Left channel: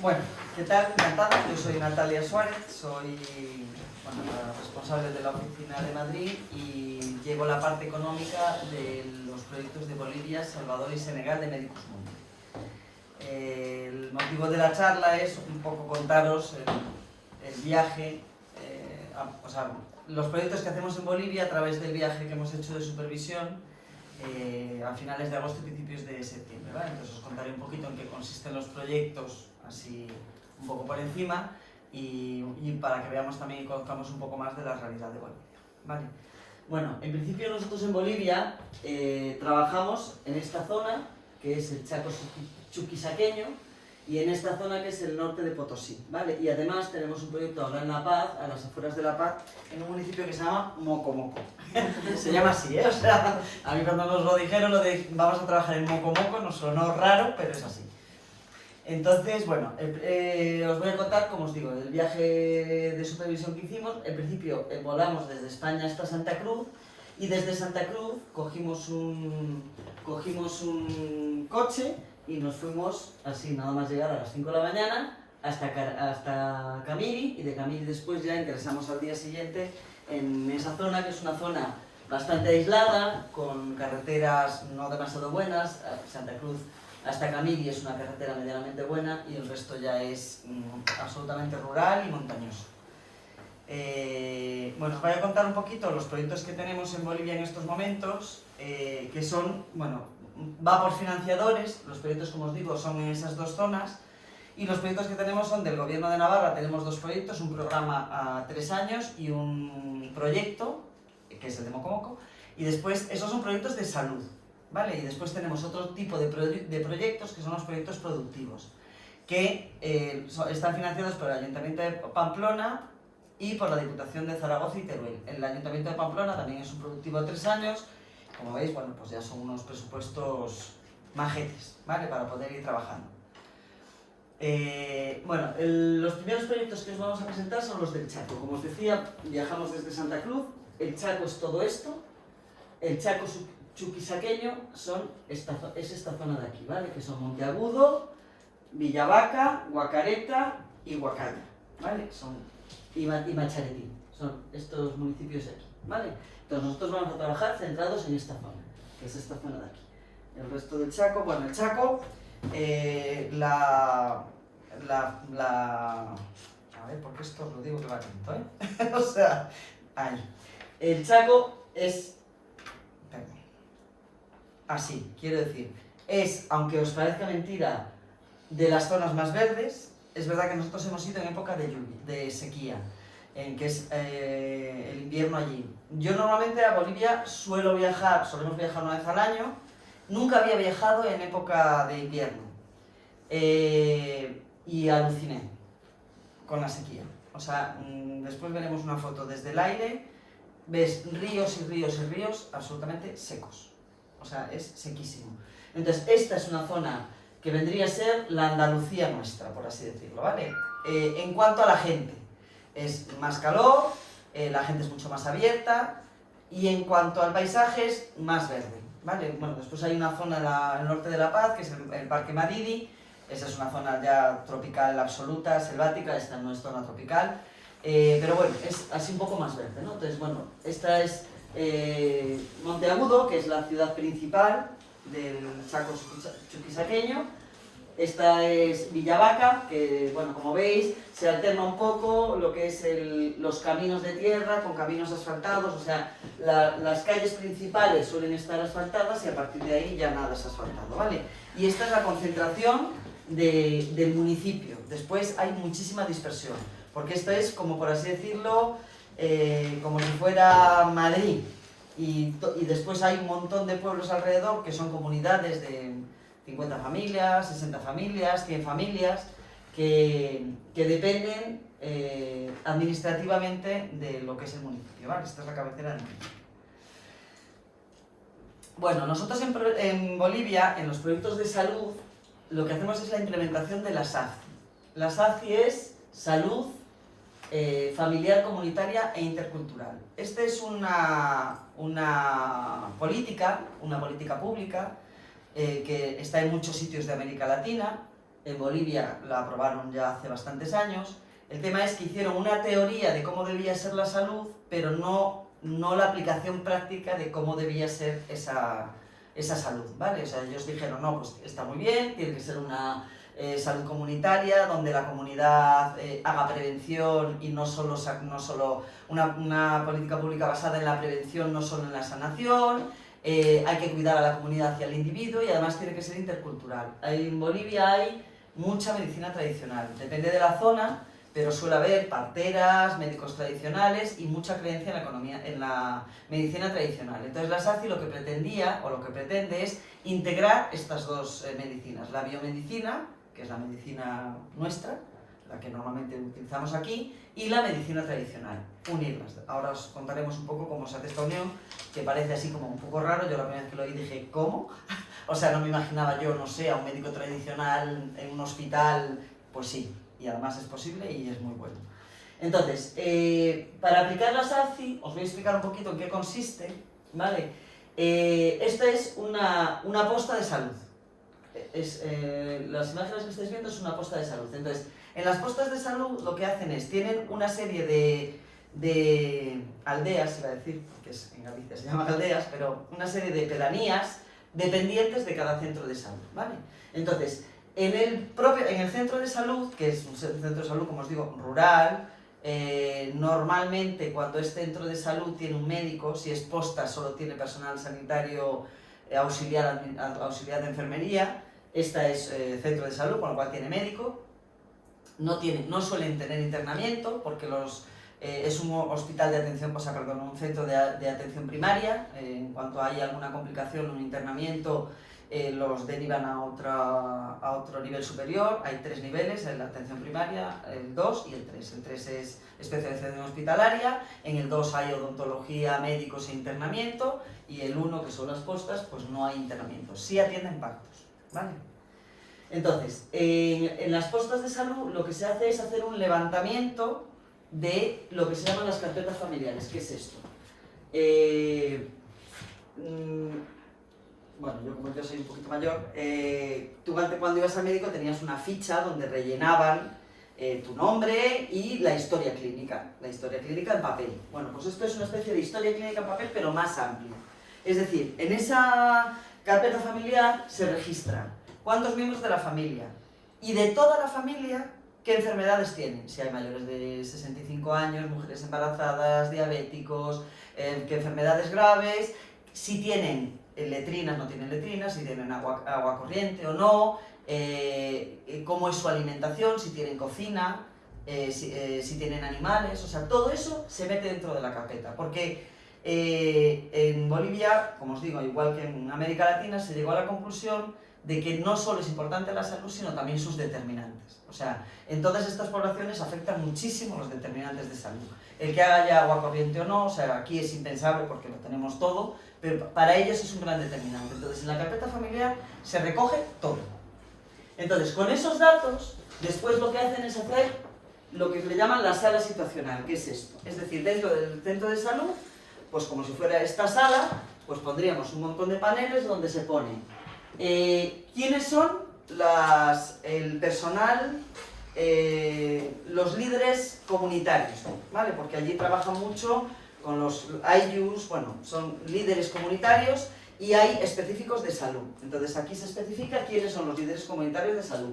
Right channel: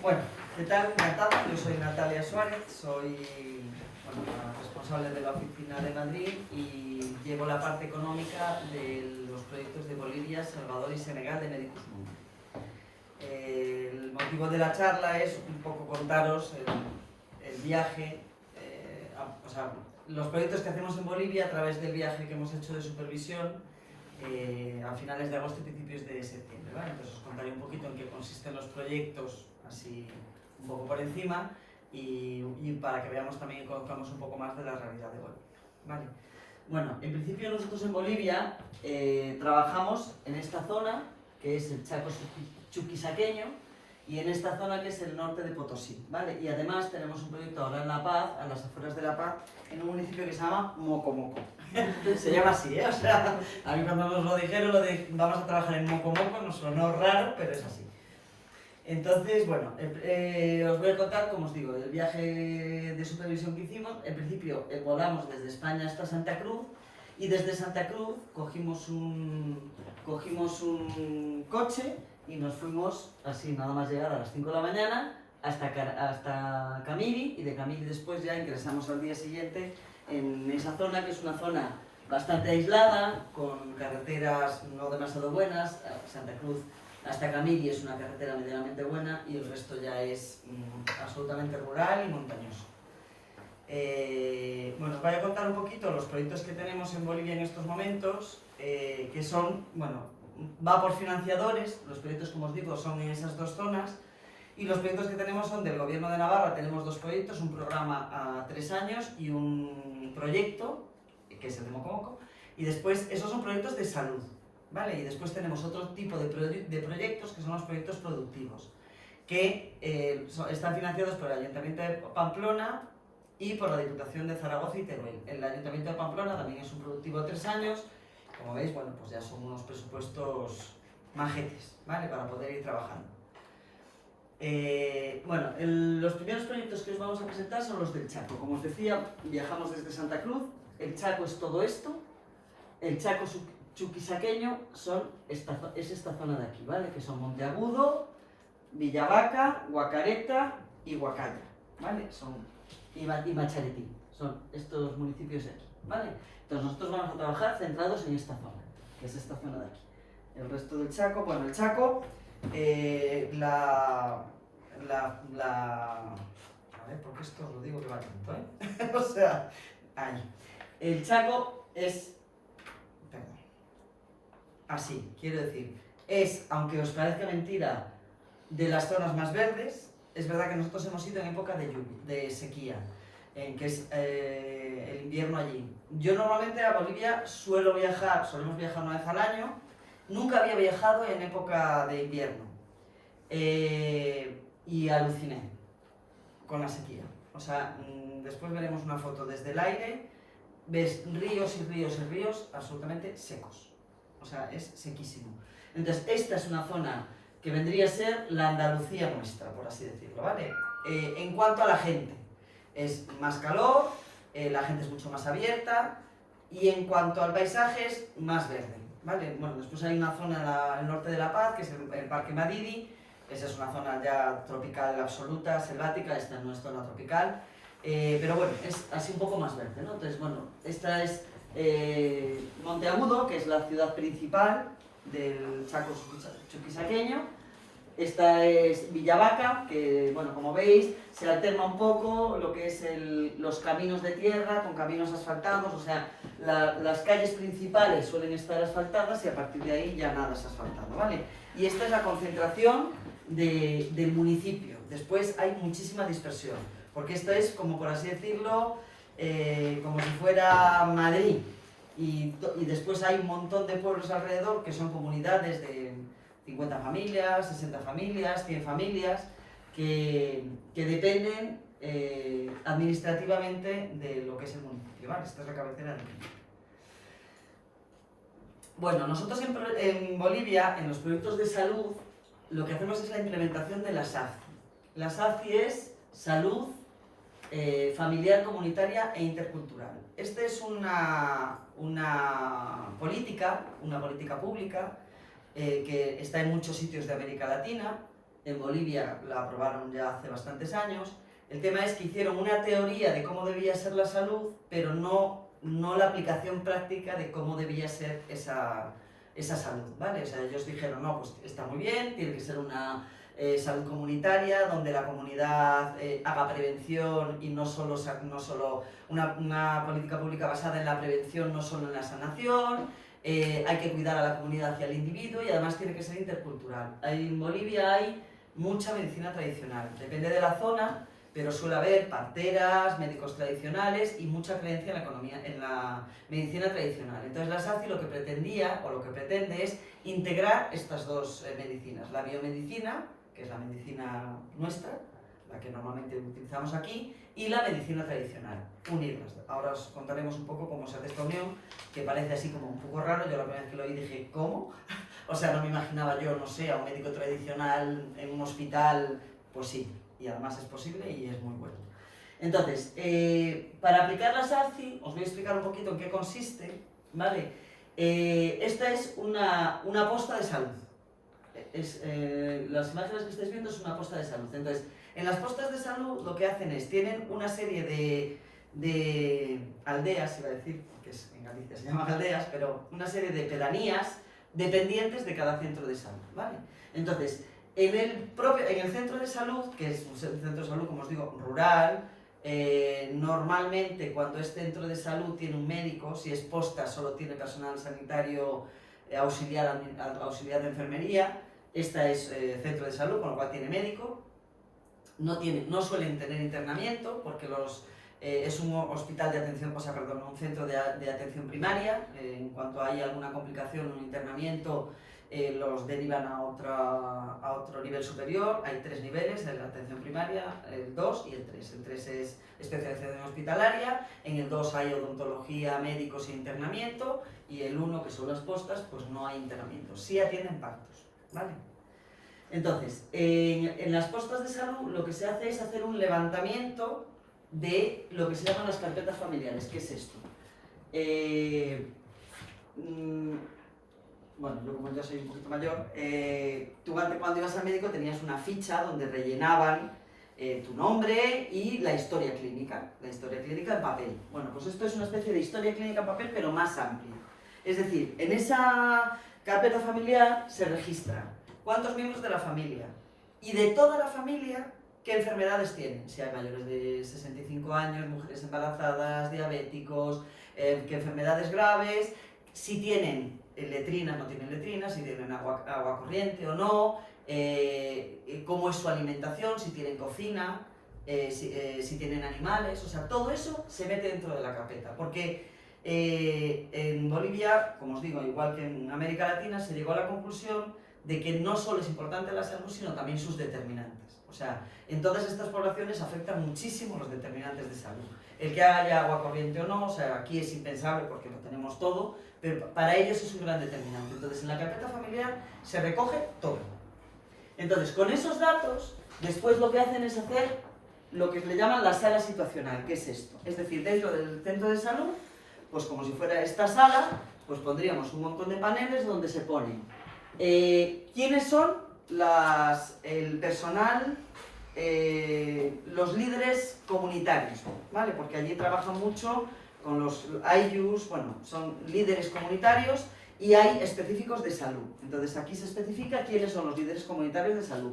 Bueno, ¿qué tal? Encantada. Yo soy Natalia Suárez, soy la responsable de la oficina de Madrid y llevo la parte económica de los proyectos de Bolivia, Salvador y Senegal de Medicus Mundi. El motivo de la charla es un poco contaros el viaje, los proyectos que hacemos en Bolivia a través del viaje que hemos hecho de supervisión a finales de agosto y principios de septiembre, ¿vale? Entonces os contaré un poquito en qué consisten los proyectos, así un poco por encima, y para que veamos también y conozcamos un poco más de la realidad de Bolivia, ¿vale? Bueno, en principio nosotros en Bolivia trabajamos en esta zona, que es el Chaco Chuquisaqueño, y en esta zona que es el norte de Potosí, ¿vale? Y además tenemos un proyecto ahora en La Paz, a las afueras de La Paz, en un municipio que se llama Mocomoco. Se llama así, ¿eh? O sea, a mí cuando nos lo dijeron, vamos a trabajar en Mocomoco, nos sonó raro, pero es así. Entonces, bueno, os voy a contar, como os digo, el viaje de supervisión que hicimos. En principio volamos desde España hasta Santa Cruz, y desde Santa Cruz cogimos un coche y nos fuimos, así nada más llegar a las 5 de la mañana, hasta Camiri, y de Camiri después ya ingresamos al día siguiente en esa zona, que es una zona bastante aislada, con carreteras no demasiado buenas. Santa Cruz hasta Camiri es una carretera medianamente buena y el resto ya es absolutamente rural y montañoso. Bueno, os voy a contar un poquito los proyectos que tenemos en Bolivia en estos momentos, que son, bueno, va por financiadores. Los proyectos, como os digo, son en esas dos zonas, y los proyectos que tenemos son del Gobierno de Navarra. Tenemos dos proyectos, un programa a 3 años y un proyecto, que es el de Mocomoco, y después esos son proyectos de salud, ¿vale? Y después tenemos otro tipo de proyectos, que son los proyectos productivos, que están financiados por el Ayuntamiento de Pamplona y por la Diputación de Zaragoza y Teruel. El Ayuntamiento de Pamplona también es un productivo a 3 años. Como veis, bueno, pues ya son unos presupuestos majetes, ¿vale? Para poder ir trabajando. Bueno, los primeros proyectos que os vamos a presentar son los del Chaco. Como os decía, viajamos desde Santa Cruz. El Chaco es todo esto. El Chaco Chuquisaqueño es esta zona de aquí, ¿vale? Que son Monteagudo, Villavaca, Guacareta y Huacaya, ¿vale? Y Macharetí, son estos municipios de aquí, ¿vale? Entonces nosotros vamos a trabajar centrados en esta zona, que es esta zona de aquí. El resto del Chaco, bueno, el Chaco, a ver, porque esto lo digo que va lento, ¿eh? O sea, ahí. El Chaco es, perdón, así, quiero decir, es, aunque os parezca mentira, de las zonas más verdes. Es verdad que nosotros hemos ido en época de sequía, que es el invierno allí. Yo normalmente a Bolivia solemos viajar una vez al año. Nunca había viajado en época de invierno, y aluciné con la sequía. O sea, después veremos una foto desde el aire, ves ríos y ríos y ríos absolutamente secos. O sea, es sequísimo. Entonces, esta es una zona que vendría a ser la Andalucía nuestra, por así decirlo, ¿vale? En cuanto a la gente, es más calor, la gente es mucho más abierta, y en cuanto al paisaje es más verde, ¿vale? Bueno, después hay una zona en el norte de La Paz, que es el Parque Madidi. Esa es una zona ya tropical absoluta, selvática. Esta no es zona tropical, pero bueno, es así un poco más verde, ¿no? Entonces, bueno, esta es Monteagudo, que es la ciudad principal del Chaco Chuquisaqueño. Esta es Villavaca, que, bueno, como veis, se alterna un poco lo que es los caminos de tierra con caminos asfaltados. O sea, las calles principales suelen estar asfaltadas y a partir de ahí ya nada es asfaltado, ¿vale? Y esta es la concentración del municipio. Después hay muchísima dispersión, porque esto es, como por así decirlo, como si fuera Madrid. Y después hay un montón de pueblos alrededor que son comunidades de 50 familias, 60 familias, 100 familias, que dependen administrativamente de lo que es el municipio, ¿vale? Esta es la cabecera del municipio. Bueno, nosotros en Bolivia, en los proyectos de salud, lo que hacemos es la implementación de la SACI. La SACI es Salud Familiar, Comunitaria e Intercultural. Esta es una política pública que está en muchos sitios de América Latina. en Bolivia la aprobaron ya hace bastantes años. El tema es que hicieron una teoría de cómo debía ser la salud, pero no la aplicación práctica de cómo debía ser esa salud, ¿vale? O sea, ellos dijeron, no, pues está muy bien, tiene que ser una salud comunitaria, donde la comunidad haga prevención y no solo una política pública basada en la prevención, no solo en la sanación. Hay que cuidar a la comunidad y al individuo, y además tiene que ser intercultural. En Bolivia hay mucha medicina tradicional, depende de la zona, pero suele haber parteras, médicos tradicionales y mucha creencia en la medicina tradicional. Entonces la SACI lo que pretendía, o lo que pretende, es integrar estas dos medicinas, la biomedicina, que es la medicina nuestra, la que normalmente utilizamos aquí, y la medicina tradicional, unirlas. Ahora os contaremos un poco cómo se hace esta unión, que parece así como un poco raro. Yo la primera vez que lo oí dije, ¿cómo? O sea, no me imaginaba yo, no sé, a un médico tradicional en un hospital. Pues sí, y además es posible y es muy bueno. Entonces, para aplicar la SACI, os voy a explicar un poquito en qué consiste, ¿vale? Esta es una posta de salud. Las imágenes que estáis viendo es una posta de salud. Entonces, en las postas de salud lo que hacen es, tienen una serie de aldeas, iba a decir, que en Galicia se llaman aldeas, pero una serie de pedanías dependientes de cada centro de salud, ¿vale? Entonces, en el centro de salud, que es un centro de salud, como os digo, rural, normalmente cuando es centro de salud tiene un médico, si es posta solo tiene personal sanitario auxiliar de enfermería. Esta es centro de salud, con lo cual tiene médico. No suelen tener internamiento porque es un hospital de atención, un centro de atención primaria. En cuanto hay alguna complicación, un internamiento, los derivan a otro nivel superior. Hay 3 niveles en la atención primaria, el 2 y el 3. El 3 es especialización hospitalaria, en el 2 hay odontología, médicos e internamiento, y el 1, que son las postas, pues no hay internamiento. Sí atienden partos, ¿vale? Entonces, en las postas de salud lo que se hace es hacer un levantamiento de lo que se llaman las carpetas familiares. ¿Qué es esto? Bueno, yo como yo soy un poquito mayor, tú antes cuando ibas al médico tenías una ficha donde rellenaban tu nombre y la historia clínica en papel. Bueno, pues esto es una especie de historia clínica en papel, pero más amplia. Es decir, en esa carpeta familiar se registran cuántos miembros de la familia y de toda la familia qué enfermedades tienen. Si hay mayores de 65 años, mujeres embarazadas, diabéticos, qué enfermedades graves, si tienen letrinas, no tienen letrinas, si tienen agua corriente o no, cómo es su alimentación, si tienen cocina, si tienen animales. O sea, todo eso se mete dentro de la carpeta, porque en Bolivia, como os digo, igual que en América Latina, se llegó a la conclusión de que no solo es importante la salud, sino también sus determinantes. O sea, en todas estas poblaciones afectan muchísimo los determinantes de salud. El que haya agua corriente o no, o sea, aquí es impensable porque lo tenemos todo, pero para ellos es un gran determinante. Entonces, en la carpeta familiar se recoge todo. Entonces, con esos datos, después lo que hacen es hacer lo que le llaman la sala situacional. ¿Qué es esto? Es decir, dentro del centro de salud, pues como si fuera esta sala, pues pondríamos un montón de paneles donde se ponen quiénes son el personal, los líderes comunitarios, ¿vale? Porque allí trabajan mucho con los AIUs, bueno, son líderes comunitarios, y hay específicos de salud. Entonces aquí se especifica quiénes son los líderes comunitarios de salud.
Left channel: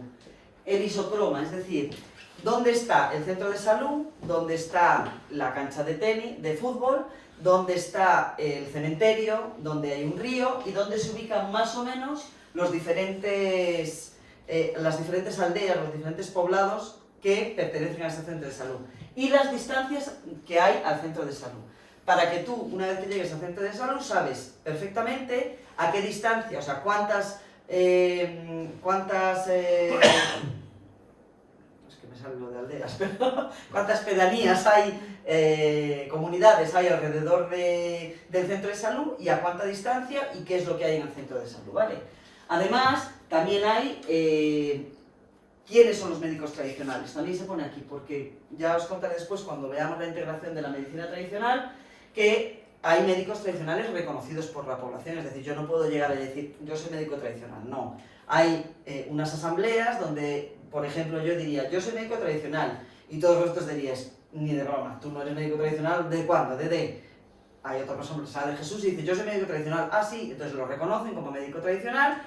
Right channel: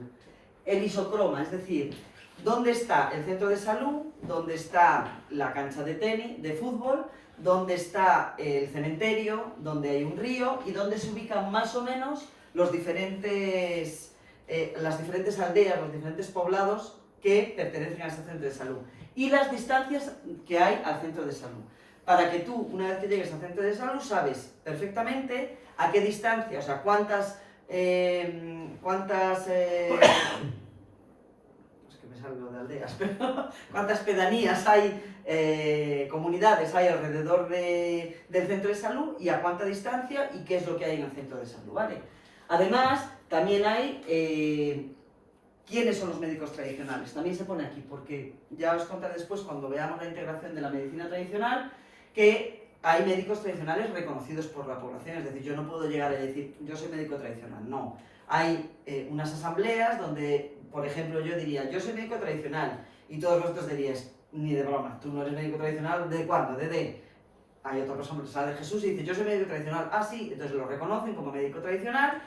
El isocroma, es decir, dónde está el centro de salud, dónde está la cancha de tenis, de fútbol, dónde está el cementerio, dónde hay un río y dónde se ubican más o menos las diferentes aldeas, los diferentes poblados que pertenecen a ese centro de salud y las distancias que hay al centro de salud. Para que tú, una vez que llegues al centro de salud, sabes perfectamente a qué distancia, o sea, cuántas de aldeas, pero cuántas pedanías hay, comunidades hay alrededor del centro de salud y a cuánta distancia y qué es lo que hay en el centro de salud, ¿vale? Además, también hay quiénes son los médicos tradicionales, también se pone aquí, porque ya os contaré después, cuando veamos la integración de la medicina tradicional, que hay médicos tradicionales reconocidos por la población. Es decir, yo no puedo llegar a decir, yo soy médico tradicional, no. Hay unas asambleas donde, por ejemplo, yo diría, yo soy médico tradicional, y todos los otros dirías, ni de broma, tú no eres médico tradicional, ¿de cuándo? Hay otra persona que sale de Jesús y dice, yo soy médico tradicional, ah sí, entonces lo reconocen como médico tradicional,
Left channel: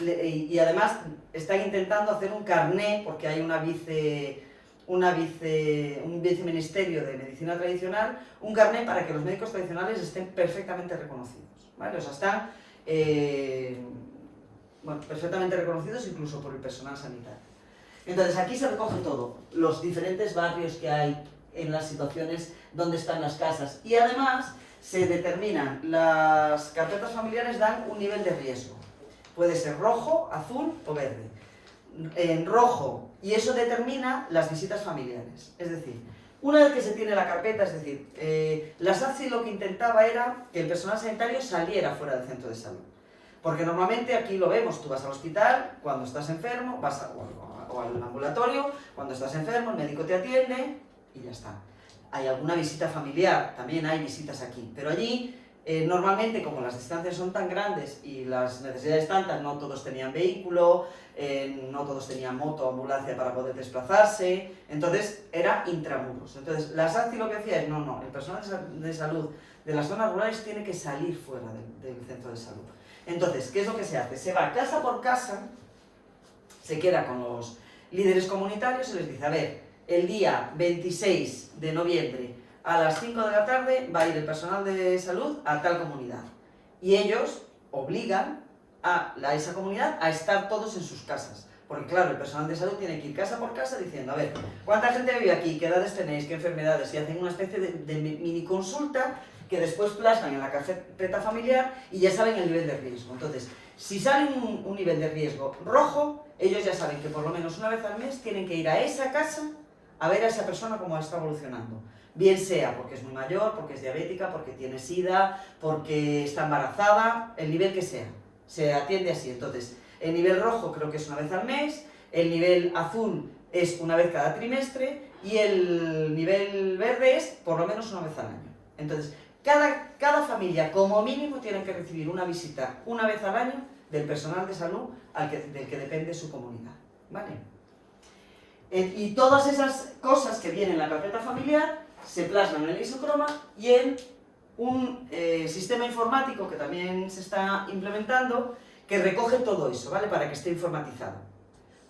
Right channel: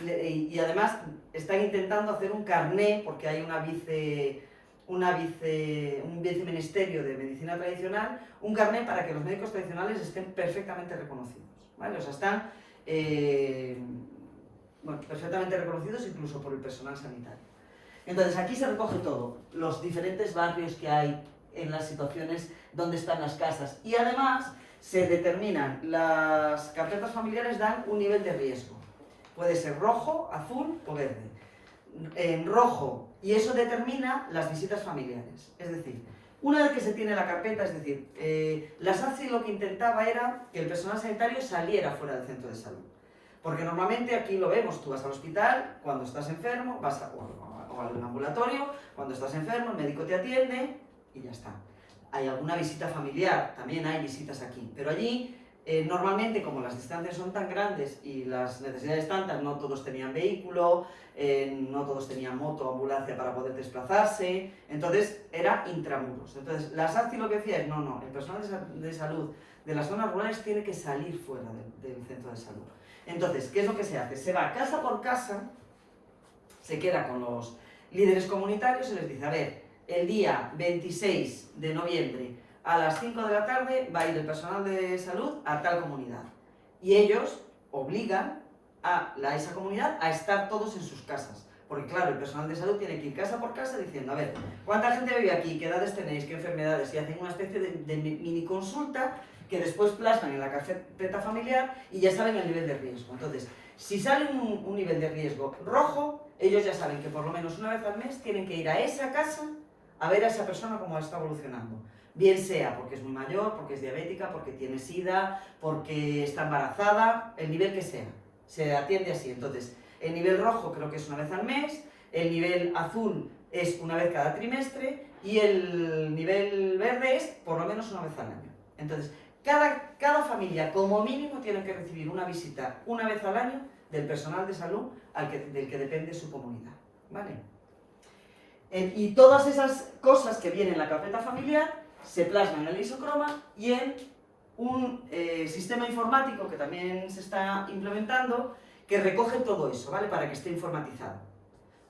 y además están intentando hacer un carné, porque hay un viceministerio de medicina tradicional, un carné para que los médicos tradicionales estén perfectamente reconocidos, ¿vale? O sea, están perfectamente reconocidos incluso por el personal sanitario. Entonces aquí se recoge todo, los diferentes barrios que hay en las situaciones donde están las casas, y además se determinan, las carpetas familiares dan un nivel de riesgo, puede ser rojo, azul o verde. En rojo, y eso determina las visitas familiares. Es decir, una vez que se tiene la carpeta, es decir, la SACI lo que intentaba era que el personal sanitario saliera fuera del centro de salud. Porque normalmente aquí lo vemos, tú vas al hospital cuando estás enfermo, o al ambulatorio, cuando estás enfermo, el médico te atiende y ya está. Hay alguna visita familiar, también hay visitas aquí, pero allí normalmente, como las distancias son tan grandes y las necesidades tantas, no todos tenían vehículo, no todos tenían moto o ambulancia para poder desplazarse, entonces era intramuros. Entonces la SACI lo que decía es, no, el personal de salud de las zonas rurales tiene que salir fuera del centro de salud. Entonces, ¿qué es lo que se hace? Se va casa por casa, se queda con los líderes comunitarios y les dice, a ver, el día 26 de noviembre a las 5 de la tarde va a ir el personal de salud a tal comunidad. Y ellos obligan a esa comunidad a estar todos en sus casas. Porque claro, el personal de salud tiene que ir casa por casa diciendo, a ver, ¿cuánta gente vive aquí? ¿Qué edades tenéis? ¿Qué enfermedades? Y hacen una especie de mini consulta que después plasman en la carpeta familiar y ya saben el nivel de riesgo. Entonces, si sale un nivel de riesgo rojo, ellos ya saben que por lo menos una vez al mes tienen que ir a esa casa a ver a esa persona cómo está evolucionando. Bien sea porque es muy mayor, porque es diabética, porque tiene SIDA, porque está embarazada, el nivel que sea, se atiende así. Entonces, el nivel rojo creo que es una vez al mes, el nivel azul es una vez cada trimestre y el nivel verde es por lo menos una vez al año. Entonces, cada familia como mínimo tiene que recibir una visita una vez al año del personal de salud del que depende su comunidad, ¿vale? Y todas esas cosas que vienen en la carpeta familiar se plasman en el isocroma y en un sistema informático que también se está implementando que recoge todo eso, ¿vale? Para que esté informatizado,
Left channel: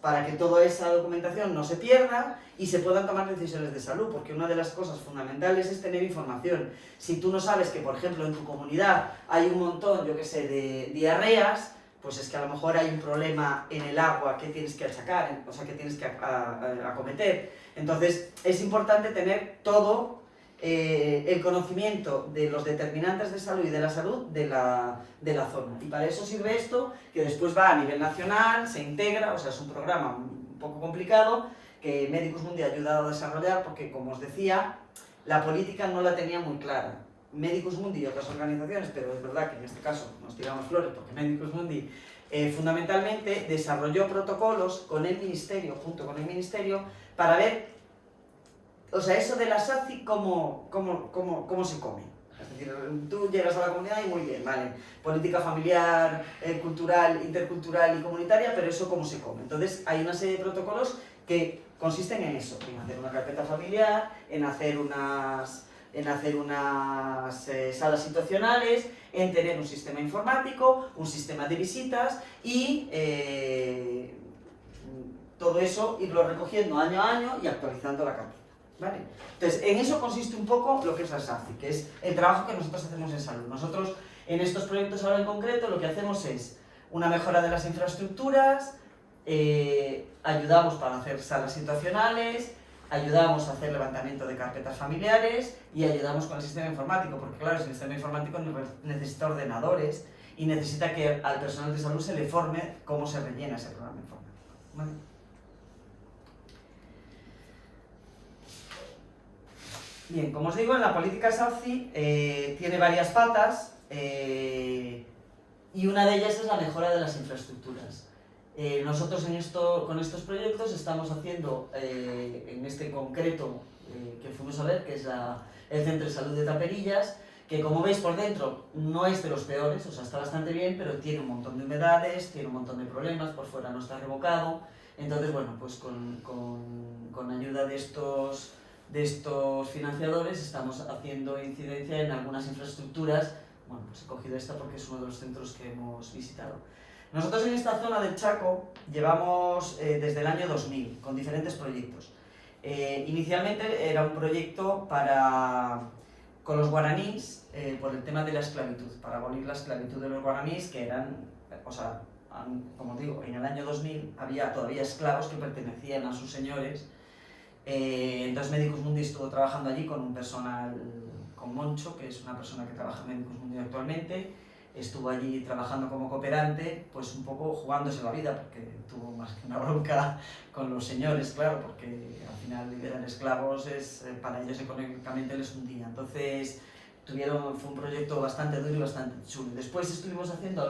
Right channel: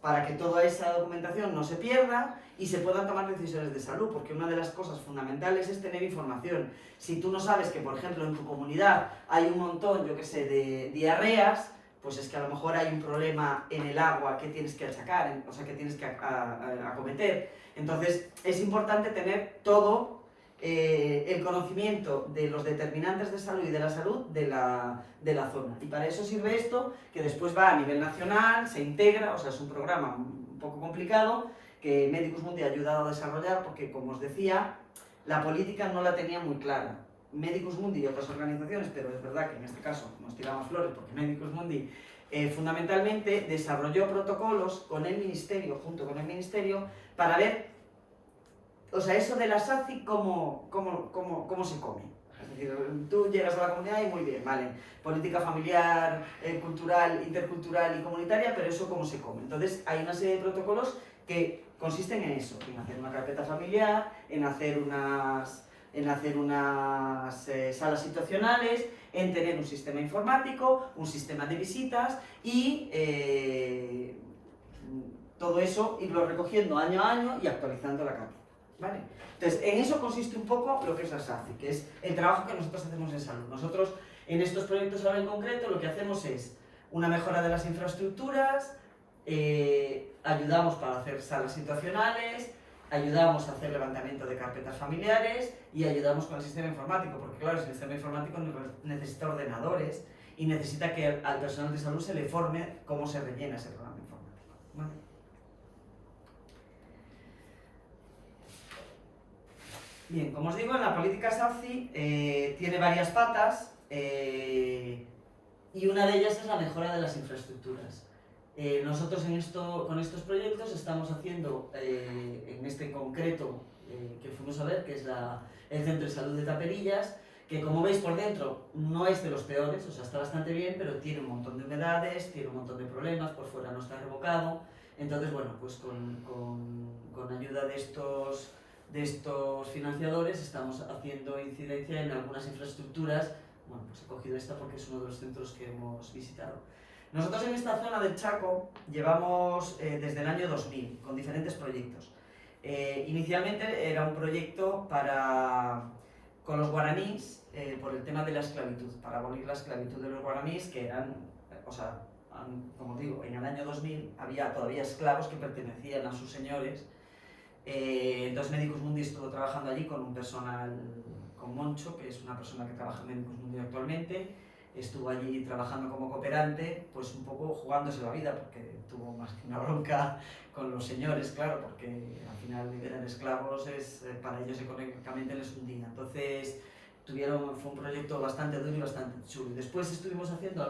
para que toda esa documentación no se pierda y se puedan tomar decisiones de salud, porque una de las cosas fundamentales es tener información. Si tú no sabes que, por ejemplo, en tu comunidad hay un montón, yo qué sé, de diarreas, pues es que a lo mejor hay un problema en el agua que tienes que achacar, o sea, que tienes que acometer. Entonces, es importante tener todo el conocimiento de los determinantes de salud y de la salud de la zona. Y para eso sirve esto, que después va a nivel nacional, se integra, o sea, es un programa un poco complicado, que Medicus Mundi ha ayudado a desarrollar, porque, como os decía, la política no la tenía muy clara. Medicus Mundi y otras organizaciones, pero es verdad que en este caso nos tiramos flores porque Medicus Mundi fundamentalmente desarrolló protocolos con el ministerio, junto con el ministerio, para ver, o sea, eso de la SACI, cómo se come. Es decir, tú llegas a la comunidad y muy bien, vale, política familiar, cultural, intercultural y comunitaria, pero eso cómo se come. Entonces hay una serie de protocolos que consisten en eso, en hacer una carpeta familiar, en hacer unas salas situacionales, en tener un sistema informático, un sistema de visitas y todo eso irlo recogiendo año a año y actualizando la carpeta, ¿vale? Entonces, en eso consiste un poco lo que es la SACI, que es el trabajo que nosotros hacemos en salud. Nosotros, en estos proyectos ahora en concreto, lo que hacemos es una mejora de las infraestructuras, ayudamos para hacer salas situacionales, ayudamos a hacer levantamiento de carpetas familiares y ayudamos con el sistema informático, porque claro, el sistema informático necesita ordenadores y necesita que al personal de salud se le forme cómo se rellena ese programa informático, ¿vale? Bien, como os digo, en la política SACI tiene varias patas y una de ellas es la mejora de las infraestructuras. Nosotros con estos proyectos estamos haciendo, en este concreto que fuimos a ver, que es el Centro de Salud de Taperillas, que como veis por dentro no es de los peores, o sea, está bastante bien, pero tiene un montón de humedades, tiene un montón de problemas, por fuera no está revocado. Entonces, bueno, pues con ayuda de estos financiadores estamos haciendo incidencia en algunas infraestructuras. Bueno, pues he cogido esta porque es uno de los centros que hemos visitado. Nosotros en esta zona del Chaco llevamos desde el año 2000 con diferentes proyectos. Inicialmente era un proyecto con los guaraníes por el tema de la esclavitud, para abolir la esclavitud de los guaraníes, que eran, o sea, como digo, en el año 2000 había todavía esclavos que pertenecían a sus señores. Entonces Medicus Mundi estuvo trabajando allí con un personal, con Moncho, que es una persona que trabaja en Medicus Mundi actualmente. Estuvo allí trabajando como cooperante, pues un poco jugándose la vida, porque tuvo más que una bronca con los señores, claro, porque al final eran esclavos, para ellos económicamente les hundía. Entonces fue un proyecto bastante duro y bastante chulo. Después estuvimos haciendo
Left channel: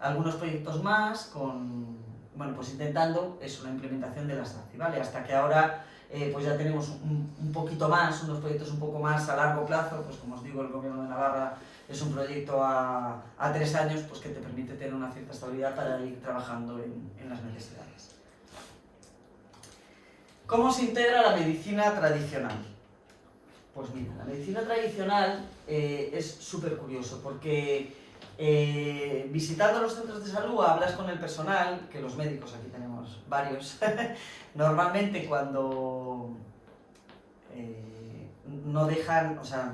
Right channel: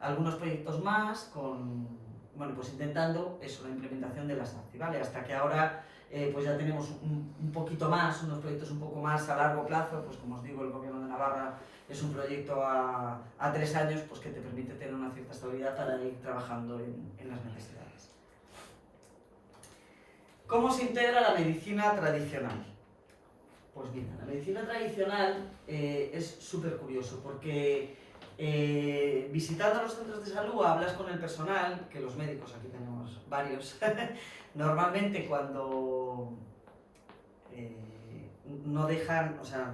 algunos proyectos más, bueno, pues intentando una implementación de la SACI, ¿vale? Hasta que ahora pues ya tenemos un poquito más, unos proyectos un poco más a largo plazo, pues como os digo, el Gobierno de Navarra es un proyecto a 3 años, pues que te permite tener una cierta estabilidad para ir trabajando en las necesidades. ¿Cómo se integra la medicina tradicional? Pues mira, la medicina tradicional es súper curioso porque visitando los centros de salud hablas con el personal, que los médicos, aquí tenemos varios, normalmente cuando no dejan, o sea,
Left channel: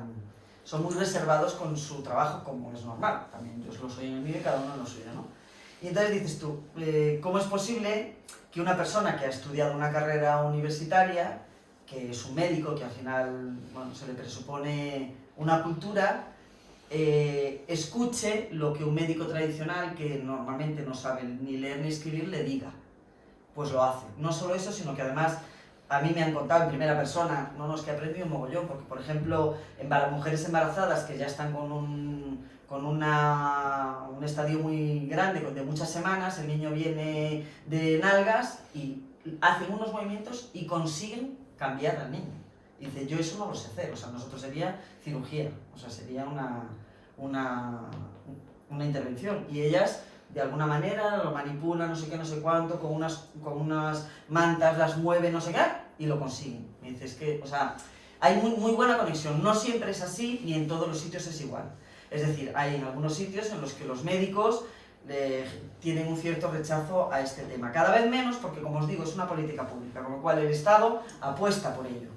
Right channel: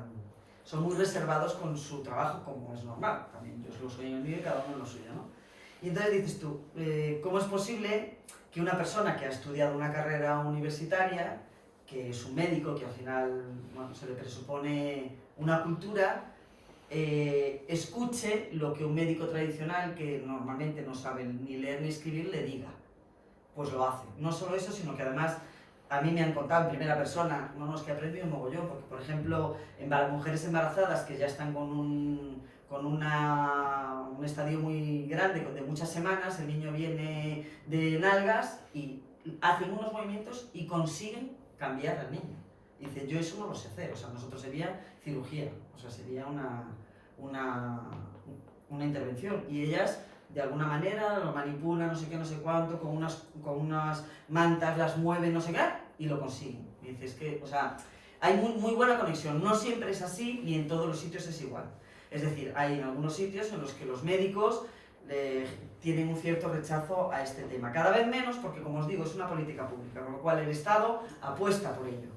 son muy reservados con su trabajo, como es normal, también yo lo soy en el mío y cada uno en lo suyo, ¿no? Y entonces dices tú, ¿cómo es posible que una persona que ha estudiado una carrera universitaria, que es un médico, que al final, bueno, se le presupone una cultura, escuche lo que un médico tradicional, que normalmente no sabe ni leer ni escribir, le diga? Pues lo hace. No solo eso, sino que además a mí me han contado en primera persona, no, es que he aprendido un mogollón, porque por ejemplo, mujeres embarazadas que ya están con un estadio muy grande, de muchas semanas, el niño viene de nalgas y hacen unos movimientos y consiguen cambiar al niño. Y dice, yo eso no lo sé hacer, o sea, nosotros sería cirugía, o sea, sería una intervención. Y ellas, de alguna manera, lo manipulan, no sé qué, no sé cuánto, con unas mantas las mueven, no sé qué, y lo consiguen. Me dices que, o sea, hay muy buena conexión. No siempre es así, ni en todos los sitios es igual. Es decir, hay en algunos sitios en los que los médicos tienen un cierto rechazo a este tema. Cada vez menos, porque como os digo, es una política pública, con lo cual el Estado apuesta por ello.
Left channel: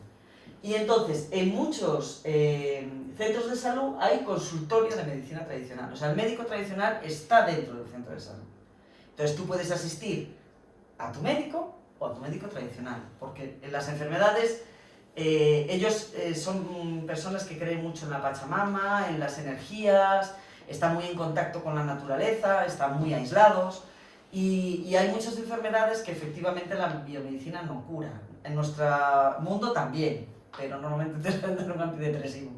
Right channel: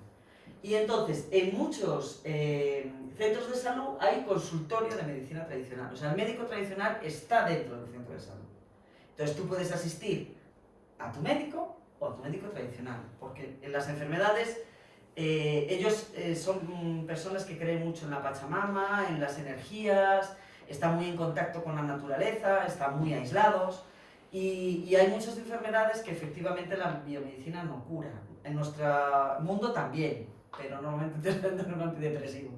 Y entonces, en muchos centros de salud hay consultorios de medicina tradicional. O sea, el médico tradicional está dentro del centro de salud. Entonces tú puedes asistir a tu médico o a tu médico tradicional, porque en las enfermedades ellos son personas que creen mucho en la Pachamama, en las energías, están muy en contacto con la naturaleza, están muy aislados, y hay muchas enfermedades que efectivamente la biomedicina no cura. En nuestro mundo también, pero normalmente te venden un antidepresivo.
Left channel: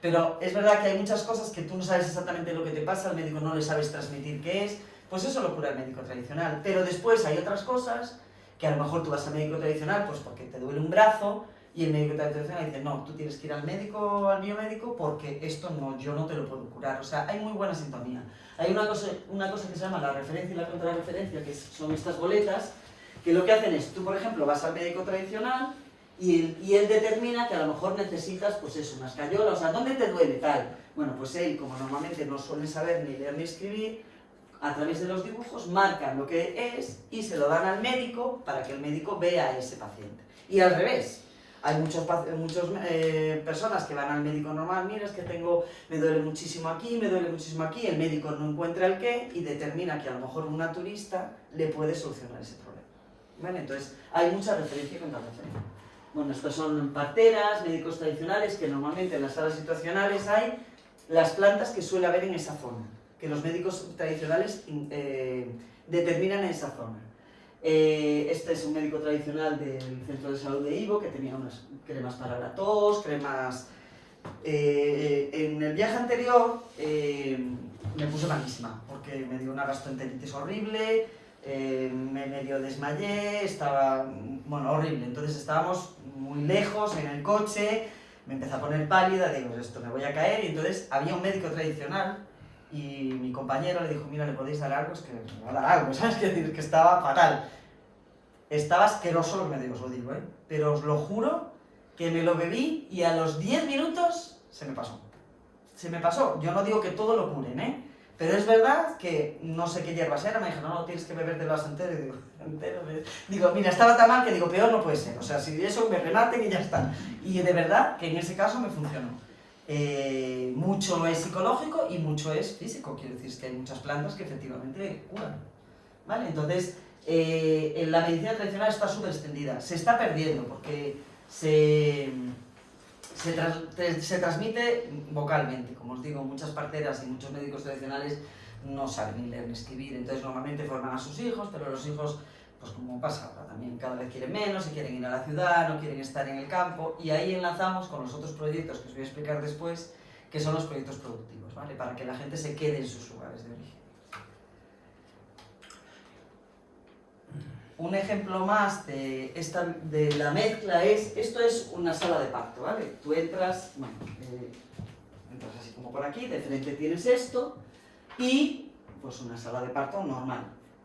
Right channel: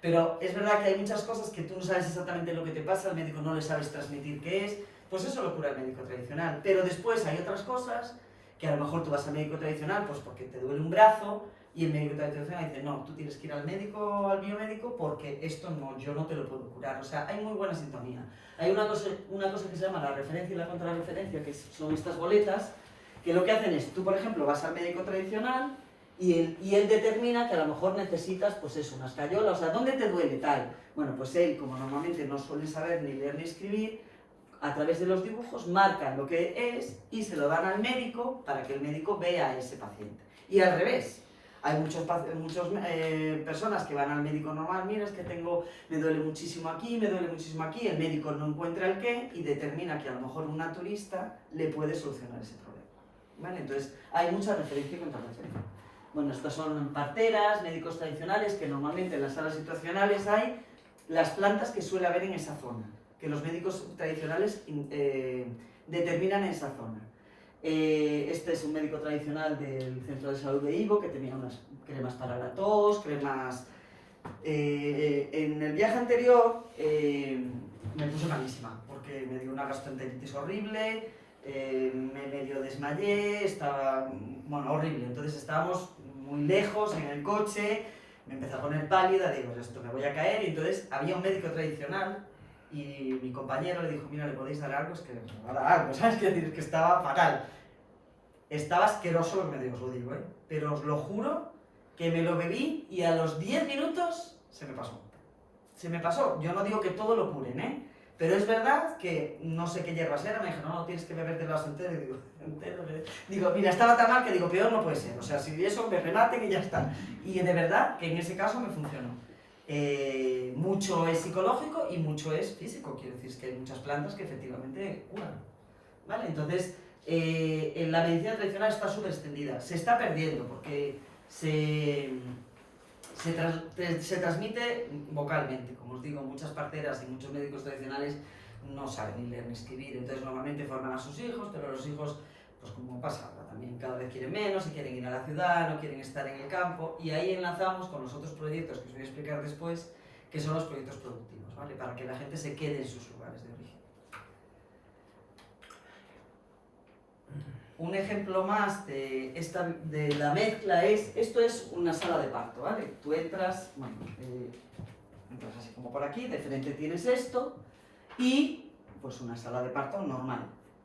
Pero es verdad que hay muchas cosas que tú no sabes exactamente lo que te pasa, al médico no le sabes transmitir qué es, pues eso lo cura el médico tradicional. Pero después hay otras cosas que a lo mejor tú vas al médico tradicional pues porque te duele un brazo, y el médico tradicional dice, no, tú tienes que ir al médico, al biomédico, porque esto no, yo no te lo puedo curar. O sea, hay muy buena sintonía. Hay una cosa que se llama la referencia y la contrarreferencia, que son estas boletas, que lo que hacen es, tú por ejemplo vas al médico tradicional y él determina que a lo mejor necesitas, pues eso, una escayola, o sea, ¿dónde te duele tal? Bueno, pues él, como normalmente no suele saber ni leer ni escribir, a través de los dibujos marcan lo que es y se lo dan al médico para que el médico vea a ese paciente. Y al revés. Hay muchas personas que van al médico normal, mira, es que me duele muchísimo aquí, el médico no encuentra el qué y determina que a lo mejor una turista le puede solucionar ese problema. ¿Vale? Entonces, hay mucha referencia y contrarreferencia. Bueno, estos son parteras, médicos tradicionales, que normalmente en las salas situacionales hay las plantas que suele haber en esa zona, que los médicos tradicionales determinan en esa zona. Este es un médico tradicional del centro de salud de Ivo, que tenía unas cremas para la tos, cremas... en el viaje anterior me puse malísima, porque me dio una gastroenteritis horrible, me medio desmayé, estaba, bueno, horrible. Entonces estábamos muy lejos en el coche, me empecé a poner pálida, digo, esto me voy a caer, y entonces había un médico tradicional y mi compañero le dijo, mira, ¿le podéis dar algo? Es que me va a dar algo, ¿sabes? Que estaba fatal. Estaba asqueroso lo que me digo, os lo digo, ¿eh? Pero os lo juro que me lo bebí y a los 10 minutos se me pasó. Se me pasó. Yo no digo que todo lo curen, ¿eh? Pero es verdad que no sé qué hierbas eran, me dijeron, no, tienes que bebértelas entero. Y digo, entero. Digo, mira, estaba tan mal que digo, peor no puede ser. O sea, si eso me rematen y ya está. Y de verdad que en ese caso me funcionó. Mucho es psicológico y mucho es físico. Quiero decir, es que hay muchas plantas que efectivamente curan. ¿Vale? Entonces, en la medicina tradicional está súper extendida. Se está perdiendo porque se transmite vocalmente. Como os digo, muchas parteras y muchos médicos tradicionales no saben ni leer ni escribir, entonces normalmente forman a sus hijos, pero los hijos, pues como pasa ahora también, cada vez quieren menos, se quieren ir a la ciudad, no quieren estar en el campo, y ahí enlazamos con los otros proyectos que os voy a explicar después, que son los proyectos productivos, ¿vale? Para que la gente se quede en sus lugares de origen. Un ejemplo más de la mezcla es, esto es una sala de parto, ¿vale? Tú entras, bueno, entras así como por aquí, de frente tienes esto, y pues una sala de parto normal.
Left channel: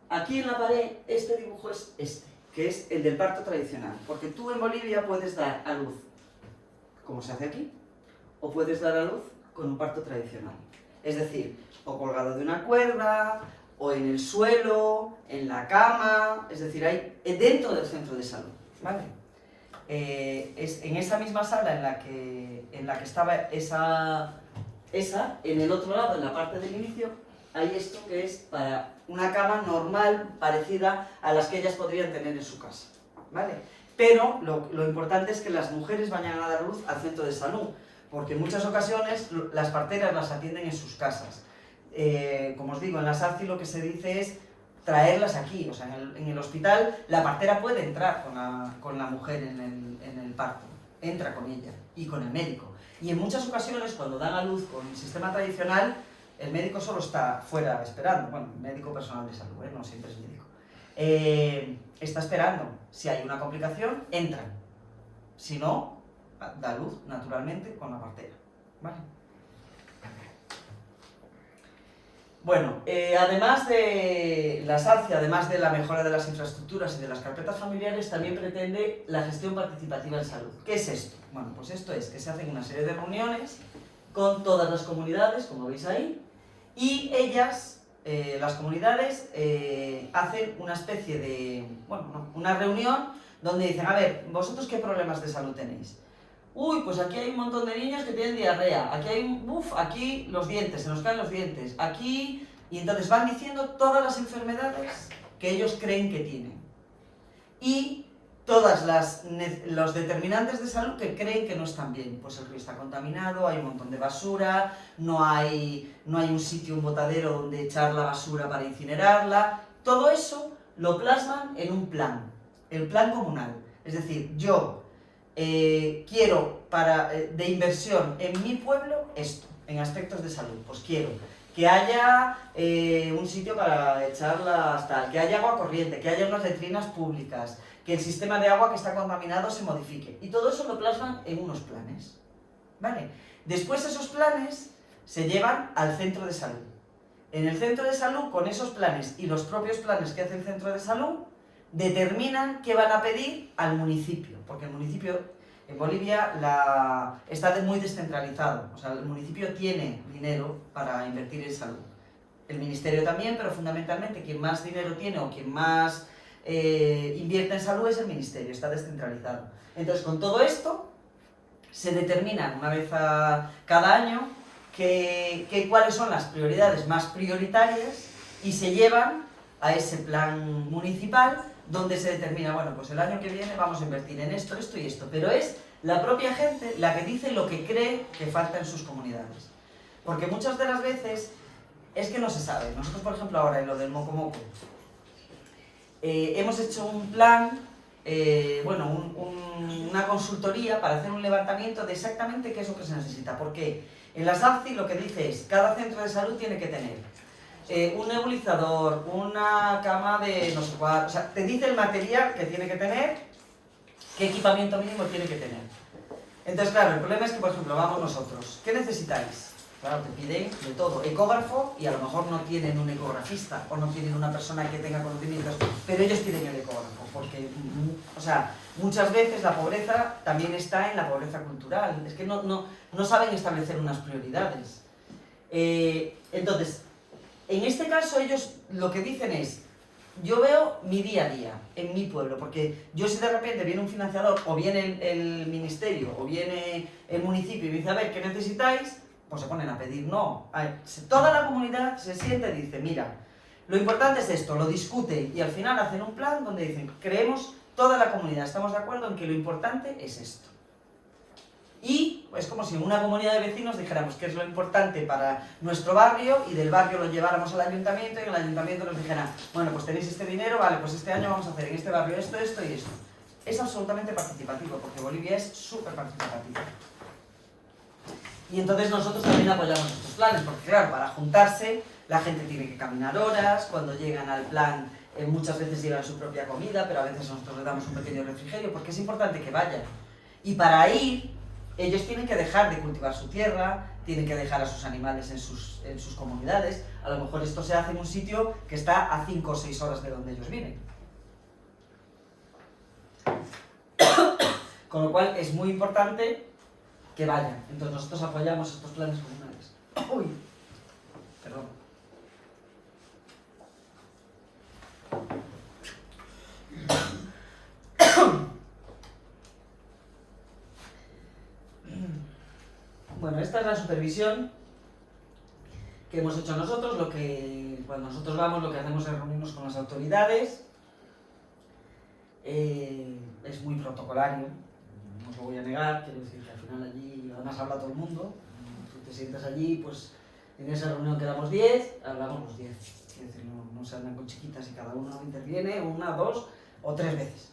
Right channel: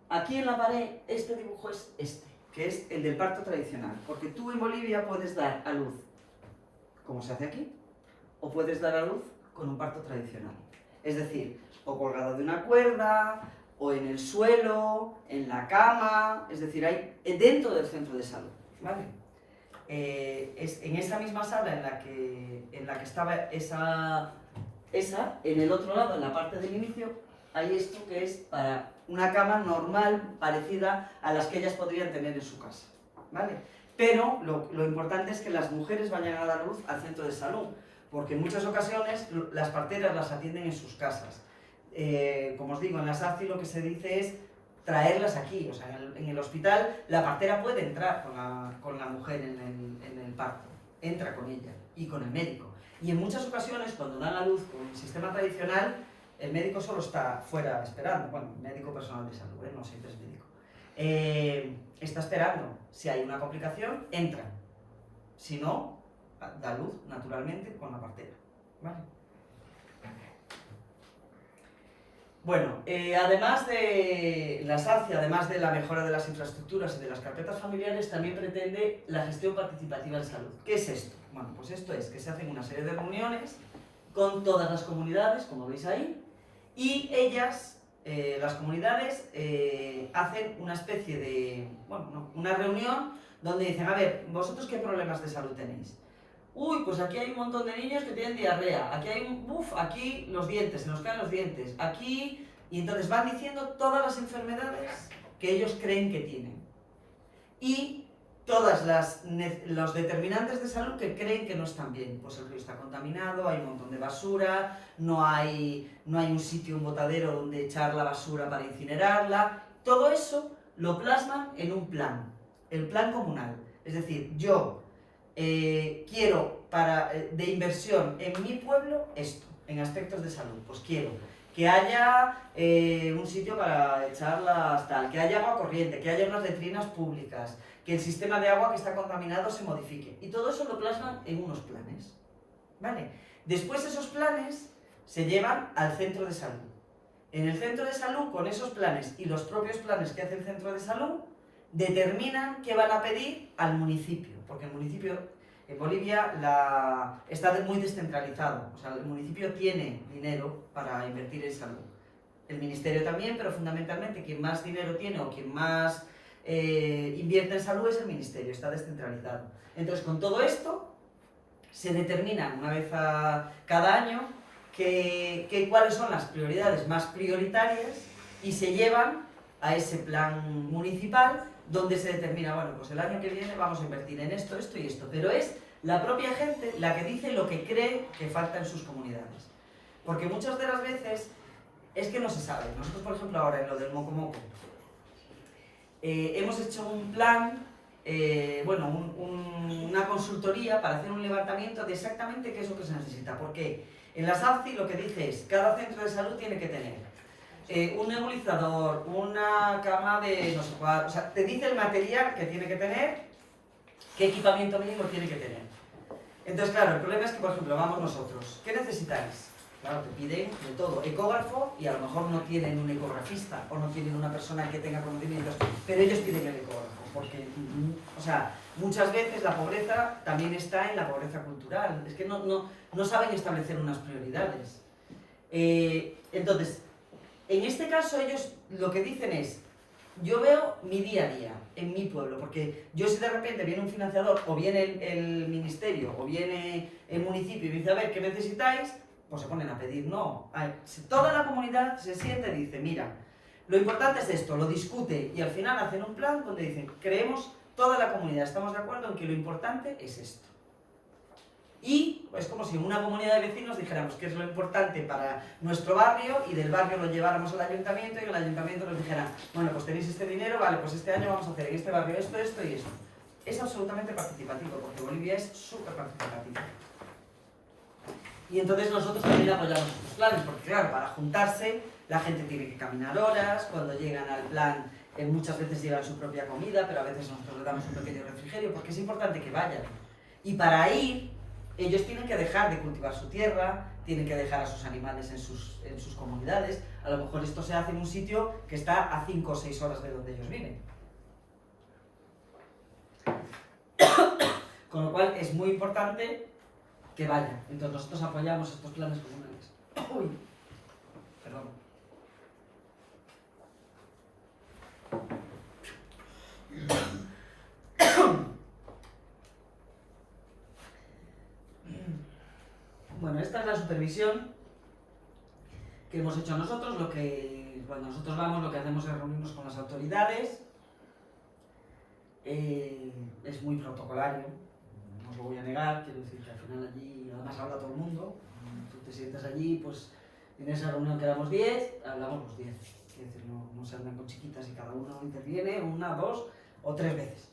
Aquí en la pared, este dibujo es este, que es el del parto tradicional, porque tú en Bolivia puedes dar a luz, como se hace aquí, o puedes dar a luz con un parto tradicional. Es decir, o colgado de una cuerda, o en el suelo, en la cama, es decir, hay dentro del centro de salud, ¿vale? En esa misma sala en la que estaba esa, en el otro lado, en la parte del inicio, hay esto que es para una cama normal, parecida a las que ellas podrían tener en su casa, ¿vale? Pero lo importante es que las mujeres vayan a dar luz al centro de salud, porque en muchas ocasiones las parteras las atienden en sus casas. Como os digo, en la SACI lo que se dice es traerlas aquí, o sea, en el hospital la partera puede entrar con la mujer en el parto, entra con ella y con el médico. Y en muchas ocasiones, cuando dan a luz con el sistema tradicional, el médico solo está fuera esperando, bueno, médico personal de salud, no siempre es médico. Está esperando, si hay una complicación, entra, si no, da luz naturalmente con la partera, ¿vale? Bueno, además de la SACI, además de la mejora de las infraestructuras y de las carpetas familiares, también pretende la gestión participativa en salud. ¿Qué es esto? Bueno, pues esto es que se hacen una serie de reuniones con todas las comunidades, como veis ahí, y ellas, las comunidades, hacen una especie de, bueno, una reunión donde dicen, a ver, ¿vosotros qué problemas de salud tenéis? Uy, pues aquí hay un montón de niños que tienen diarrea, aquí hay aquí los dientes, se nos caen los dientes, aquí... Y entonces van diciendo todas las enfermedades que ellos creen que tienen. Y todas los determinantes de salud que creen que no están bien. Pues el río está contaminado, hay un montón de basura, no hay un sitio, un botadero donde echar la basura para incinerarla. Todo eso lo plasman en un plan, el plan comunal. Es decir, yo... quiero de inversión en mi pueblo esto, en aspectos de salud, pues quiero que haya un sitio para echarlas tal, que haya agua corriente, que haya unas letrinas públicas, que el sistema de agua que está contaminado se modifique, y todo eso lo plasman en unos planes, ¿vale? Después esos planes se llevan al centro de salud. En el centro de salud, con esos planes y los propios planes que hace el centro de salud, determinan qué van a pedir al municipio, porque el municipio en Bolivia está muy descentralizado, o sea, el municipio tiene dinero para invertir en salud. El ministerio también, pero fundamentalmente quien más dinero tiene o quien más invierte en salud es el ministerio, está descentralizado. Entonces, con todo esto, se determina una vez cada año cuáles son las prioridades más prioritarias y se llevan a ese plan municipal donde se determina, bueno, pues el año que viene vamos a invertir en esto, esto y esto, pero es la propia gente la que dice lo que cree que falta en sus comunidades. Porque muchas de las veces es que no se sabe. Nosotros, por ejemplo, ahora en lo del Moco Moco, hemos hecho un plan, una consultoría para hacer un levantamiento de exactamente qué es lo que se necesita. Porque en la SACI lo que dice es, cada centro de salud tiene que tener un nebulizador, una cama de no sé cuál, o sea, te dice el material que tiene que tener, qué equipamiento mínimo tiene que tener. Entonces, claro, el problema es que, por ejemplo, vamos nosotros. ¿Qué necesitáis? Claro, te piden de todo. Ecógrafo, y a lo mejor no tienen un ecografista o no tienen una persona que tenga conocimientos, pero ellos piden el ecógrafo, porque, o sea, muchas veces la pobreza también está en la pobreza cultural. Es que no saben establecer unas prioridades. Entonces, en este caso ellos lo que dicen es, yo veo mi día a día en mi pueblo, porque yo si de repente viene un financiador, o viene el ministerio, o viene el municipio y me dice, a ver, ¿qué necesitáis? Pues se ponen a pedir, no. Toda la comunidad se siente y dice, mira, lo importante es esto, lo discute y al final hacen un plan donde dicen, creemos, toda la comunidad, estamos de acuerdo en que lo importante es esto. Y es como si en una comunidad de vecinos dijéramos qué es lo importante para nuestro barrio y del barrio lo lleváramos al ayuntamiento y el ayuntamiento nos dijera, bueno, pues tenéis este dinero, vale, pues este año vamos a hacer en este barrio esto, esto y esto. Es absolutamente participativo, porque Bolivia es súper participativo. Y entonces nosotros también apoyamos estos planes, porque claro, para juntarse la gente tiene que caminar horas, cuando llegan al plan muchas veces llevan su propia comida, pero a veces nosotros les damos un pequeño refrigerio, porque es importante que vayan. Y para ir, ellos tienen que dejar de cultivar su tierra, tienen que dejar a sus animales en sus comunidades. A lo mejor esto se hace en un sitio que está a 5 o 6 horas de donde ellos viven. Con lo cual es muy importante que vayan. Entonces nosotros apoyamos estos planes comunales. Uy, perdón. Bueno, esta es la supervisión que hemos hecho nosotros. Cuando nosotros vamos, lo que hacemos es reunirnos con las autoridades. Es muy protocolario, no os lo voy a negar, quiero decir que al final allí además habla todo el mundo. Tú te sientas allí, pues en esa reunión quedamos 10, hablamos los 10. Quiero decir, no se andan con chiquitas y cada uno interviene 1, 2 o 3 veces.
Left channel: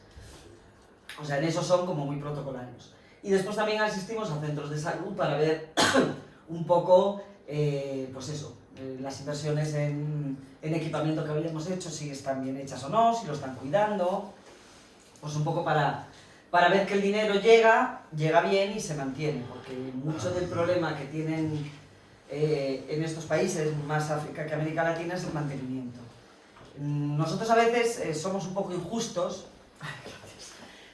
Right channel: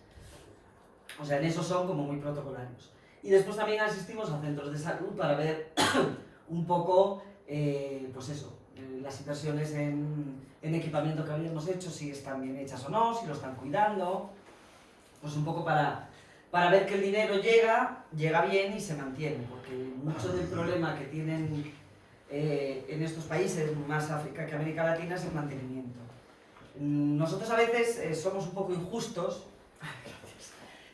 O sea, en eso son como muy protocolarios. Y después también asistimos a centros de salud para ver un poco, pues eso, las inversiones en equipamiento que habíamos hecho, si están bien hechas o no, si lo están cuidando, pues un poco para ver que el dinero llega bien y se mantiene, porque mucho del problema que tienen en estos países, más África que América Latina, es el mantenimiento. Nosotros a veces somos un poco injustos,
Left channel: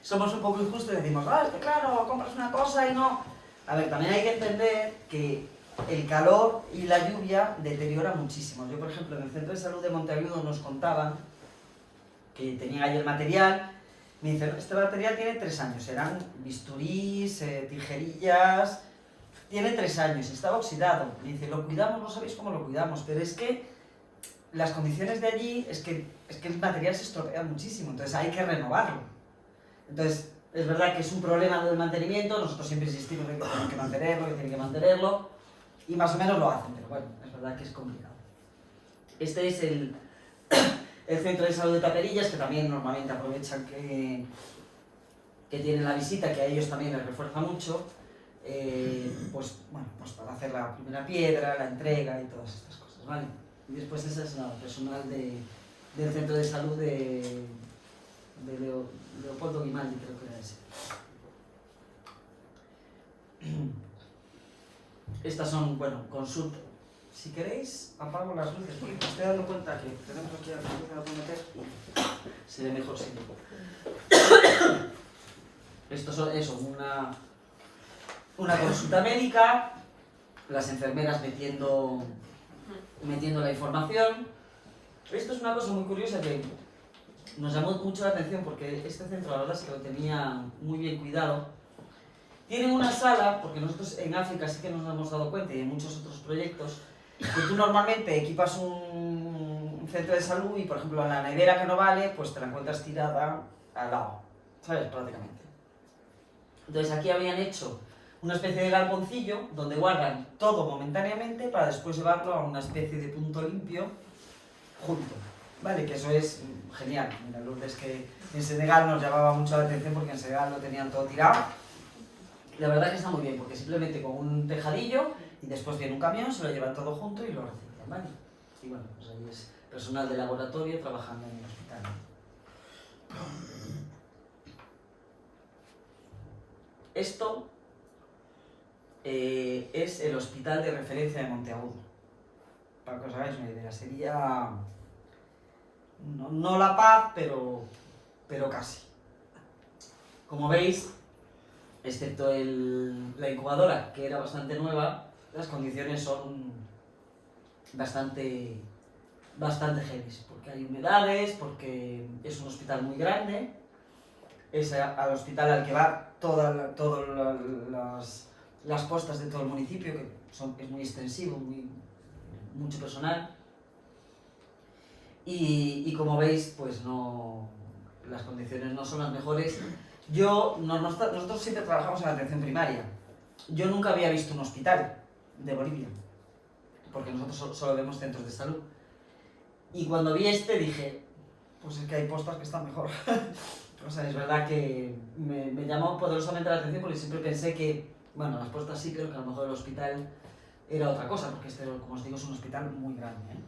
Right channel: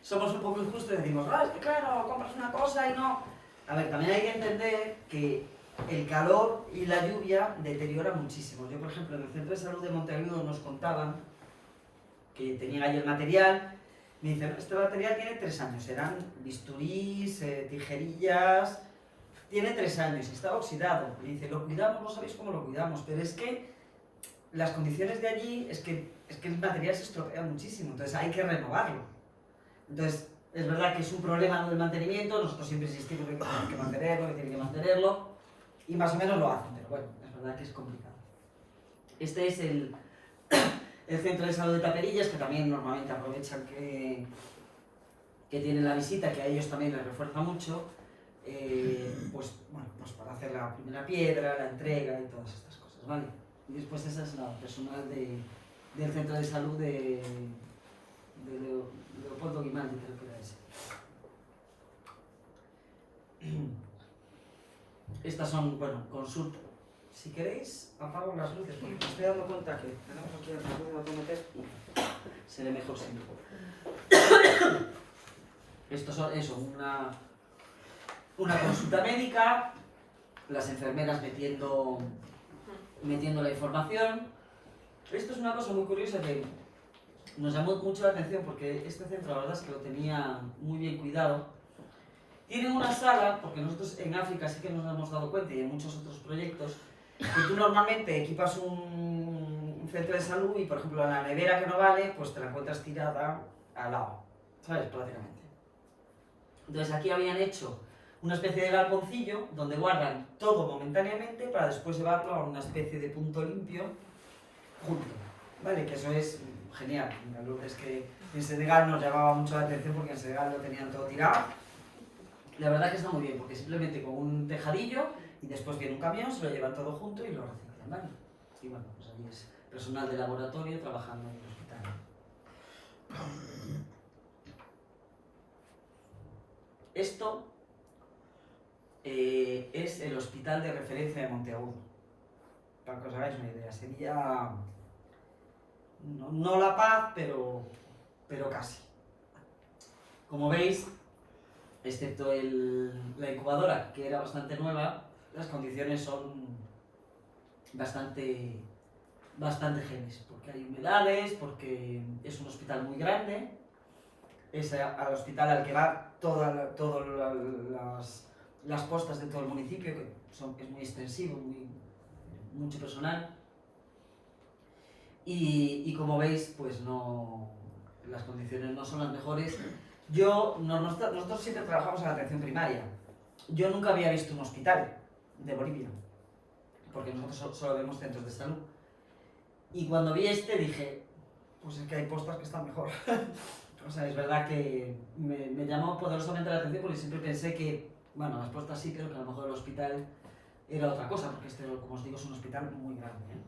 y decimos, es que claro, compras una cosa y no... A ver, también hay que entender que el calor y la lluvia deterioran muchísimo. Yo, por ejemplo, en el Centro de Salud de Monteagudo nos contaban que tenían ahí el material. Me dicen, este material tiene 3 años, eran bisturís, tijerillas, tiene 3 años, está oxidado. Me dice, lo cuidamos, no sabéis cómo lo cuidamos, pero es que las condiciones de allí, es que el material se estropea muchísimo, entonces hay que renovarlo. Entonces, es verdad que es un problema del mantenimiento, nosotros siempre insistimos en que tienen que mantenerlo, y más o menos lo hacen, pero bueno, es verdad que es complicado. Este es el Centro de Salud de Taperillas, que también normalmente aprovechan que tienen la visita, que a ellos también les refuerza mucho, pues para hacer la primera piedra, la entrega y todas estas cosas, ¿vale? Y después esa es la personal del Centro de Salud de Leopoldo Guimaldi, creo que era ese. Estas son, consultas. Si queréis, apago las luces, porque me estoy dando cuenta que tenemos aquí a la autometer y se ve mejor sin lujo. Esto es una consulta médica, las enfermeras metiendo la información. Esto es una cosa muy curiosa que nos llamó mucho la atención porque este centro, la verdad es que lo tenía muy bien cuidado. Tienen una sala, porque nosotros en África sí que nos hemos dado cuenta y en muchos otros proyectos, que tú normalmente equipas un centro de salud y, por ejemplo, la nevera que no vale, pues te la encuentras tirada al lado, ¿sabes? Prácticamente. Entonces aquí habían hecho una especie de galponcillo donde guardan todo momentáneamente para después llevarlo a una especie de punto limpio junto, ¿vale? Que eso es genial. Mira, Lourdes, que en Senegal nos llamaba mucho la atención porque en Senegal lo tenían todo tirado. Y la verdad que está muy bien, porque simplemente con un tejadillo y después viene un camión, se lo llevan todo junto y lo reciclan, ¿vale? Y bueno, pues ahí es personal de laboratorio trabajando en el hospital. Esto, es el hospital de referencia de Monteagudo. Para que os hagáis una idea, sería no La Paz, pero casi. Como veis, excepto la incubadora, que era bastante nueva, las condiciones son bastante heavy, porque hay humedades, porque es un hospital muy grande, es al hospital al que va todas las postas de todo el municipio, que es muy extensivo, mucho personal, y como veis, pues las condiciones no son las mejores. Nosotros siempre trabajamos en la atención primaria. Yo nunca había visto un hospital de Bolivia, porque nosotros solo vemos centros de salud. Y cuando vi dije, pues es que hay postas que están mejor. O sea, es verdad que me llamó poderosamente la atención porque siempre pensé que, bueno, las postas sí, pero que a lo mejor el hospital era otra cosa, porque como os digo, es un hospital muy grande, ¿eh?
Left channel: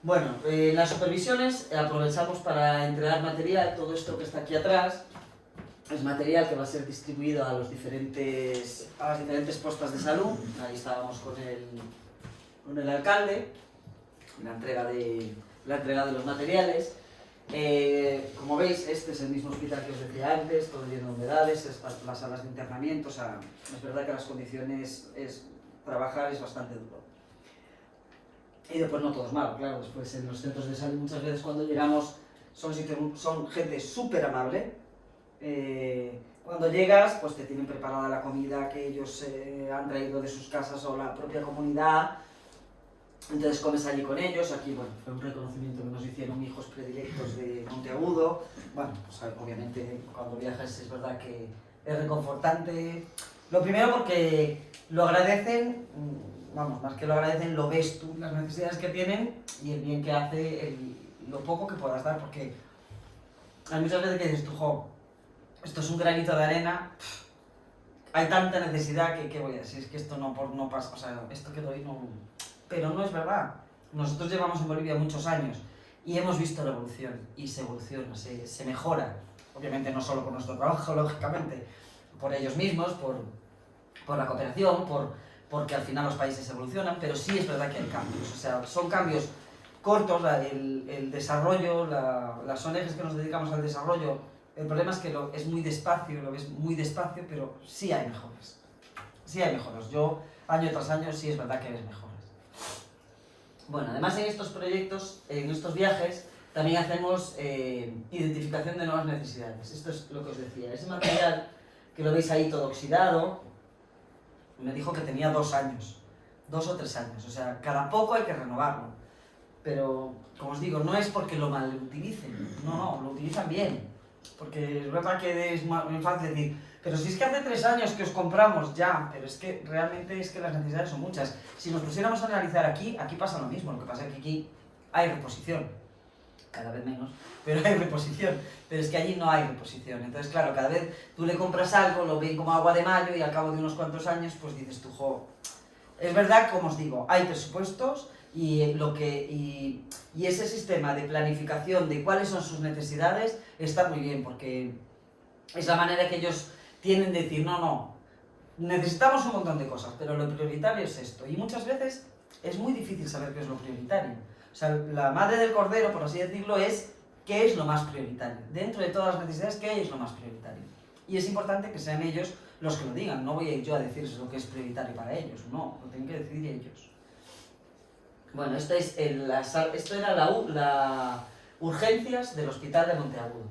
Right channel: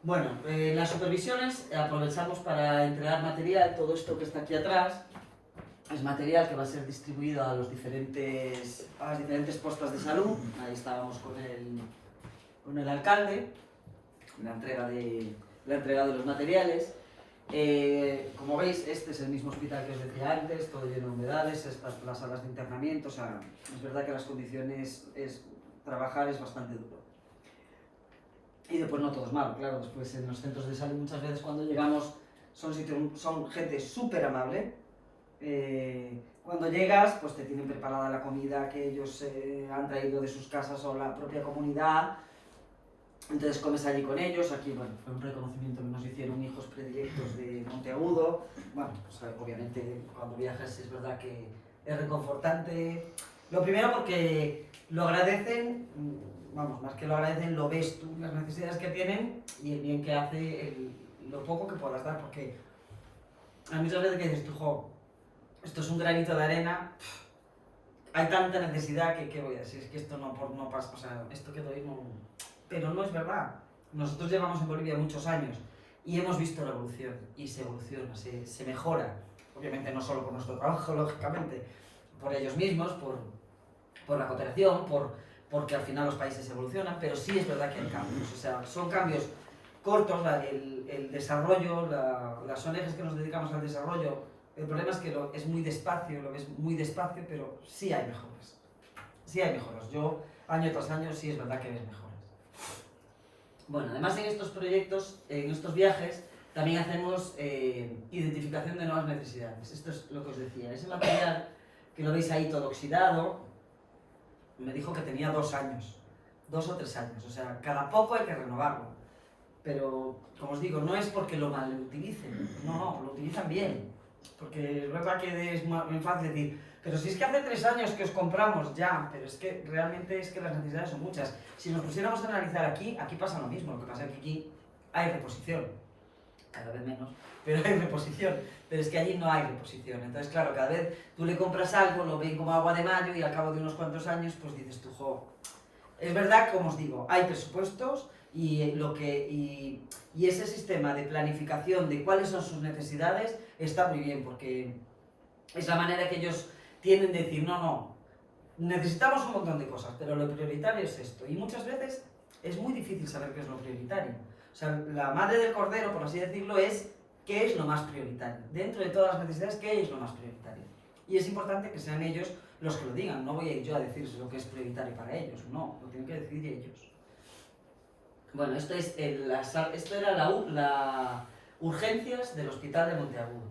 Bueno, las supervisiones aprovechamos para entregar material. Todo esto que está aquí atrás es material que va a ser distribuido a las diferentes postas de salud. Ahí estábamos con el alcalde, la entrega de los materiales. Como veis, este es el mismo hospital que os decía antes, todo lleno de humedades, las salas de internamiento. O sea, es verdad que las condiciones, trabajar es bastante duro. Y después no todo es malo, claro, después en los centros de salud muchas veces cuando llegamos son gente súper amable. Cuando llegas, pues te tienen preparada la comida que ellos han traído de sus casas o la propia comunidad, entonces comes allí con ellos. Aquí, bueno, fue un reconocimiento que nos hicieron hijos predilectos de Monteagudo. Bueno, pues obviamente cuando viajas es verdad que es reconfortante. Lo primero porque lo agradecen, vamos, más que lo agradecen, lo ves tú, las necesidades que tienen y el bien que hace, lo poco que puedas dar, porque hay muchas veces que dices tú, jo, esto es un granito de arena, hay tanta necesidad que voy a decir, es que esto no pasa, o sea, esto que doy no... Pero no es verdad. Nosotros llevamos en Bolivia muchos años y hemos visto la evolución, y se evoluciona, se mejora, obviamente no solo por nuestro trabajo, lógicamente, por ellos mismos, por la cooperación, porque al final los países evolucionan, pero sí es verdad que hay cambios, o sea, son cambios cortos. El desarrollo, las ONGs que nos dedicamos al desarrollo, el problema es que es muy despacio, lo ves muy despacio, pero sí hay mejoras. Sí hay mejoras. Yo, año tras año, sí es verdad que ves mejoras. Bueno, además en estos proyectos, en estos viajes, también hacemos identificación de nuevas necesidades. Esto es lo que os decía. Ese material que lo veis ahí todo oxidado, me dijo que tenía 2 años, 2 o 3 años. O sea, cada poco hay que renovarlo. Pero, como os digo, no es porque lo mal utilicen. No, lo utilizan bien. Porque es verdad que es muy fácil decir, pero si es que hace 3 años que os compramos ya, pero es que realmente es que las necesidades son muchas. Si nos pusiéramos a analizar aquí pasa lo mismo. Lo que pasa es que aquí hay reposición, cada vez menos, pero hay reposición. Pero es que allí no hay reposición. Entonces, claro, cada vez tú le compras algo, lo ven como agua de mayo y al cabo de unos cuantos años, pues dices tú, jo. Es verdad, como os digo, hay presupuestos y ese sistema de planificación de cuáles son sus necesidades está muy bien, porque es la manera que ellos tienen de decir, no, necesitamos un montón de cosas, pero lo prioritario es esto. Y muchas veces es muy difícil saber qué es lo prioritario. O sea, la madre del cordero, por así decirlo, es qué es lo más prioritario. Dentro de todas las necesidades, ¿qué es lo más prioritario? Y es importante que sean ellos los que lo digan. No voy a ir yo a decirles lo que es prioritario para ellos, no, lo tienen que decir ellos. Bueno, esto era la urgencias del hospital de Monteagudo,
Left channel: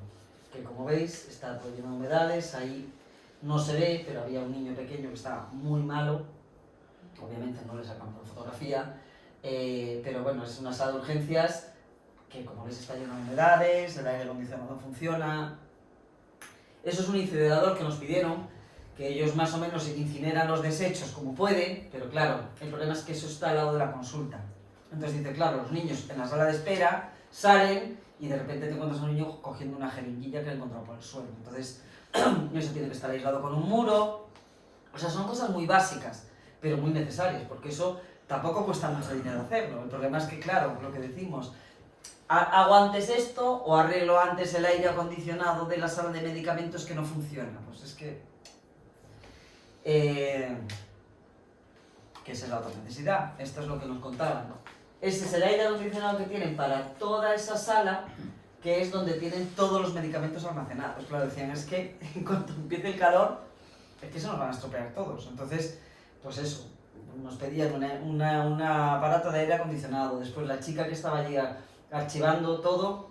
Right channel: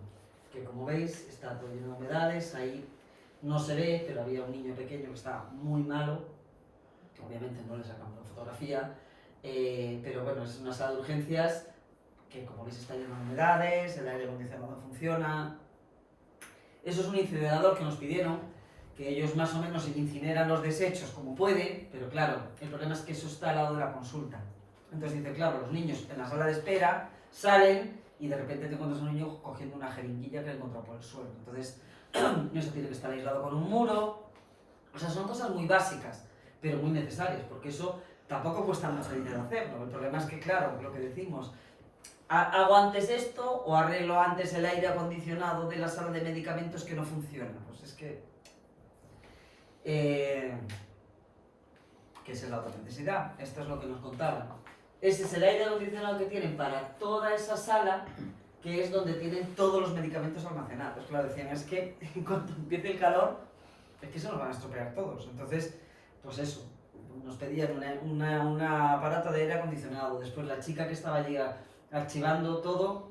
que como veis está todo lleno de humedades. Ahí no se ve, pero había un niño pequeño que estaba muy malo. Obviamente no le sacan por fotografía, pero bueno, es una sala de urgencias que, como veis, está lleno de humedades, el aire acondicionado no funciona. Eso es un incinerador que nos pidieron, que ellos más o menos incineran los desechos como pueden, pero claro, el problema es que eso está al lado de la consulta. Entonces dice, claro, los niños en la sala de espera salen y de repente te encuentras a un niño cogiendo una jeringuilla que ha encontrado por el suelo. Entonces, eso tiene que estar aislado con un muro. O sea, son cosas muy básicas, pero muy necesarias, porque eso tampoco cuesta mucho dinero hacerlo. El problema es que, claro, lo que decimos, hago antes esto o arreglo antes el aire acondicionado de la sala de medicamentos que no funciona. Pues es que esa es la otra necesidad. Esto es lo que nos contaban. Ese es el aire acondicionado que tienen para toda esa sala, que es donde tienen todos los medicamentos almacenados. Claro, decían, es que cuando empiece el calor, es que se nos van a estropear todos. Entonces, pues eso, nos pedían un aparato de aire acondicionado. Después la chica que estaba allí archivando todo,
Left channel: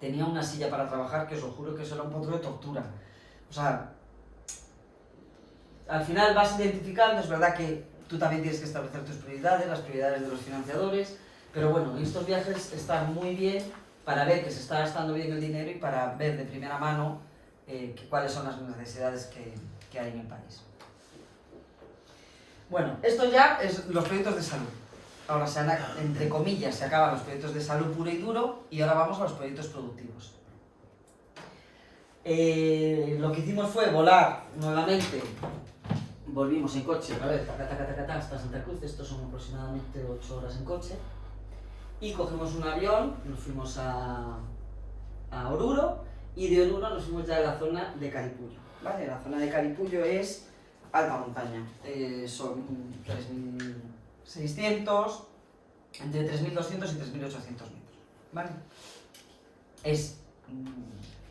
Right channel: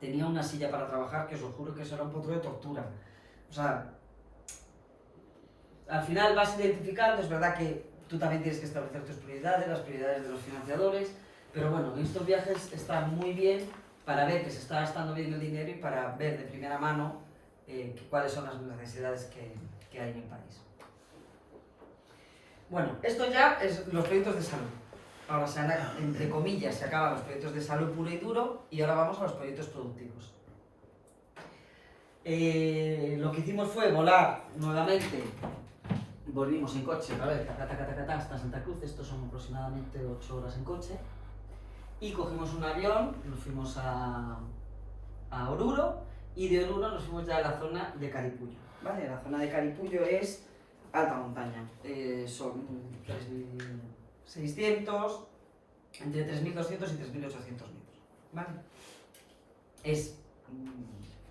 tenía una silla para trabajar, que os lo juro que eso era un poco de tortura. O sea, al final vas identificando, es verdad que tú también tienes que establecer tus prioridades, las prioridades de los financiadores, pero bueno, estos viajes están muy bien para ver que se está gastando bien el dinero y para ver de primera mano cuáles son las necesidades que hay en el país. Bueno, esto ya es los proyectos de salud. Ahora, entre comillas, se acaban los proyectos de salud puro y duro y ahora vamos a los proyectos productivos. Lo que hicimos fue volar nuevamente. Volvimos en coche, a ver, hasta Santa Cruz, estos son aproximadamente 8 horas en coche. Y cogimos un avión, nos fuimos a Oruro y de Oruro nos fuimos ya a la zona de Caripullo. ¿Vale? La zona de Caripullo es alta montaña, son 3.600, entre 3.200 y 3.800 metros. ¿Vale? Es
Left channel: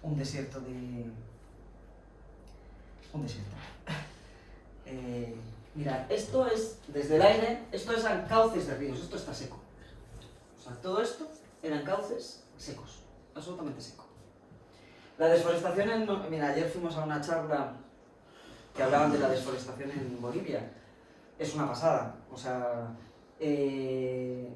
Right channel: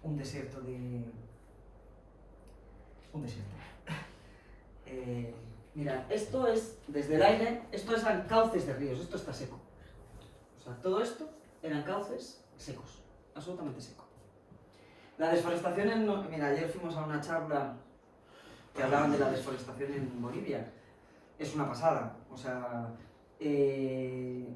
un desierto de... un desierto. Mirad, esto es, desde el aire, esto eran cauces de ríos, esto está seco. O sea, todo esto eran cauces secos, absolutamente seco. La desforestación, mira, ayer fuimos a una charla que hablaban de la desforestación en Bolivia. Es una pasada, o sea, se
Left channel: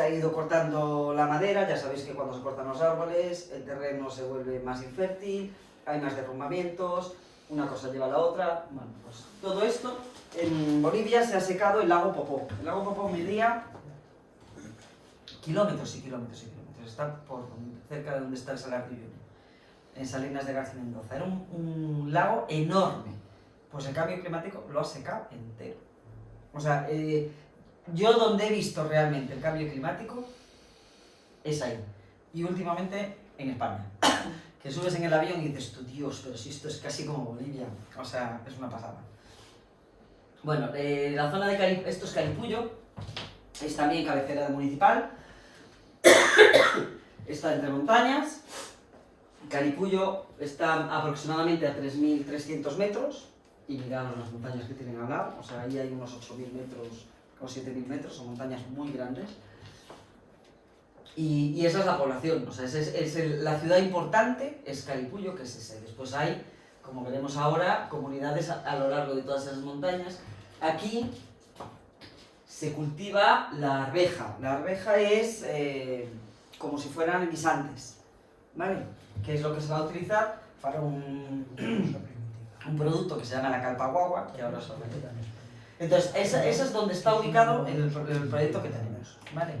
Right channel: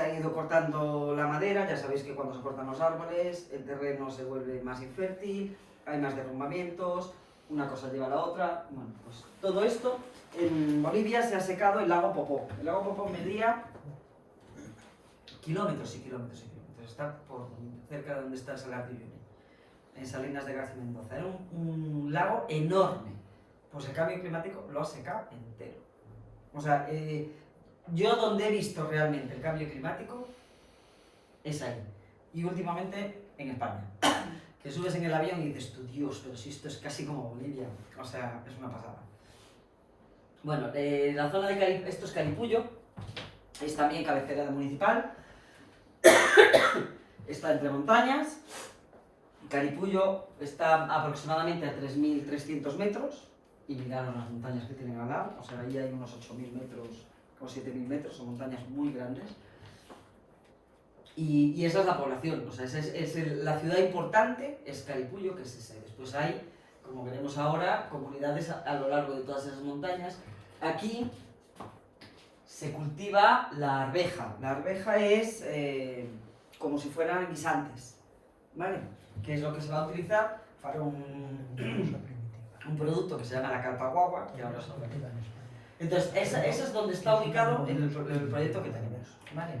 ha ido cortando la madera, ya sabéis que cuando se cortan los árboles, el terreno se vuelve más infértil, hay más derrumbamientos, una cosa lleva a la otra. Bueno, pues todo esto, en Bolivia se ha secado el lago Popó. El lago Popó medía kilómetros y kilómetros y kilómetros, está cerca de donde está el Salar de Uyuni, en Salinas de García Mendoza. Era un lago enorme, pues el cambio climático lo ha secado entero. O sea, yo donde he visto realmente el cambio climático es ahí, y últimamente en España. Que subes en el avión y dices, tú Dios, pero si esto es casi como Bolivia, o sea, es una pasada. Bueno, la zona de esto es Caripullo, es también cabecera municipal, está entre montañas. Caripullo está aproximadamente a 3.300 metros, y mirad las montañas que tienen al lado, o sea, ahí hay unos 8.000 metros o 7.000 metros, son montañas muy grandes. Y esa es la población, o sea, la ciudad importante es Caripullo, que es ese. Después hay, como veremos ahora, comunidades a lo largo de todas esas montañas. Aquí se cultiva la arveja. La arveja es como si fueran guisantes, ¿vale? Que es lo que se va a utilizar para un producto que se llama la calpaguagua, que ahora os hablaré. Entonces, esa es donde está ubicado el proyecto que tenemos, ¿vale?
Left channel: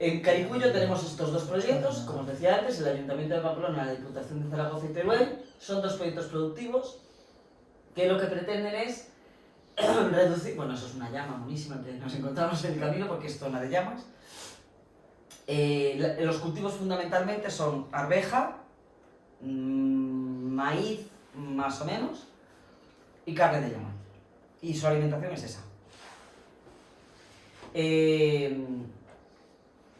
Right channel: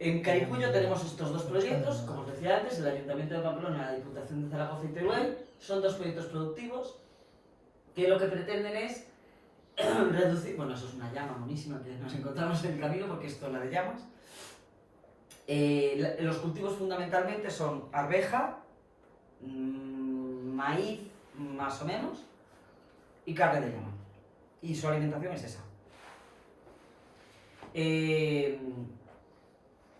En Caripullo tenemos estos dos proyectos, como os decía antes, el Ayuntamiento de Pamplona, la Diputación de Zaragoza y Teruel. Son dos proyectos productivos que lo que pretenden es reducir... Bueno, eso es una llama monísima que nos encontramos en el camino, porque es zona de llamas. Los cultivos fundamentalmente son arveja, maíz más o menos, y carne de llama. Y su alimentación es esa.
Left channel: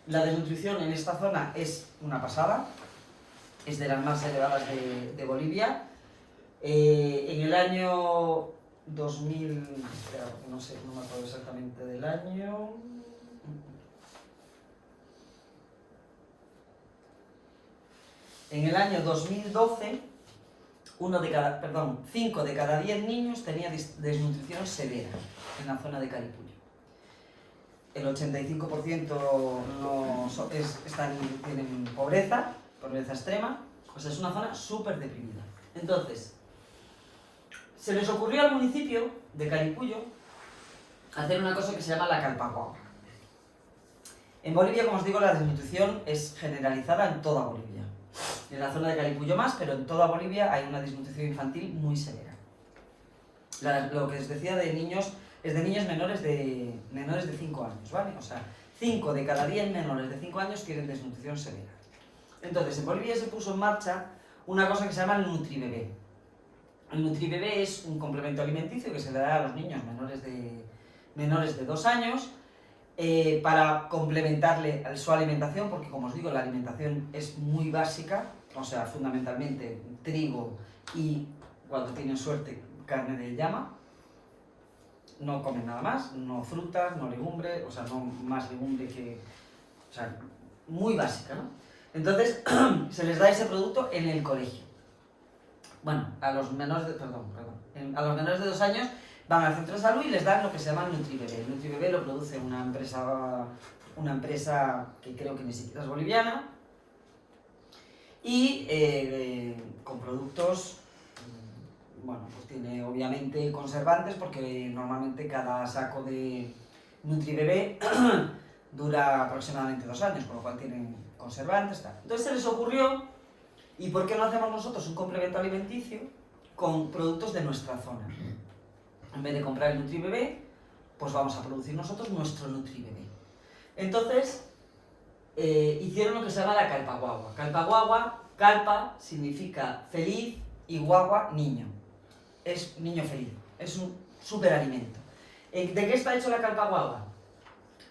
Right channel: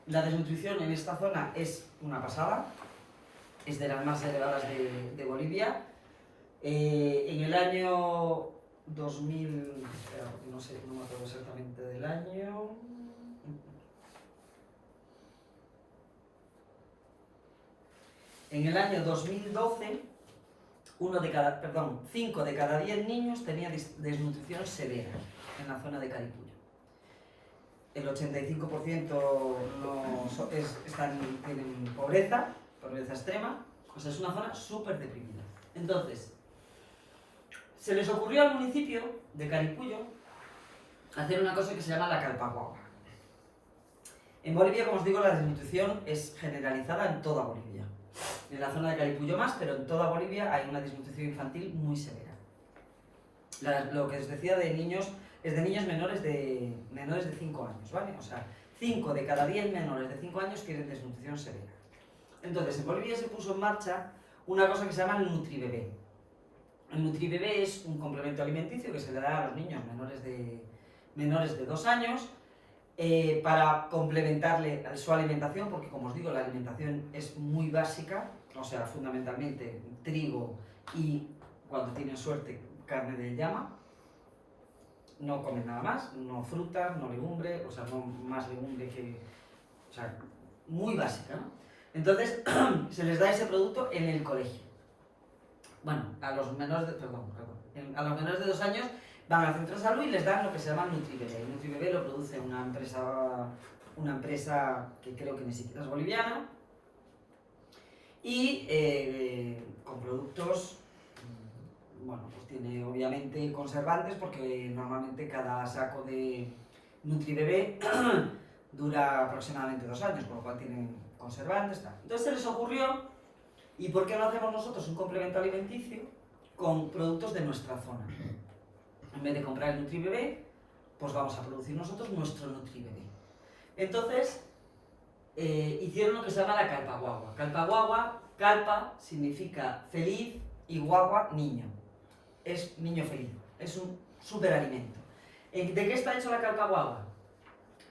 La desnutrición en esta zona es una pasada, es de las más elevadas de Bolivia. En el año 2000, no sé, no me acuerdo exactamente del año. En el año 2012, 5 de cada 10 niños tenía desnutrición severa en la zona de Caripullo. El 85% tienen pobreza extrema, o sea, es una zona súper deprimida. Entonces, se les ocurrió al municipio de Caripullo hacer una cosa que se llama la calpaguagua. En Bolivia, como os digo, la desnutrición es generalizada en toda Bolivia. En la zona de Caripullo más, pero en toda Bolivia hay una desnutrición infantil muy severa. Lo que os decía de niños, es de niños menores de 5 años, ¿vale? O sea, 5 de cada 10 menores de 5 años tienen desnutrición severa. Entonces, en Bolivia se puso en marcha una cosa que se llama el NutriBebé. El NutriBebé es un complemento alimenticio que se le da a los niños menores de 2 años para complementarle su alimentación, porque como os digo, la alimentación es muy básica, o sea, fundamentalmente trigo y, cuando tienen suerte, carne de llama. No comen nada más, no frutas, no legumbre, o sea, no más legumbre que... O sea, muy básica, ¿no? Entonces, se les da ese producto en el colegio. Bueno, a los menores de... a los menores de 2 años van al centro de salud y les dan lo que se llama el NutriBebé. El NutriBebé lo produce una empresa que creo que ni siquiera es boliviana, y con productos... Bueno, pues tiene obviamente conservantes, porque normalmente cada saco de NutriBebé dura aproximadamente 2 años, con lo cual tienen conservantes, tal. Entonces se les ocurrió, ¿y por qué no hacemos nosotros un complemento alimenticio con productos de nuestra zona? En vez de comprar el NutriBebé, pues vamos a producir nosotros nuestro NutriBebé. Entonces, hicieron lo que se llama la calpaguagua. Calpaguagua, calpa significa feliz y guagua, niño. Es niño feliz, es un superalimento. ¿De qué está hecho la calpaguagua?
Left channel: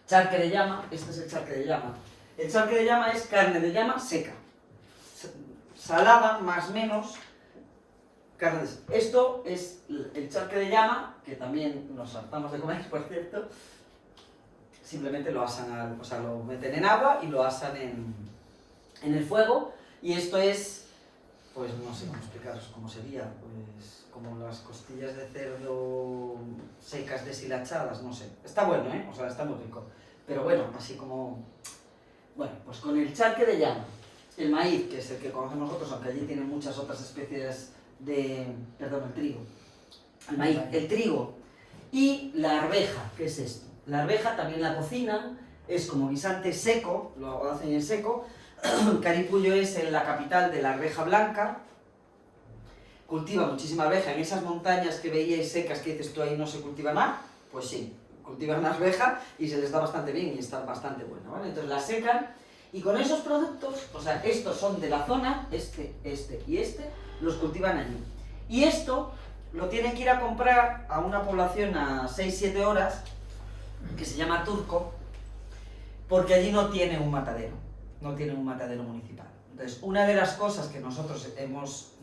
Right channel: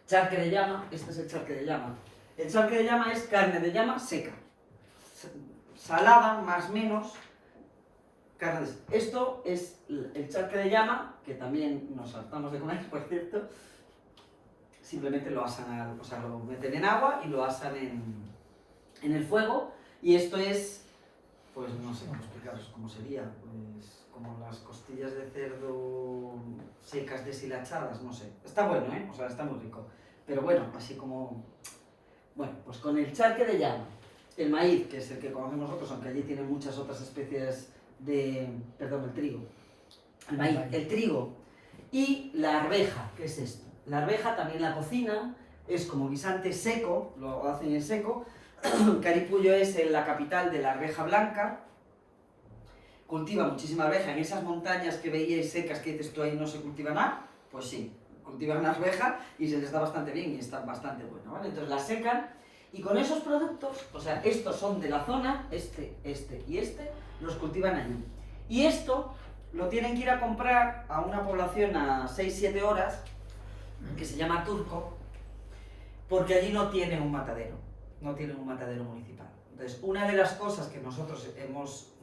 Charque de llama, este es el charque de llama. El charque de llama es carne de llama seca, salada, más o menos, carne. Esto es el charque de llama, que también nos saltamos de comer, por cierto. Simplemente lo asan, o sea, lo meten en agua y lo asan en el fuego, y esto es, pues no sé cómo explicaros cómo sería, pues como las costillas de cerdo secas deshilachadas, no sé. Está bueno, o sea, está muy rico. Pero bueno, así como... Bueno, pues con el charque de llama, el maíz, que es el que conocemos nosotros, aunque allí tiene muchas otras especies de... Perdón, el trigo. El maíz, el trigo y la arveja, ¿qué es esto? La arveja también la cocinan, es como guisante seco, lo hacen en seco. Caripullo es la capital de la arveja blanca. Cultiva muchísima arveja en esas montañas que veíais secas, que dices tú ahí no se cultiva nada. Pues sí, cultivan arveja y se les da bastante bien y están bastante buenas, ¿vale? Entonces la secan, y con esos productos, o sea, estos son de la zona, este y este, los cultivan allí. Y esto lo tienen que ir a comprar a una población a 6-7 horas, que se llama Turco, porque allí no tienen un matadero municipal. Entonces, una de las cosas que nosotros hemos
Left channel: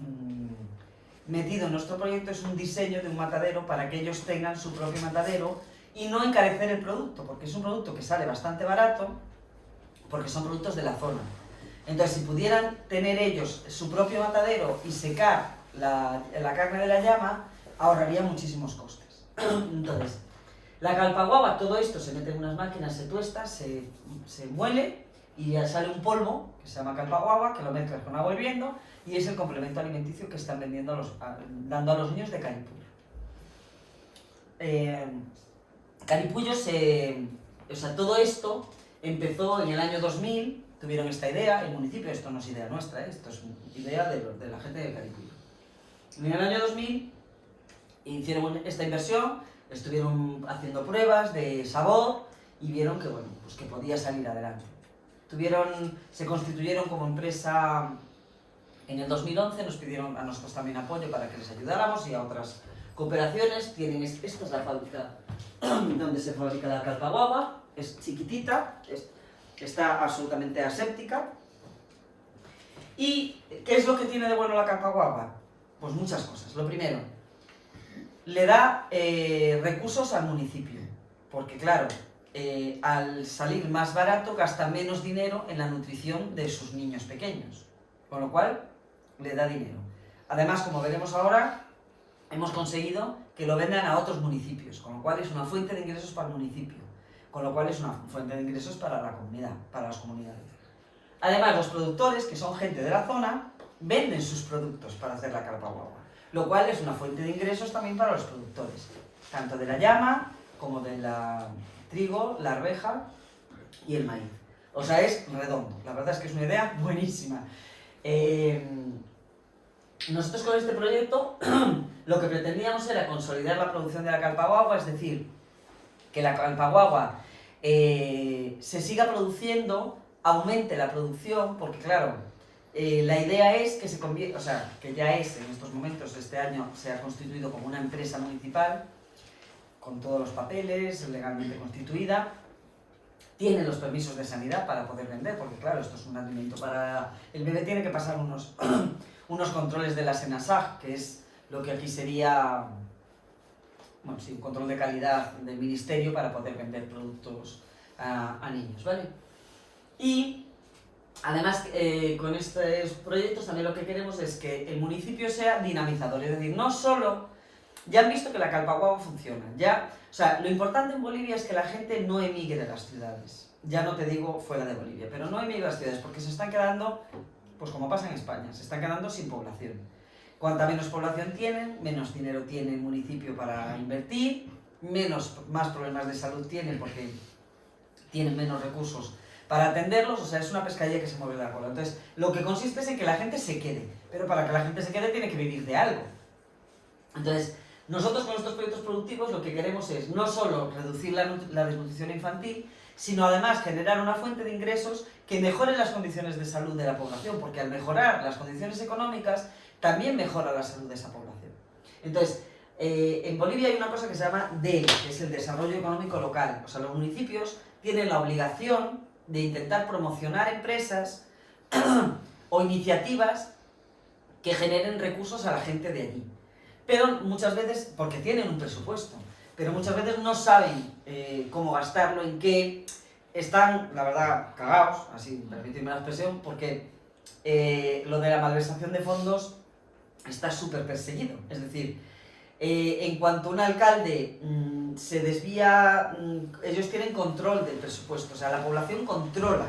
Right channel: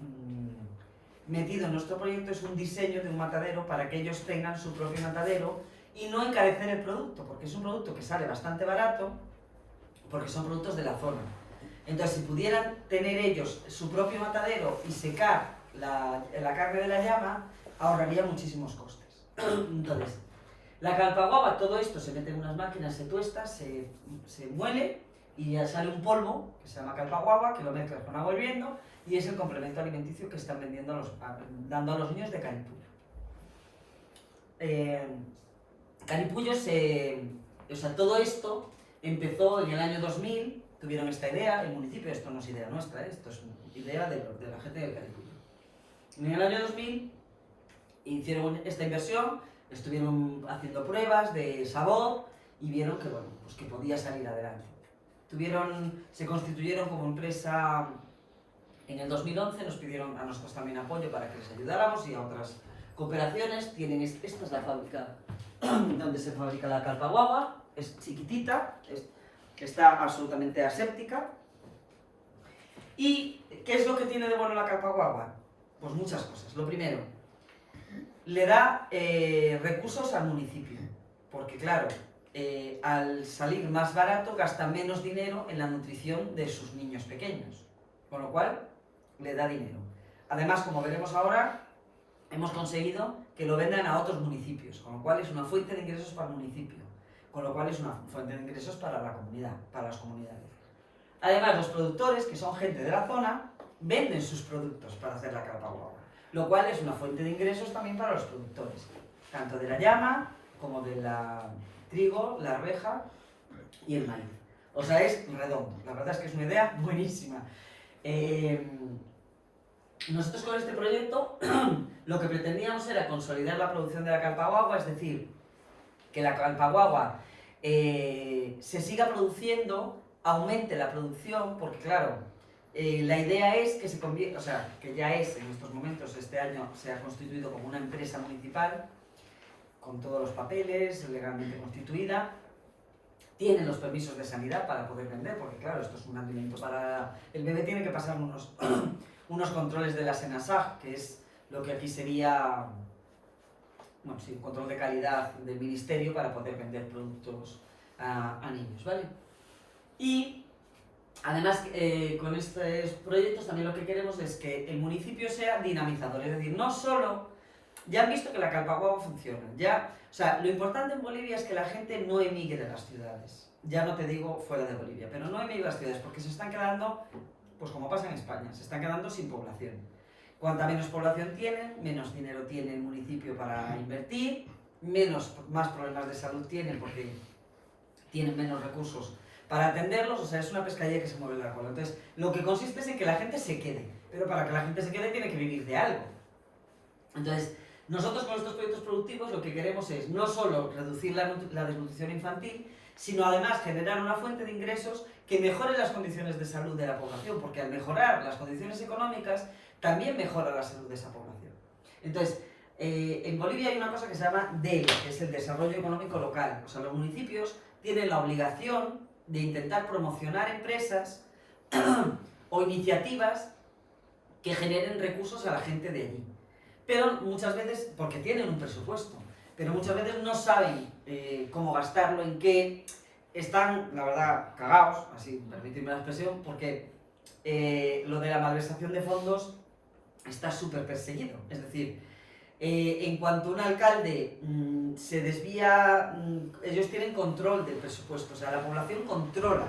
metido en nuestro proyecto es un diseño de un matadero para que ellos tengan su propio matadero y no encarecer el producto, porque es un producto que sale bastante barato, porque son productos de la zona. Entonces, si pudieran tener ellos su propio matadero y secar la carne de la llama, ahorraría muchísimos costes. Entonces, la calpaguagua, todo esto se mete en unas máquinas, se tuesta, se muele, y ya sale un polvo que se llama calpaguagua, que lo mezclas con agua hirviendo, y es el complemento alimenticio que están dando a los niños de Caripullo. Caripullo o sea, todo esto empezó en el año 2000, tuvieron esta idea, el municipio, esto no es idea nuestra, esto es idea de la gente de Caripullo. En el año 2000 hicieron esta inversión, estuvieron haciendo pruebas de sabor y vieron que, bueno, pues que podía salir adelante. Se constituyeron como empresa en el 2011, nos pidieron a nosotros también apoyo para que les ayudáramos y a otras cooperaciones. Esta es la fábrica donde se fabrica la calpaguagua, es chiquitita, está absolutamente aséptica. ¿Y qué es lo que tiene de bueno la calpaguagua? Pues muchas cosas. Lo primero, le da recursos al municipio, porque claro, al salir más barato gasta menos dinero en la nutrición de sus niños pequeños, con lo cual le da dinero. Además, como veremos ahora, hemos conseguido que lo vendan a otros municipios, con lo cual es una fuente de ingresos para el municipio, con lo cual es una fuente de ingresos para la comunidad, para las comunidades. Además, los productores, que son gente de la zona, venden sus productos para hacer la calpaguagua, lo cual es una fuente de ingresos también para los productores, tanto de la llama como de la trigo, la arveja y el maíz. O sea, es redondo. La verdad es que es una idea buenísima. Nosotros con este proyecto lo que pretendíamos era consolidar la producción de la calpaguagua, es decir, que la calpaguagua se siga produciendo, aumente la producción, porque claro, la idea es que se convierta, o sea, que ya es en estos momentos, este año se ha constituido como una empresa municipal, con todos los papeles, legalmente constituida, tiene los permisos de sanidad para poder vender, porque claro, esto es un alimento para... El bebé tiene que pasar unos controles de la SENASAG, que es lo que aquí sería, bueno, sí, un control de calidad del ministerio para poder vender productos a niños, ¿vale? Y además, con estos proyectos también lo que queremos es que el municipio sea dinamizador, es decir, no solo... Ya han visto que la Calpaguagua funciona, ya... O sea, lo importante en Bolivia es que la gente no emigre a las ciudades. Ya no te digo fuera de Bolivia, pero no emigre a las ciudades porque se están quedando, pues como pasa en España, se están quedando sin población. Cuanta menos población tienen, menos dinero tiene el municipio para invertir, más problemas de salud tienen porque tienen menos recursos para atenderlos, o sea, es una pescadilla que se mueve la cola. Entonces, lo que consiste es en que la gente se quede, pero para que la gente se quede tiene que vivir de algo. Entonces, nosotros con estos proyectos productivos lo que queremos es no solo reducir la desnutrición infantil, sino además generar una fuente de ingresos que mejore las condiciones de salud de la población, porque al mejorar las condiciones económicas, también mejora la salud de esa población. Entonces, en Bolivia hay una cosa que se llama DEL, que es el Desarrollo Económico Local. O sea, los municipios tienen la obligación de intentar promocionar empresas o iniciativas que generen recursos a la gente de allí. Pero muchas veces, porque tienen un presupuesto, pero muchas veces no saben cómo gastarlo, en qué, están, la verdad, cagados, así, permitidme la expresión, porque lo de la malversación de fondos está súper perseguido. Es decir, en cuanto un alcalde se desvía, ellos tienen control del presupuesto, o sea, la población controla.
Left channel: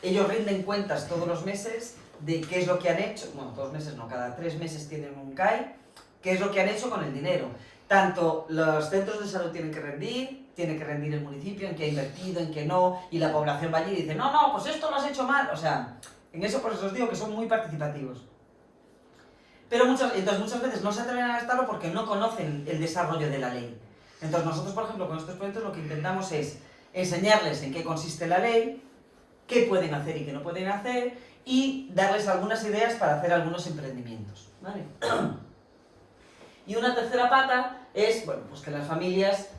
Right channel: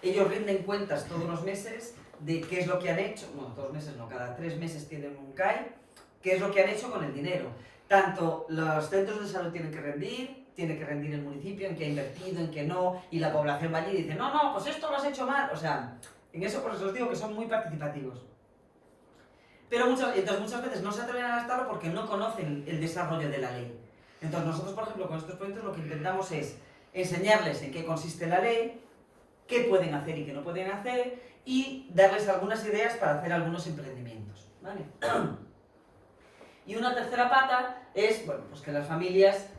Ellos rinden cuentas todos los meses de qué es lo que han hecho, no, 2 meses no, cada 3 meses tienen un CAE, qué es lo que han hecho con el dinero. Tanto los centros de salud tiene que rendir el municipio, en qué ha invertido, en qué no, y la población va allí y dice, no, pues esto lo has hecho mal. O sea, en eso por eso os digo que son muy participativos. Pero entonces muchas veces no se atreven a gastarlo porque no conocen el desarrollo de la ley. Entonces nosotros, por ejemplo, con estos proyectos lo que intentamos es enseñarles en qué consiste la ley, qué pueden hacer y qué no pueden hacer, y darles algunas ideas para hacer algunos emprendimientos, ¿vale? Y una tercera pata es, bueno, pues que las familias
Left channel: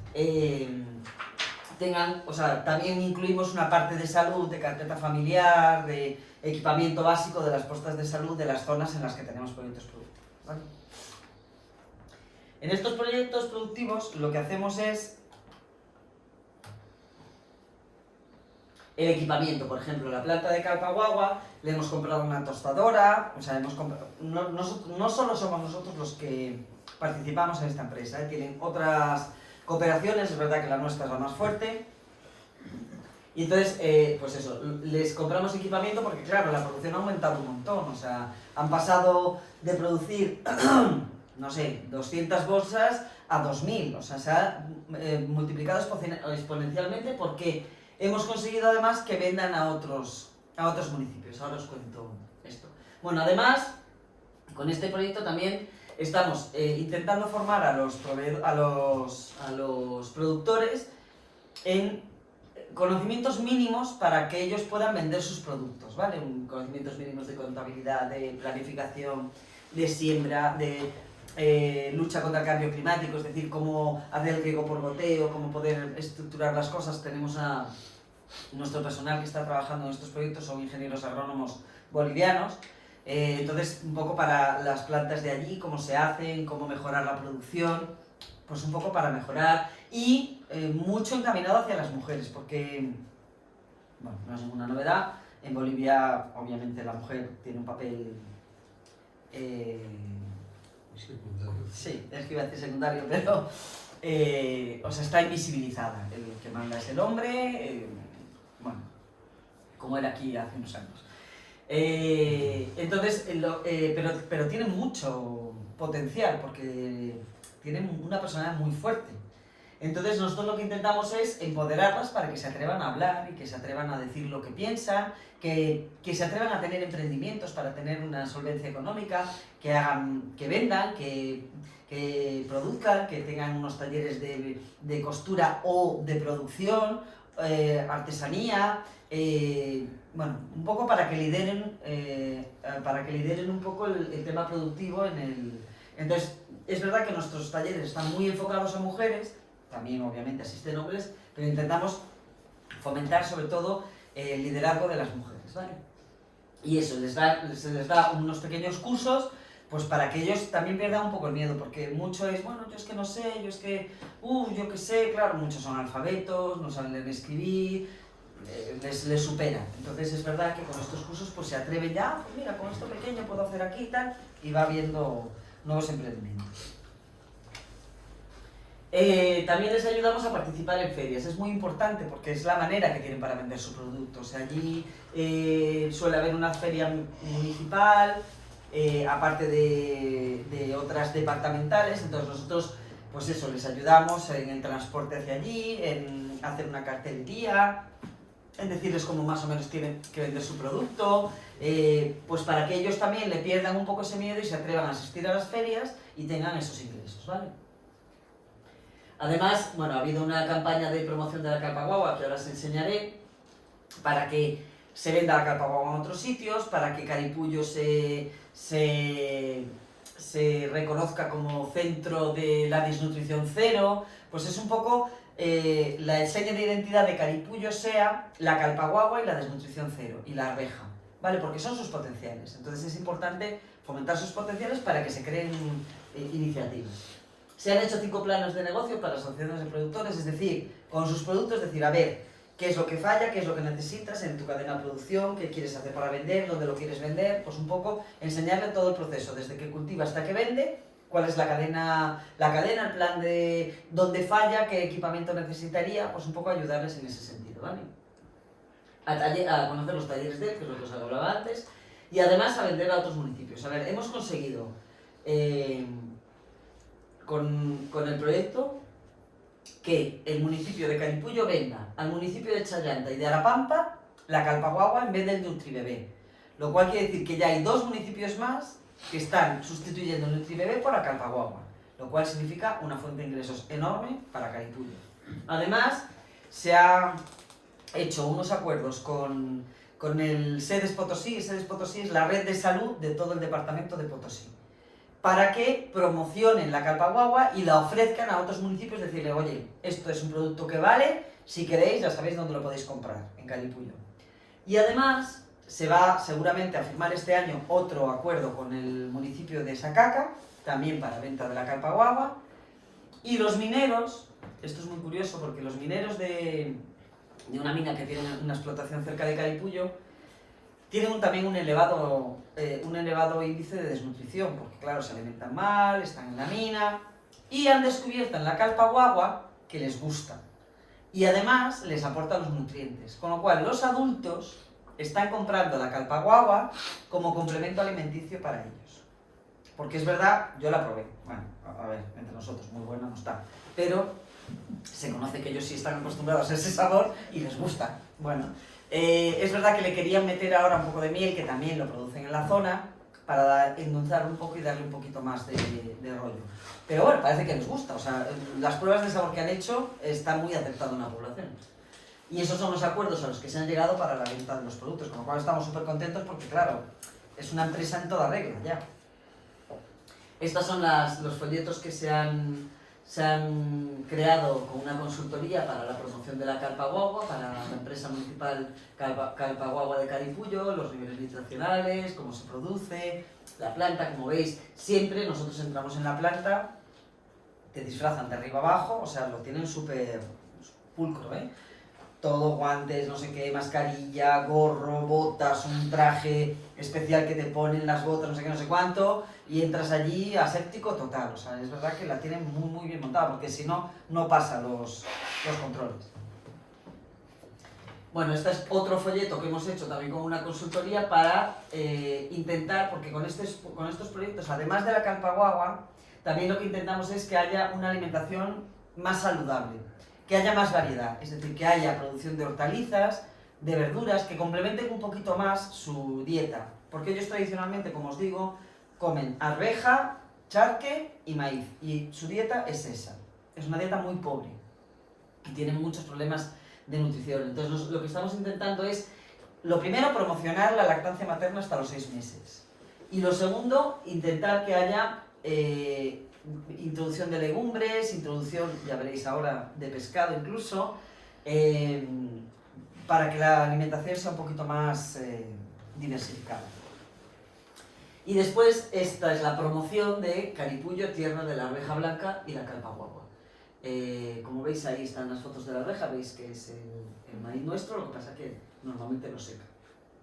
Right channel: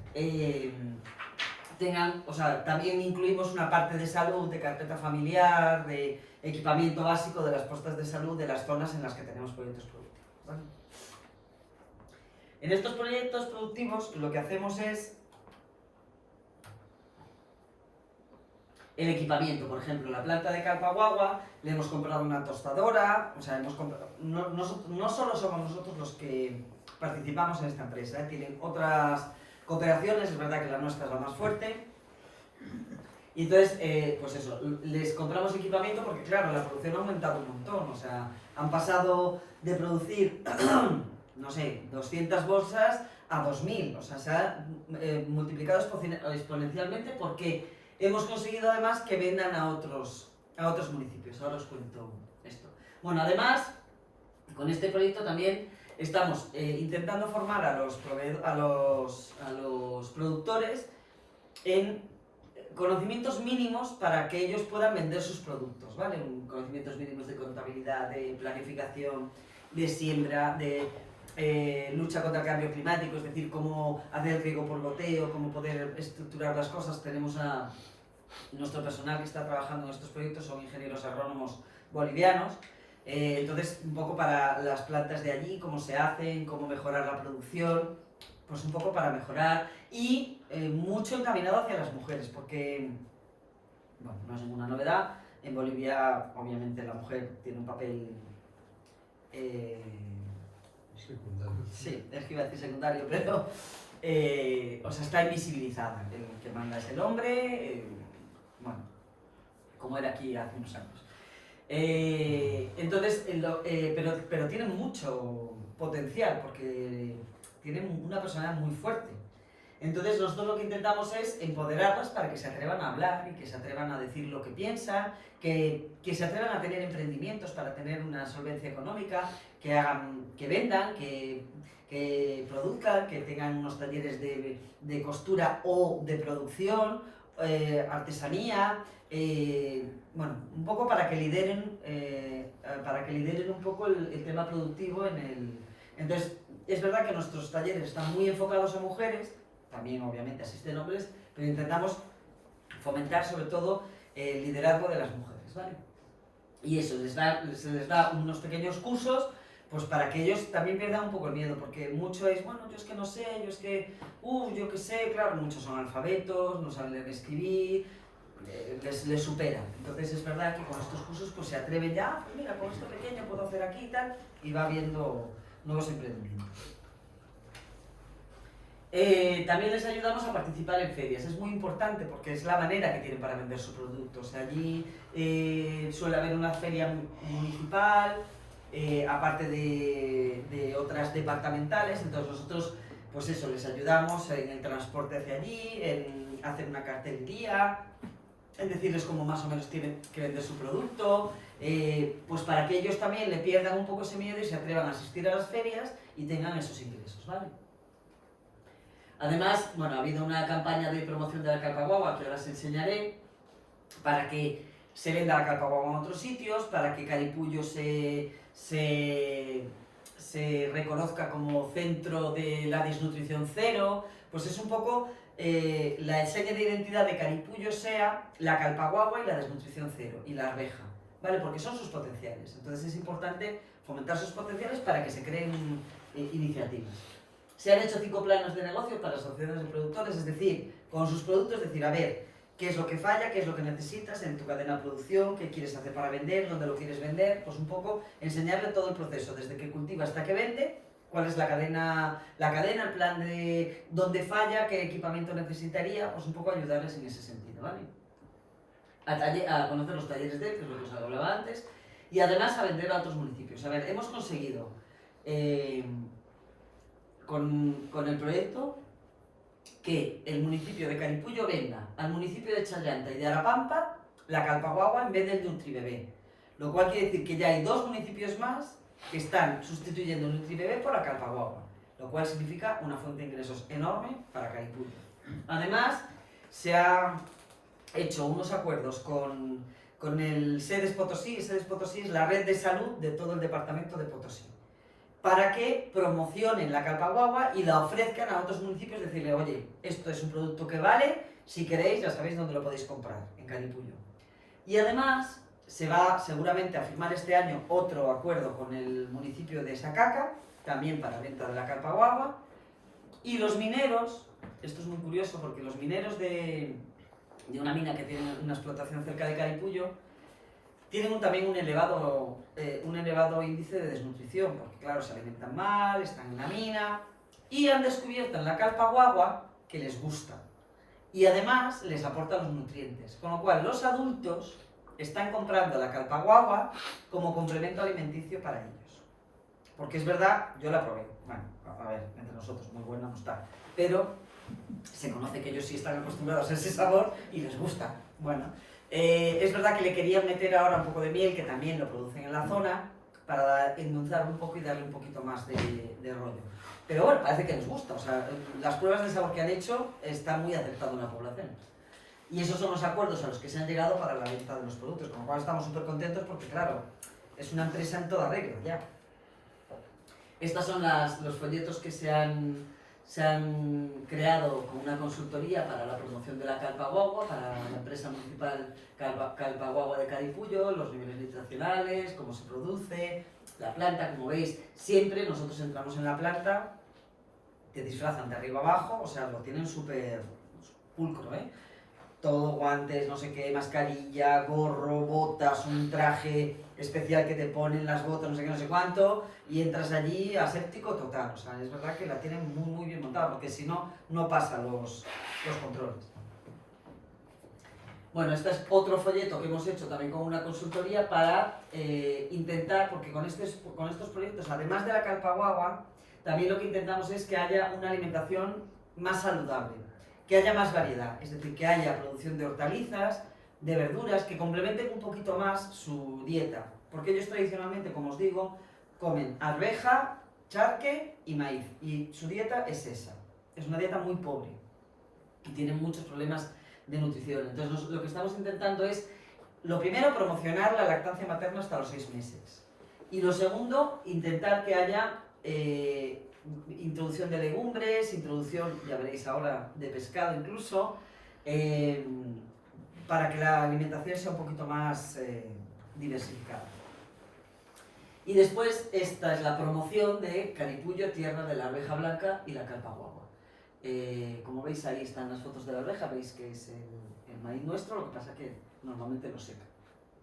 tengan, o sea, también incluimos una parte de salud, de carpeta familiar, de equipamiento básico de las postas de salud de las zonas en las que tenemos proyectos productivos, ¿vale? En estos proyectos productivos lo que hacemos es el equipamiento. Por ejemplo, la planta de Calpaguagua le hemos comprado una tostadora, o sea, no solo somos nosotros los que participamos en esta empresa, tienen otras cooperaciones, es verdad que la nuestra es la más fuerte. Y entonces, pues eso, les compramos equipamiento porque claro, la producción ha aumentado un montón, o sea, han pasado de producir, no sé, 200 bolsas a 2000, o sea, se ha multiplicado exponencialmente porque hemos conseguido además que vendan a otros municipios. Ahora os cuento esto. Bueno, además, con este proyecto también estamos intentando formar a los productores en conocimientos mínimos para que ellos puedan vender sus productos, ¿vale? Conocimientos mínimos de contabilidad, de planificación, de siembra, de lucha contra el cambio climático, es decir, cómo hacer el riego por goteo, cómo poder estructurar las cosas. Tenemos a nuestro personal que está trabajando en estos proyectos, son ingenieros agrónomos bolivianos, entonces un poco para las plantas de allí, cómo se hacen, cómo mejorar la producción, pues un poco para mejorar y mucho encaminado hacia las mujeres, porque, bueno, no es ninguna novedad, en Bolivia obviamente la mujer tiene un papel... Sí, es que iba a decir secundario, pero o sea, está invisibilizada. El que manda es el hombre, bueno, como era aquí hace unos años. Entonces, pero tiene mucho potencial porque tienen una personalidad muy fuerte. Entonces nosotros lo que intentamos es empoderarlas para que se atrevan a hablar y que se atrevan a decir lo que piensan, que se atrevan a tener emprendimientos para tener una solvencia económica, que vendan, que produzcan, que tengan unos talleres de costura o de producción, artesanía, bueno, un poco para que lideren un poco el tema productivo en el... Entonces, es verdad que nuestros talleres están muy enfocados a mujeres, también obviamente asisten hombres, pero intentamos fomentar sobre todo el liderazgo de las mujeres, ¿vale? Y eso, se les da unos pequeños cursos, pues para que ellos también pierdan un poco el miedo, porque mucho es, bueno, yo es que no sé, yo es que, yo que sé, claro, muchos son alfabetos, no saben leer ni escribir, les supera. Entonces es verdad que con estos cursos pues se atreven ya, pues mira, con esto pequeño puedo hacer aquí y tal, y va viendo nuevos emprendimientos. También les ayudamos a participar en ferias, es muy importante porque es la manera que tienen para vender su producto. O sea, allí suele haber una feria municipal, aparte de otras departamentales, entonces nosotros pues eso, les ayudamos en el transporte hacia allí, en hacer una cartelería, en decirles cómo más o menos tienen que vender su producto, pues para que ellos también le pierdan un poco ese miedo y se atrevan a asistir a las ferias y tengan esos ingresos, ¿vale? Además, bueno, ha habido una campaña de promoción de la carpa guagua que ahora os enseñaré para que se venda la carpa guagua en otros sitios, para que Caripullo se reconozca como centro de la desnutrición cero, pues es un poco la seña de identidad de Caripullo sea la carpa guagua y la desnutrición cero, y la arveja, ¿vale? Porque son sus potenciales, entonces es importante fomentar sus potenciales para que se creen iniciativas. Se han hecho 5 planos de negocio para asociaciones de productores, es decir, con sus productos, decir, a ver, qué es lo que falla, qué es lo que necesitas en tu cadena de producción, qué quieres hacer para vender, dónde lo quieres vender, pues un poco enseñarle todo el proceso, desde que cultiva hasta que vende, cuál es la cadena, el plan de dónde falla, qué equipamiento necesitaría, pues un poco ayudarles en ese sentido, ¿vale? A conocer los talleres de él, que es lo que os hablaba antes, y además a vender a otros municipios. A ver, hemos conseguido... con el proyecto que el municipio de Caripullo venda al municipio de Chayanta y de Arapampa la carpa guagua en vez del Nutribebé, lo cual quiere decir que ya hay 2 municipios más que están sustituyendo el Nutribebé por la carpa guagua, lo cual significa una fuente de ingresos enorme para Caripullo. Además, se ha hecho unos acuerdos con el SEDES Potosí. SEDES Potosí es la red de salud de todo el departamento de Potosí, para que promocionen la carpa guagua y la ofrezcan a otros municipios, decirle, oye, esto es un producto que vale, si queréis ya sabéis dónde lo podéis comprar, en Caripullo. Y además se va seguramente a firmar este año otro acuerdo con el municipio de Sacaca, también para venta de la carpa guagua, y los mineros, esto es muy curioso porque los mineros de una mina que tiene una explotación cerca de Caripullo, tienen también un elevado índice de desnutrición, porque claro, se alimentan mal, están en la mina, y han descubierto en la carpa guagua que les gusta. Y además les aporta los nutrientes, con lo cual los adultos están comprando la carpa guagua como complemento alimenticio para ellos. Porque es verdad, yo la probé, bueno, a ver, entre nosotros, muy buena no está, pero se conoce que ellos sí están acostumbrados a ese sabor y les gusta. Bueno, es verdad que le querían meter ahora un poco de miel, que también lo producen en la zona, para endulzarlo un poco y darle un poquito más de rollo. Pero bueno, parece que les gusta, o sea, las pruebas de sabor que han hecho están muy aceptadas en la población. Y esos son los acuerdos a los que se han llegado para la venta de los productos, con lo cual estamos súper contentos porque, claro, es una empresa en toda regla ya. Estos son los folletos que se han creado con una consultoría para la promoción de la carpa guagua, para la empresa municipal Carpa Guagua de Caripullo, los niveles nutricionales, cómo se produce, la planta, como veis, siempre nosotros entramos en la planta, te disfrazan de arriba abajo, o sea, lo tienen súper pulcro, ¿eh? Todo, guantes, no sé qué, mascarilla, gorro, botas, un traje especial que te ponen las botas, no sé qué, no sé cuánto, y entras allí aséptico total. O sea, es verdad que la tienen muy, muy bien montada, porque si no, no pasa los controles. Bueno, este es otro folleto que hemos hecho también con una consultoría para intentar, porque con estos proyectos, además de la carpa guagua, también lo que intentamos es que haya una alimentación más saludable, que haya más variedad, es decir, que haya producción de hortalizas, de verduras, que complementen un poquito más su dieta, porque ellos tradicionalmente, como os digo, comen arveja, charque y maíz, y su dieta es esa, es una dieta muy pobre, y tienen muchos problemas de nutrición. Entonces lo que estamos intentando es, lo primero, promocionar la lactancia materna hasta los 6 meses. Y lo segundo, intentar que haya introducción de legumbres, introducción, ya veréis ahora, de pescado incluso, para que la alimentación sea un poquito más diversificada. Y después, esta es la promoción de Caripullo, tierra de la arveja blanca y la carpa guagua. Como veis, ahí están las fotos de la arveja, veis que es el maíz nuestro, lo que pasa es que normalmente lo seca,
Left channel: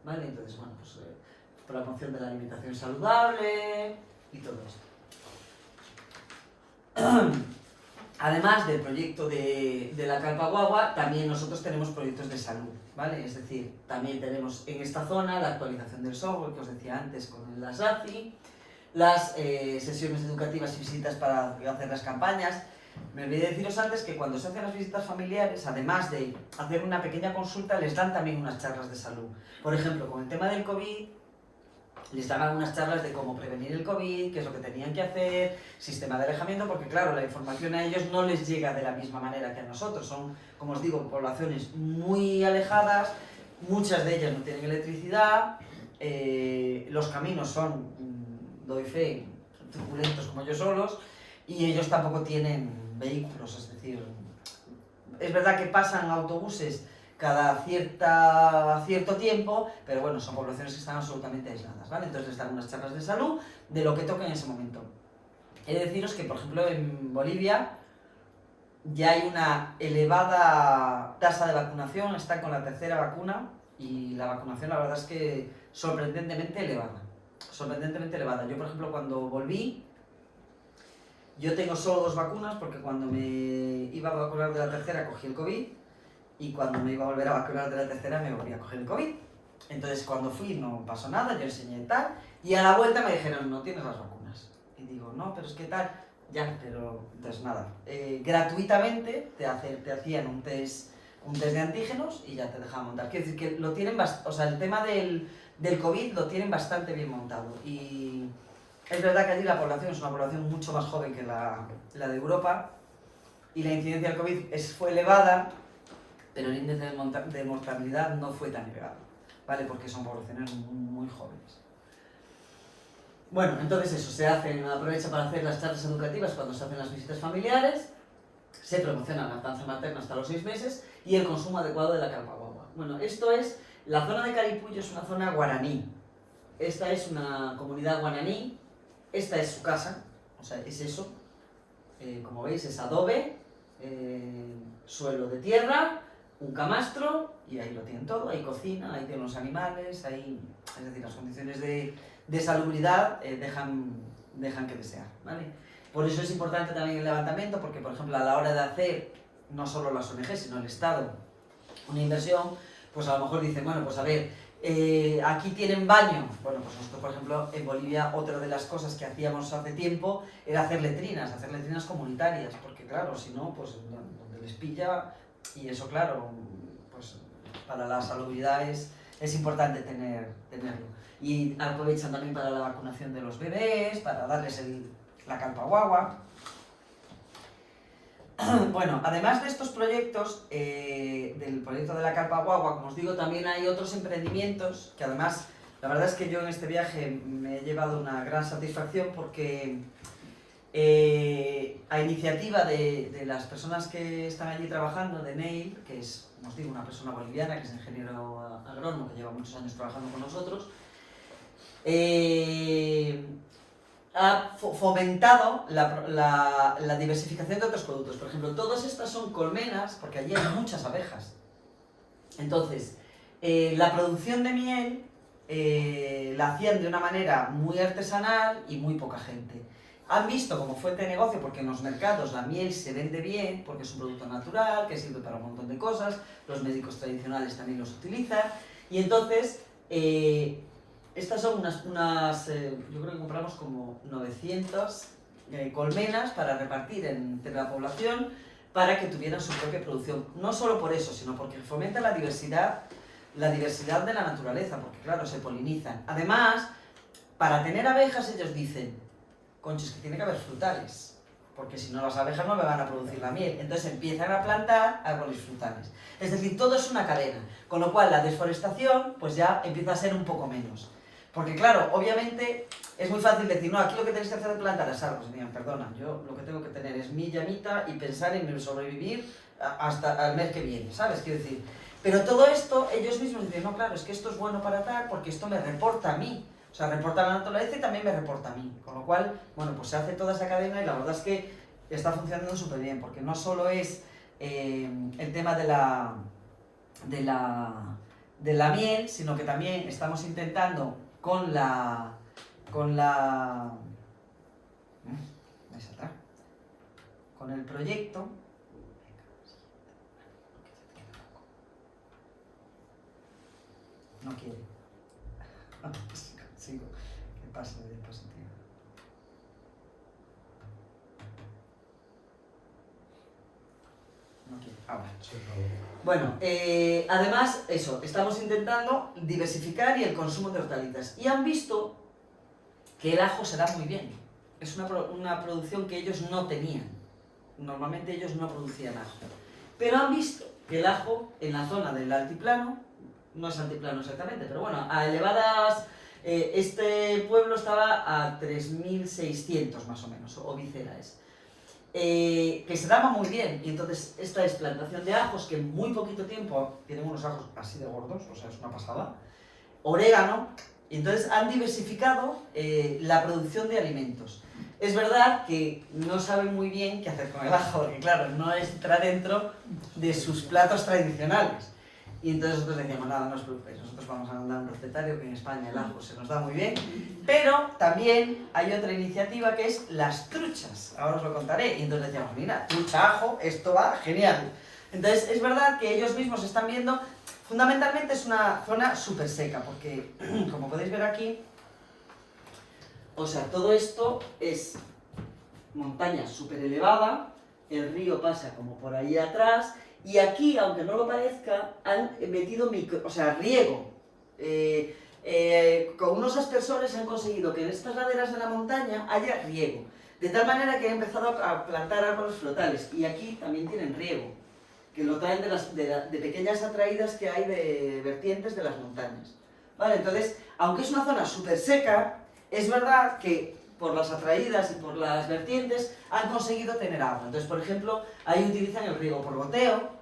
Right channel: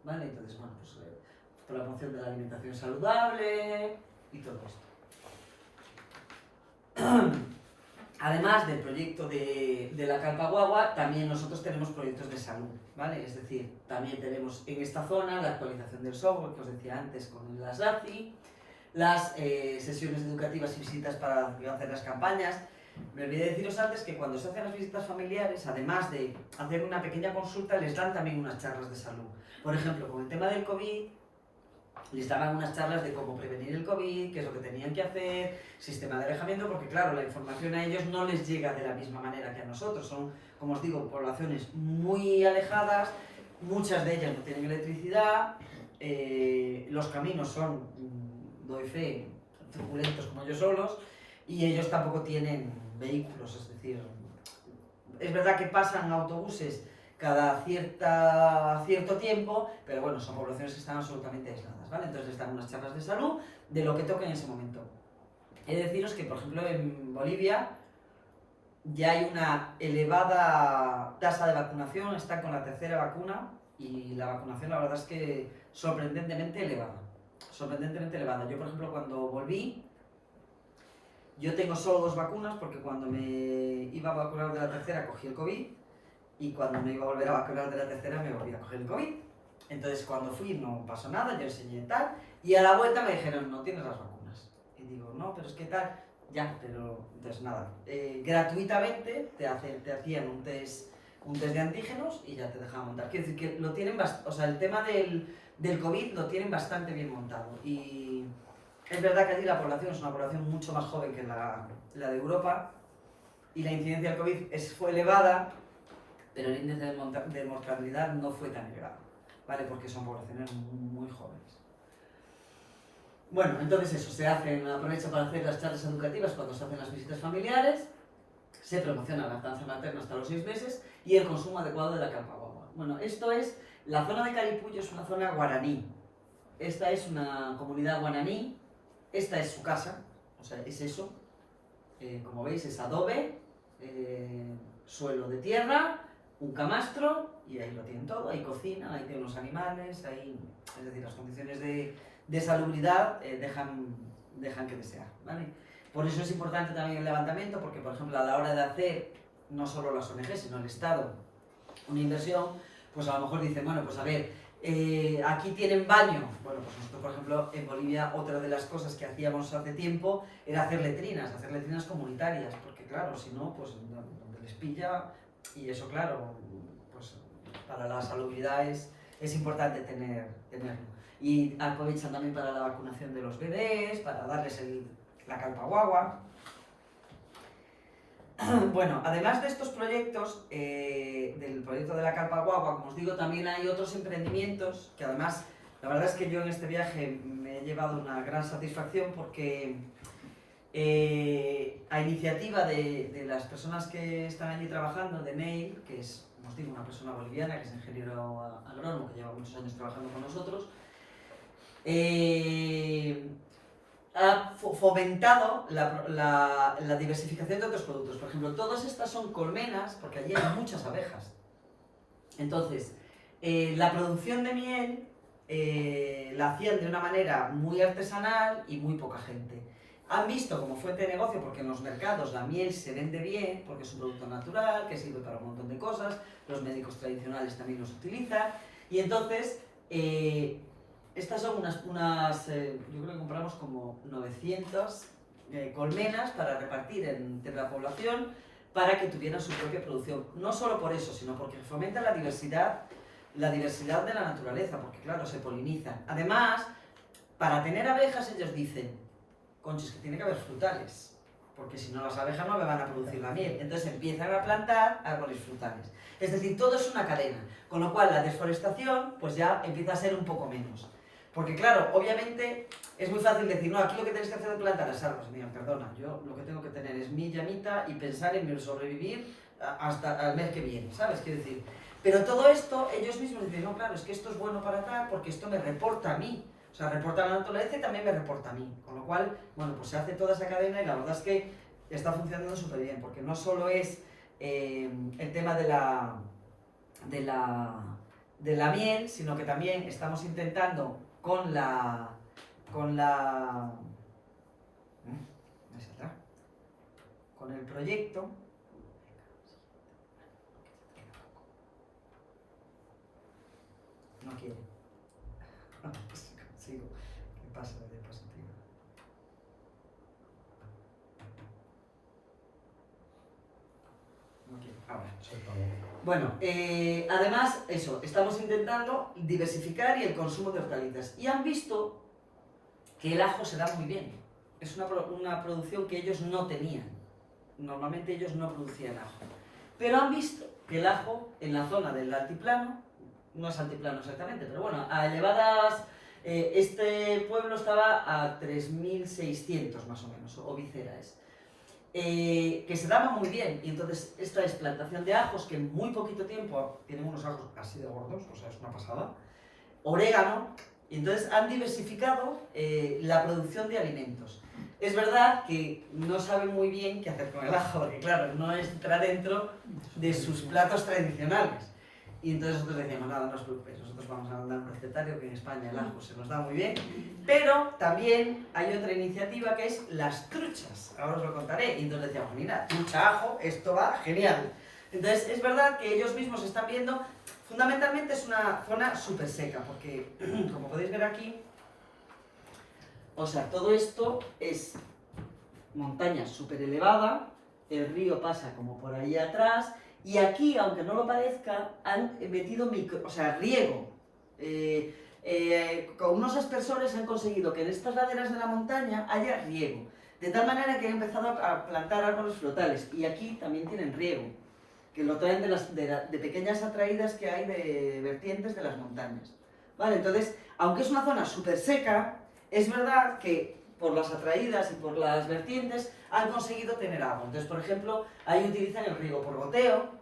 ¿vale? Entonces, bueno, pues por la promoción de la alimentación saludable y todo esto. Además del proyecto de la carpa guagua, también nosotros tenemos proyectos de salud, ¿vale? Es decir, también tenemos en esta zona la actualización del software que os decía antes con el ASACI, las sesiones educativas y visitas para hacer las campañas. Me olvidé deciros antes que cuando se hacen las visitas familiares, además de hacer una pequeña consulta, les dan también unas charlas de salud. Por ejemplo, con el tema del COVID, les daban unas charlas de cómo prevenir el COVID, qué es lo que tenían que hacer, sistema de alejamiento, porque claro, la información a ellos no les llega de la misma manera que a nosotros. Son, como os digo, poblaciones muy alejadas, muchas de ellas no tienen electricidad, los caminos son, doy fe, truculentos como ellos solos, y ellos tampoco tienen vehículos, es decir, es verdad que pasan autobuses cada cierto tiempo, pero bueno, son poblaciones que están absolutamente aisladas, ¿vale? Entonces les dan unas charlas de salud de lo que toque en ese momento. He de deciros que, por ejemplo, en Bolivia ya hay una elevada tasa de vacunación, están con la 3ª vacuna y la vacunación la verdad es que sorprendentemente elevada. Sorprendentemente elevada. Yo, por ejemplo, cuando volví, yo tengo solo 2 vacunas porque cuando me iba a vacunar de la 3ª cogí el COVID y cuando me iba a volver a vacunar de la 3ª me volví a coger el COVID. Entonces cuando fui no pasó nada, yo enseñé tal y a la vuelta me dijeron no tienes las vacunas. Y digo, no, pero es que tal, ya, pero entonces nada. Gratuitamente te hacían un test de antígenos y ya te dejaban montar. Quiero decir que lo tienen, o sea, el tema del COVID lo tienen bastante bien montado. Y es verdad que allí la población es una población mucho más joven que la de Europa y la incidencia del COVID fue elevada, pero el índice de mortalidad no fue tan elevado, ¿vale? Porque son poblaciones muy jóvenes. Bueno, entonces eso, aprovecha para hacer las charlas educativas cuando se hacen las visitas familiares, se promociona la lactancia materna hasta los 6 meses y el consumo adecuado de la carpa guagua. Bueno, esto es, la zona de Caripullo es una zona guaraní. Esta es una comunidad guaraní, esta es su casa, o sea, es eso. Como veis es adobe, suelo de tierra, un camastro y ahí lo tienen todo, hay cocina, ahí tienen los animales, es decir, las condiciones de salubridad dejan que desear, ¿vale? Por eso es importante también el levantamiento, porque por ejemplo a la hora de hacer, no solo las ONG, sino el Estado, una inversión, pues a lo mejor dicen, bueno, pues a ver, aquí tienen baño. Bueno, pues nosotros por ejemplo en Bolivia otra de las cosas que hacíamos hace tiempo era hacer letrinas comunitarias, porque claro, si no, pues donde les pilla. Y eso, claro, pues para la salubridad es importante tenerlo. Y aprovechan también para la vacunación de los bebés, para darles la carpa guagua. Bueno, además de estos proyectos, del proyecto de la carpa guagua, como os digo, también hay otros emprendimientos que además, la verdad es que yo en este viaje me he llevado una gran satisfacción porque a iniciativa de las personas que están allí trabajando, de Neil, que es, como os digo, una persona boliviana, que es ingeniero agrónomo, que lleva muchos años trabajando con nosotros, ha fomentado la diversificación de otros productos. Por ejemplo, todas estas son colmenas, porque allí hay muchas abejas. Entonces, la producción de miel la hacían de una manera muy artesanal y muy poca gente. Han visto como fuente de negocio porque en los mercados la miel se vende bien, porque es un producto natural, que sirve para un montón de cosas, los médicos tradicionales también los utilizan, y entonces estas son yo creo que compramos como 900 colmenas para repartir entre la población para que tuvieran su propia producción. No solo por eso, sino porque fomenta la diversidad de la naturaleza, porque claro, se polinizan. Además, para tener abejas ellos dicen, conchos, que tiene que haber frutales. porque si no las abejas no me van a producir la miel. Entonces empiezan a plantar árboles frutales. Es decir, todo es una cadena, con lo cual la desforestación pues ya empieza a ser un poco menos. Porque claro, obviamente es muy fácil decir, no, aquí lo que tenéis que hacer es plantar las árboles. Mira, perdona, yo lo que tengo que tener es mi llamita y pensar en sobrevivir hasta el mes que viene, ¿sabes? Quiero decir, pero todo esto, ellos mismos dicen, no, claro, es que esto es bueno para tal, porque esto me reporta a mí. O sea, reporta a la naturaleza y también me reporta a mí. Con lo cual, bueno, pues se hace toda esa cadena y la verdad es que está funcionando súper bien, porque no solo es el tema de la miel, sino que también estamos intentando con el proyecto, no quiere. Sigo. ¿Qué pasa de diapositiva? No quiere. Ahora. Bueno, además, eso, estamos intentando diversificar y el consumo de hortalizas. Y han visto que el ajo se da muy bien. Es una producción que ellos no tenían. Normalmente ellos no producían ajo. Pero han visto que el ajo en la zona del altiplano, no es altiplano exactamente, pero bueno, a elevadas... este pueblo estaba a 3.600 más o menos, o Vicera es. Que se daba muy bien, y entonces esta es plantación de ajos que en muy poquito tiempo tienen unos ajos así de gordos, o sea, es una pasada, orégano, y entonces han diversificado la producción de alimentos. Es verdad que no saben muy bien qué hacer con el ajo, porque claro, no entra dentro de sus platos tradicionales. Y entonces nosotros decíamos, nada, no os preocupéis, nosotros vamos a mandar un recetario que en España el ajo se nos da muy bien. Pero también hay otra iniciativa que es las truchas, ahora os lo contaré. Y entonces decíamos, mira, trucha, ajo, esto va genial. Entonces es verdad que ellos mismos están viendo, fundamentalmente es una zona súper seca, porque como podéis ver aquí, o sea, todo esto es montaña súper elevada, el río pasa como por ahí atrás, y aquí, aunque no lo parezca, han metido riego. Con unos aspersores han conseguido que en estas laderas de la montaña haya riego. De tal manera que han empezado a plantar árboles frutales. Y aquí también tienen riego, que lo traen de pequeñas atraídas que hay de vertientes de las montañas. ¿Vale? Entonces, aunque es una zona súper seca, es verdad que por las atraídas y por las vertientes han conseguido tener agua. Entonces, por ejemplo, ahí utilizan el riego por goteo,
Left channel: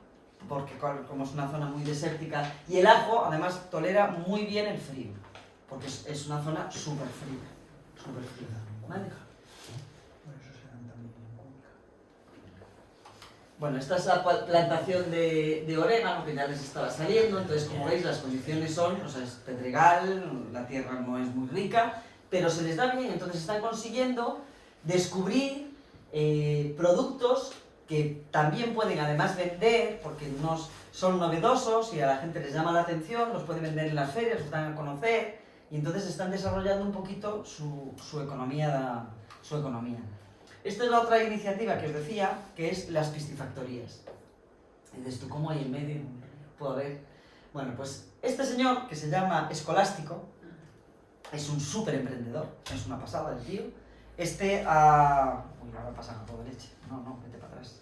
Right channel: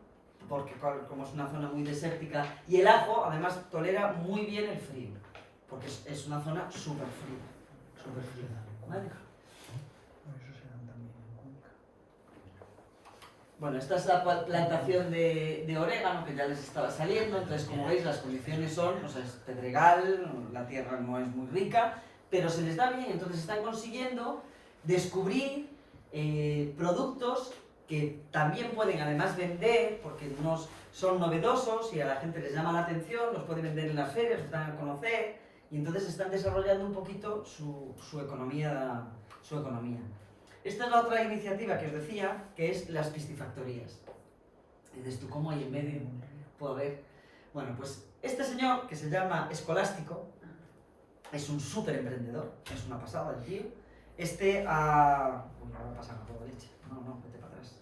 porque como es una zona muy desértica, y el ajo además tolera muy bien el frío, porque es una zona súper fría. Súper fría. ¿Vale? Bueno, esta es la plantación de orégano que ya les estaba saliendo. Entonces, como veis, las condiciones son, o sea, es pedregal, la tierra no es muy rica, pero se les da bien. Entonces están consiguiendo descubrir productos que también pueden además vender, porque son novedosos y a la gente les llama la atención, los pueden vender en las ferias, los dan a conocer, y entonces están desarrollando un poquito su economía. Esta es la otra iniciativa que os decía, que es las piscifactorías. Y dices tú, ¿cómo hay en medio? Puedo ver. Bueno, pues este señor, que se llama Escolástico, es un súper emprendedor, es una pasada el tío. Uy, ahora pasa a todo leche. No, vete para atrás.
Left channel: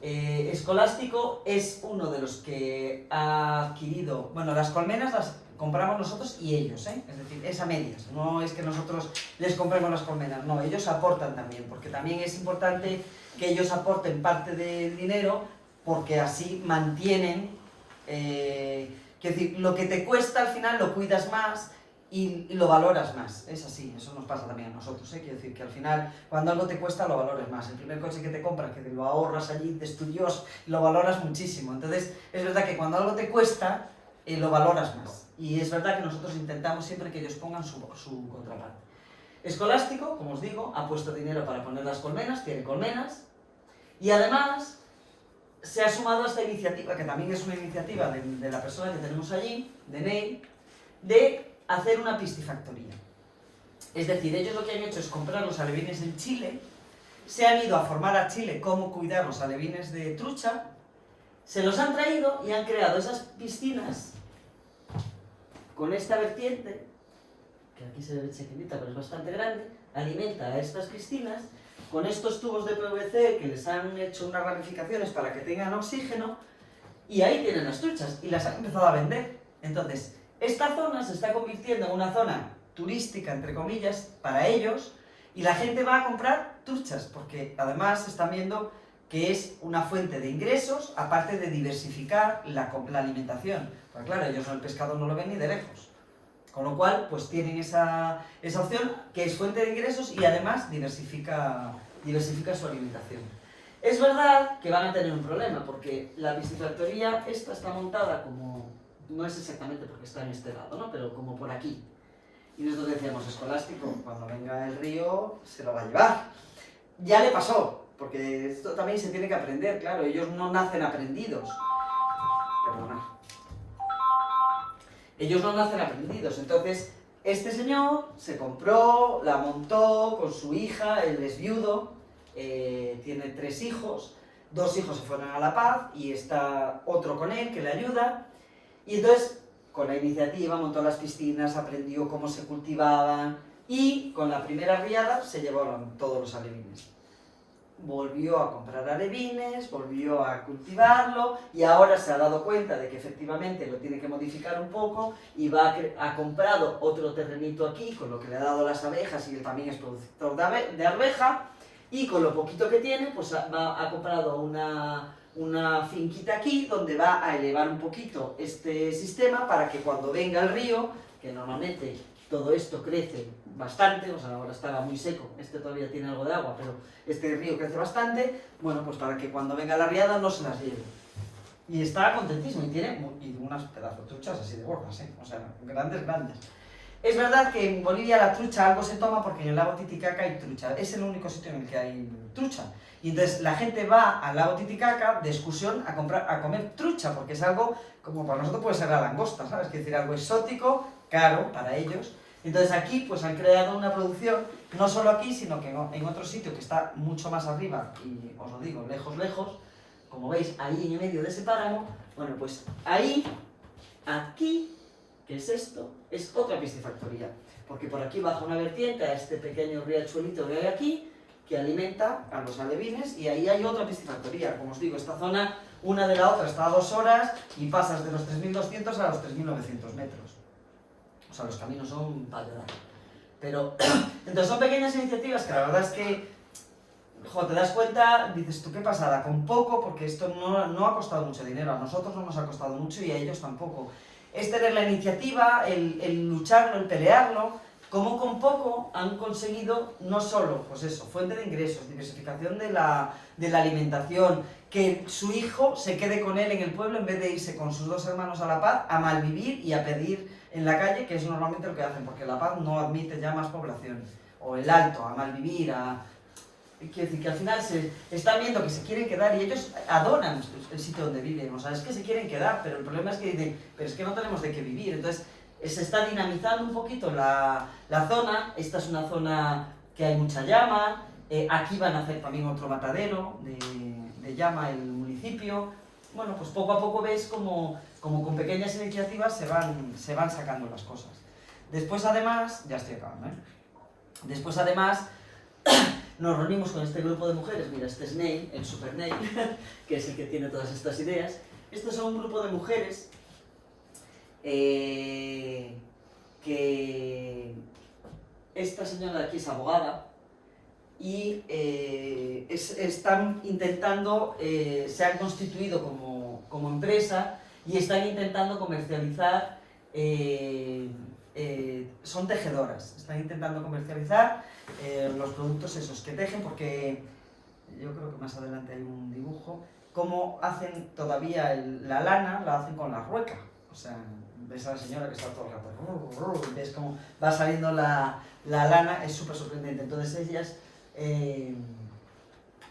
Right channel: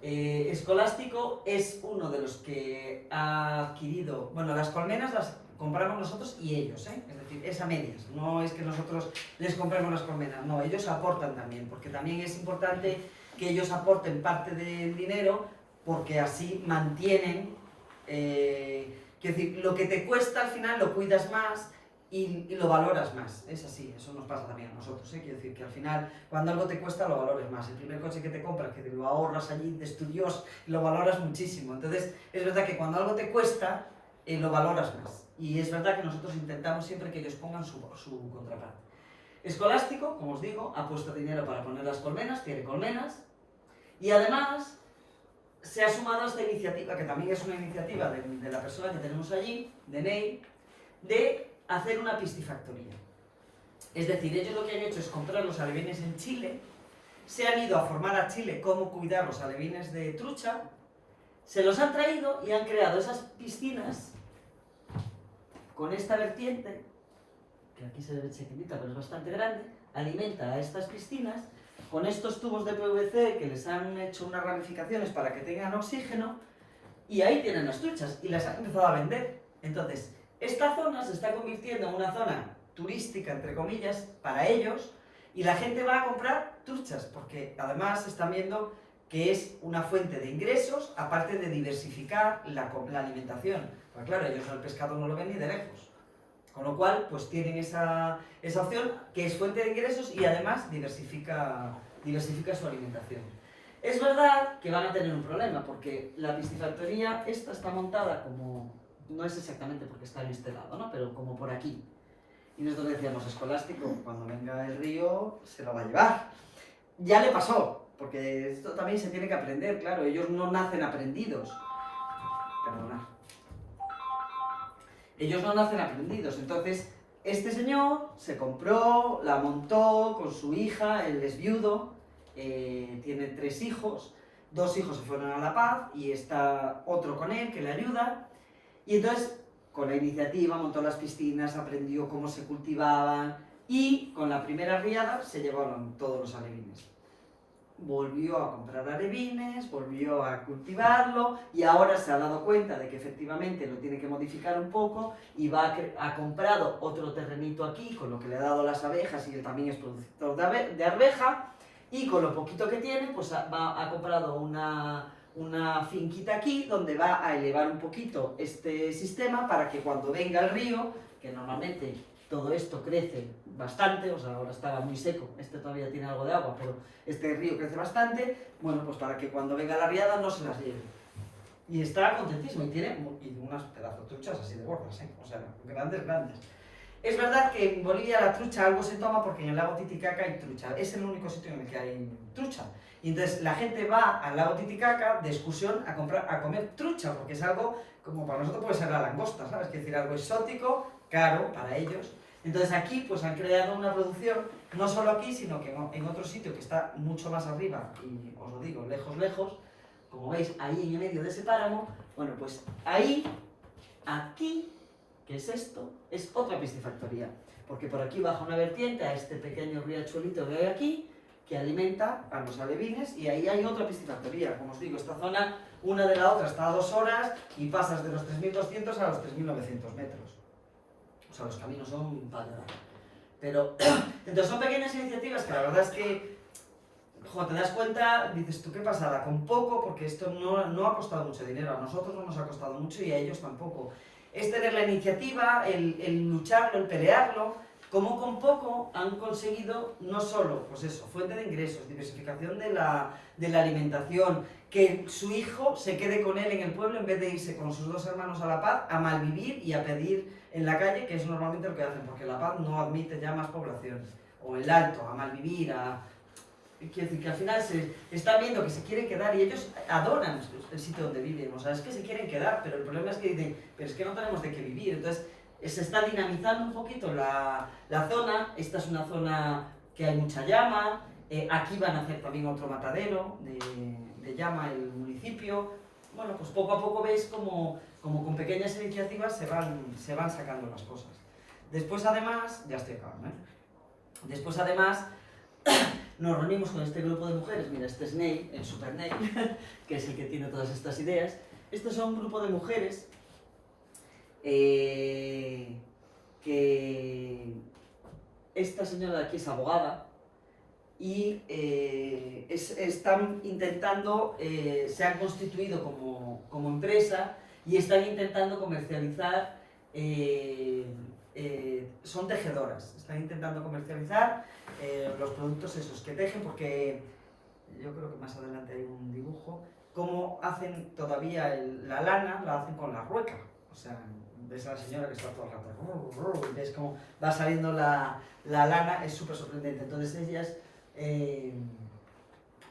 Escolástico es uno de los que ha adquirido... Bueno, las colmenas las compramos nosotros y ellos, ¿eh? Es decir, es a medias. No es que nosotros les compremos las colmenas, no, ellos aportan también, porque también es importante que ellos aporten parte del dinero, porque así mantienen... quiero decir, lo que te cuesta al final lo cuidas más y lo valoras más. Es así, eso nos pasa también a nosotros, ¿eh? Quiero decir que al final, cuando algo te cuesta, lo valores más. El primer coche que te compras, que te lo ahorras allí de estudios, lo valoras muchísimo. Entonces, es verdad que cuando algo te cuesta, lo valoras más. Y es verdad que nosotros intentamos siempre que ellos pongan su contraparte. Escolástico, como os digo, ha puesto dinero para poner las colmenas, tiene colmenas, y además se ha sumado a esta iniciativa, que también es una iniciativa de la persona que tenemos allí, de Ney, de hacer una piscifactoría. Es decir, ellos lo que han hecho es comprar los alevines en Chile, se han ido a formar a Chile cómo cuidar los alevines de trucha, se los han traído y han creado esas piscinas con esta vertiente, que aquí se ve chiquitita pero es bastante grande, alimenta a estas piscinas con estos tubos de PVC que les han hecho unas ramificaciones para que tengan oxígeno, y ahí tienen las truchas, y las han empezado a vender. Entonces, esta zona se está convirtiendo en una zona turística, entre comillas, para ellos, y la gente va a comprar truchas, porque además están viendo que es una fuente de ingresos, aparte de diversificar la alimentación. Pues claro, ellos el pescado no lo ven ni de lejos. Con lo cual, pues tienen esa opción que es fuente de ingresos y además diversifica su alimentación. Es verdad que van a tener un problema, porque la piscifactoría esta está montada como, no es exactamente porque está en este lado, ¿no? Pero como por aquí. Y nosotros decíamos, Escolástico, cuando venga el río, se lo va a llevar. Ya le pasó, porque esto también se tiene que aprender, claro, ellos no nacen aprendidos. Perdona. Ellos no nacen aprendidos, entonces este señor se compró, la montó con su hija, él es viudo, tiene 3 hijos, 2 hijos se fueron a La Paz y está otro con él que le ayuda, y entonces con la iniciativa montó las piscinas, aprendió cómo se cultivaban y con la primera riada se llevaron todos los alevines. Volvió a comprar alevines, volvió a cultivarlo y ahora se ha dado cuenta de que efectivamente lo tiene que modificar un poco y ha comprado otro terrenito aquí con lo que le ha dado las abejas y él también es productor de arveja y con lo poquito que tiene pues ha comprado una finquita aquí donde va a elevar un poquito este sistema para que cuando venga el río, que normalmente todo esto crece bastante, o sea, ahora estaba muy seco, este todavía tiene algo de agua, pero este río crece bastante, bueno, pues para que cuando venga la riada no se las lleve. Y está contentísimo, y tiene unas pedazos de truchas así de gordas, o sea, grandes, grandes. Es verdad que en Bolivia la trucha algo se toma porque en el lago Titicaca hay trucha, es el único sitio en el que hay trucha. Y entonces la gente va al lago Titicaca de excursión a comer trucha, porque es algo, como para nosotros puede ser la langosta, ¿sabes? Es decir, algo exótico, caro para ellos. Entonces aquí pues han creado una producción, no solo aquí, sino que en otro sitio que está mucho más arriba, y os lo digo, lejos, lejos, como veis, ahí en el medio de ese páramo, bueno, pues ahí, aquí, ¿qué es esto? Es otra piscifactoría, porque por aquí baja una vertiente a este pequeño riachuelito que hay aquí, que alimenta a los alevines, y ahí hay otra piscifactoría. Como os digo, esta zona, una de la otra está a 2 horas, y pasas de los 3.200 a los 3.900 metros. O sea, los caminos son para llorar. Pero, entonces son pequeñas iniciativas que la verdad es que, te das cuenta, dices tú qué pasada, con poco, porque esto no ha costado mucho dinero, a nosotros no nos ha costado mucho y a ellos tampoco. Es tener la iniciativa, el lucharlo, el pelearlo, como con poco han conseguido no solo, pues eso, fuente de ingresos, diversificación de la alimentación, que su hijo se quede con él en el pueblo en vez de irse con sus 2 hermanos a La Paz a malvivir y a pedir en la calle, que es normalmente lo que hacen, porque La Paz no admite ya más población, o el Alto, a malvivir, quiero decir que al final se están viendo que se quieren quedar y ellos adoran el sitio donde viven, o sea, es que se quieren quedar, pero el problema es que dicen, pero es que no tenemos de qué vivir, entonces se está dinamizando un poquito la zona. Esta es una zona que hay mucha llama, aquí van a hacer también otro matadero de llama el municipio. Bueno, pues poco a poco ves como con pequeñas iniciativas se van sacando las cosas. Después además, ya estoy acabando, Después además nos reunimos con este grupo de mujeres, mira, este es Ney, el super Ney, que es el que tiene todas estas ideas. Estos son un grupo de mujeres que esta señora de aquí es abogada y están intentando, se han constituido como empresa y están intentando comercializar, son tejedoras, están intentando comercializar los productos esos que tejen, porque yo creo que más adelante hay un dibujo, cómo hacen todavía la lana, la hacen con la rueca. O sea, ves a la señora que está todo el rato, y ves cómo va saliendo la lana, es súper sorprendente. Entonces ellas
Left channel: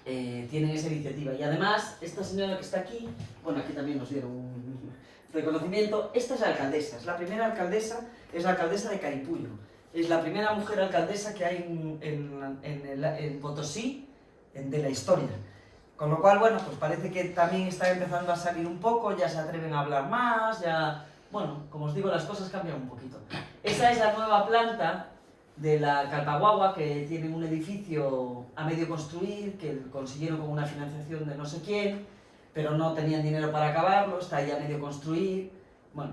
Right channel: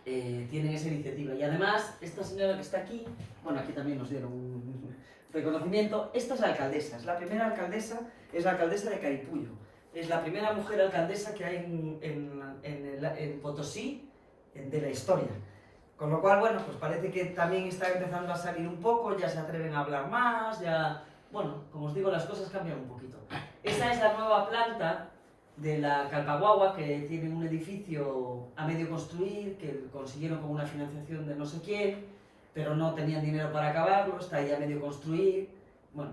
tienen esa iniciativa. Y además, esta señora que está aquí, bueno, aquí también nos dieron un reconocimiento, esta es la alcaldesa, es la primera alcaldesa, es la alcaldesa de Caripullo. Es la primera mujer alcaldesa que hay en Potosí de la historia. Con lo cual, bueno, pues parece que también está empezando a salir un poco, ya se atreven a hablar más, ya... Bueno, como os digo, las cosas cambian un poquito. Esa es la nueva planta de la Calpaguagua, que tienen un edificio a medio construir, que consiguieron con una financiación de no sé quién, pero no tenían dinero para acabarlo, está ahí a medio construir. Bueno,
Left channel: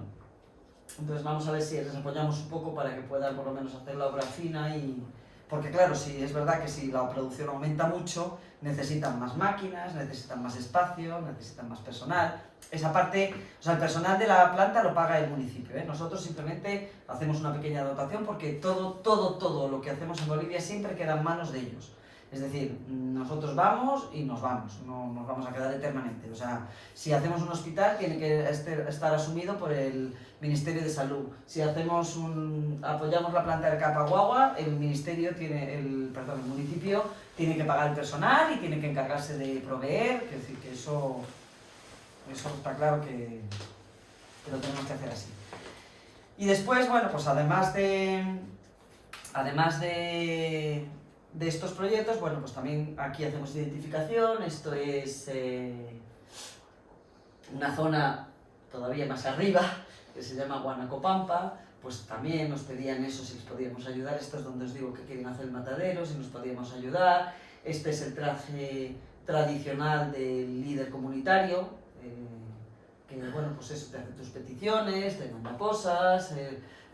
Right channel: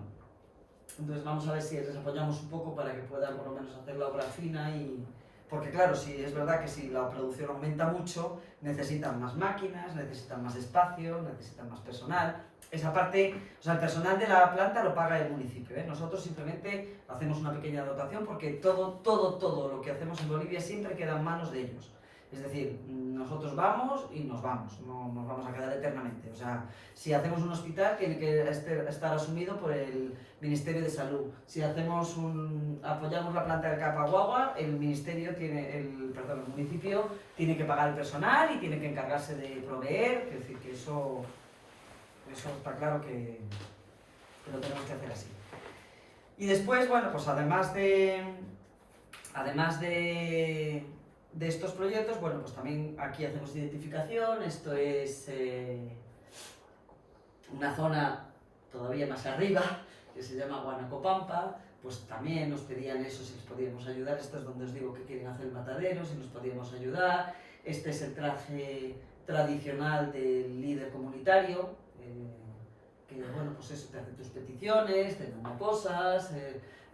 entonces vamos a ver si les apoyamos un poco para que puedan por lo menos hacer la obra fina y... Porque claro, sí, es verdad que si la producción aumenta mucho, necesitan más máquinas, necesitan más espacio, necesitan más personal. Esa parte, o sea, el personal de la planta lo paga el municipio, ¿eh? Nosotros simplemente hacemos una pequeña dotación porque todo lo que hacemos en Bolivia siempre queda en manos de ellos. Es decir, nosotros vamos y nos vamos, no nos vamos a quedar eternamente. O sea, si hacemos un hospital tiene que estar asumido por el Ministerio de Salud. Si apoyamos la planta del Calpaguagua, el municipio tiene que pagar el personal y tiene que encargarse de proveer, es decir, que eso está claro que lo tenemos que hacer así. Y después, bueno, pues además de estos proyectos, bueno, pues también aquí hacemos identificación. Esto es una zona todavía más arriba, que se llama Huanacopampa, pues también nos pedían eso, si les podíamos ayudar. Esto es donde os digo que quieren hacer el matadero, si nos podíamos ayudar. Este es el traje tradicional del líder comunitario, que bueno, pues eso, te hace tus peticiones, te manda cosas.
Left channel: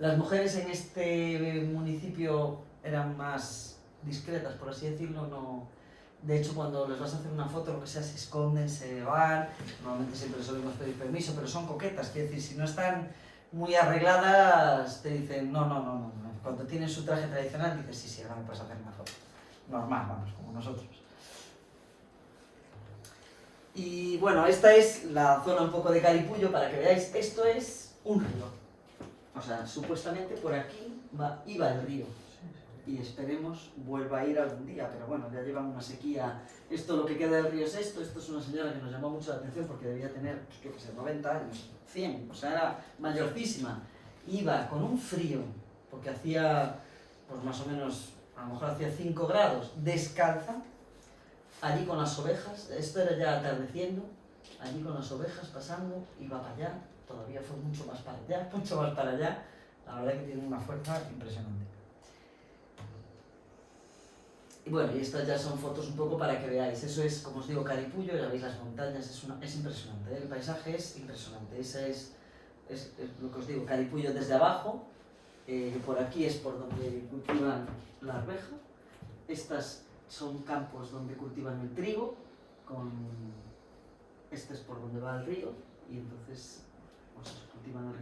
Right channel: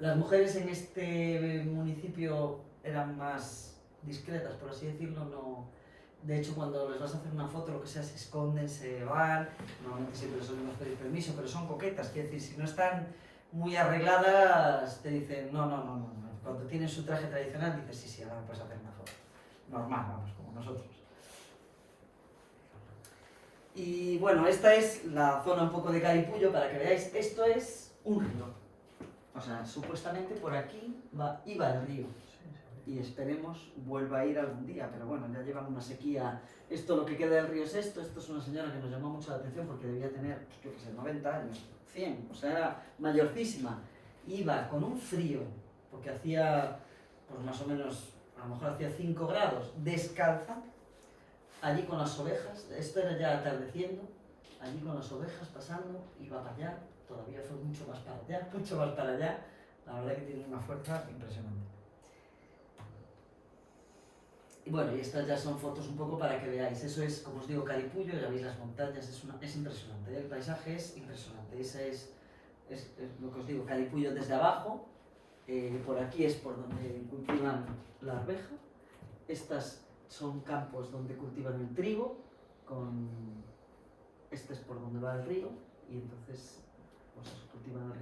Las mujeres en este municipio eran más discretas, por así decirlo, no... De hecho, cuando les vas a hacer una foto, lo que sea, se esconden, se van, normalmente siempre les solemos pedir permiso, pero son coquetas, quiere decir, si no están muy arregladas, te dicen, no. Cuando tienen su traje tradicional, dices, sí, ahora me puedes hacer una foto. Normal, vamos, como nosotros. Y bueno, esta es la zona un poco de Calipullo, para que veáis, esto es un río. O sea, supuestamente por aquí iba el río. Y esperemos vuelva a ir algún día, pero bueno, ya llevan una sequía. Esto, lo que queda del río es esto es una señora que nos llamó mucho la atención porque debía tener, pues, yo qué sé, 90 años, 100, o sea, era mayorcísima. Iba con un frío, porque hacía, pues más o menos, a lo mejor hacía 5 grados, descalza, allí con las ovejas, esto era ya atardeciendo, allí con las ovejas pasando, iba para allá, todavía fue mucho más para allá, la verdad que tiene una fuerza impresionante. Y bueno, y estas ya son fotos un poco para que veáis. Eso es, como os digo, Calipullo, ya veis las montañas, es impresionante, ¿eh? El paisaje es impresionante. Ese es lo que os digo, Calipullo desde abajo. Por aquí es por donde cultivan la arveja. Estas son campos donde cultivan el trigo. Este es por donde va el río. Y entonces pues, cultivan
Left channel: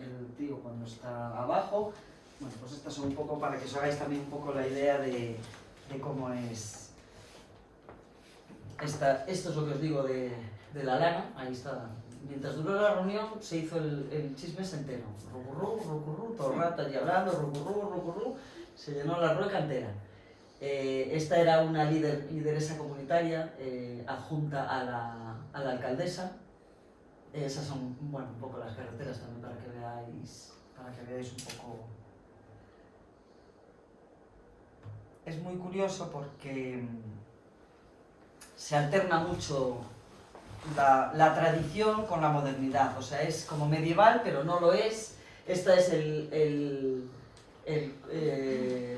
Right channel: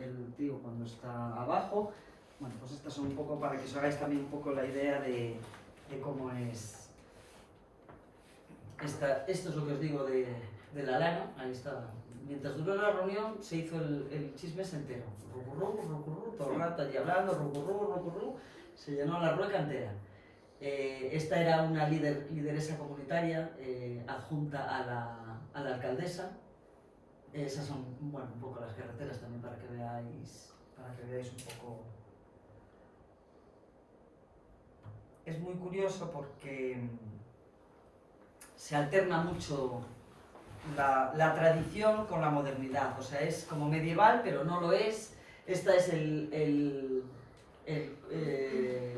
el trigo cuando está abajo. Bueno, pues estas son un poco para que os hagáis también un poco la idea de cómo es. Esto es lo que os digo de la lana, ahí está. Mientras duró la reunión se hizo el chismes entero. Rucurrú, todo el rato allí hablando, rucurrú, se llenó la rueca entera. Esta era una lideresa comunitaria adjunta a la alcaldesa. Esas son, bueno, un poco las carreteras también para que veáis un poco. Es muy curioso porque se alterna mucho la tradición con la modernidad, o sea, es como medieval, pero no lo es. Esta es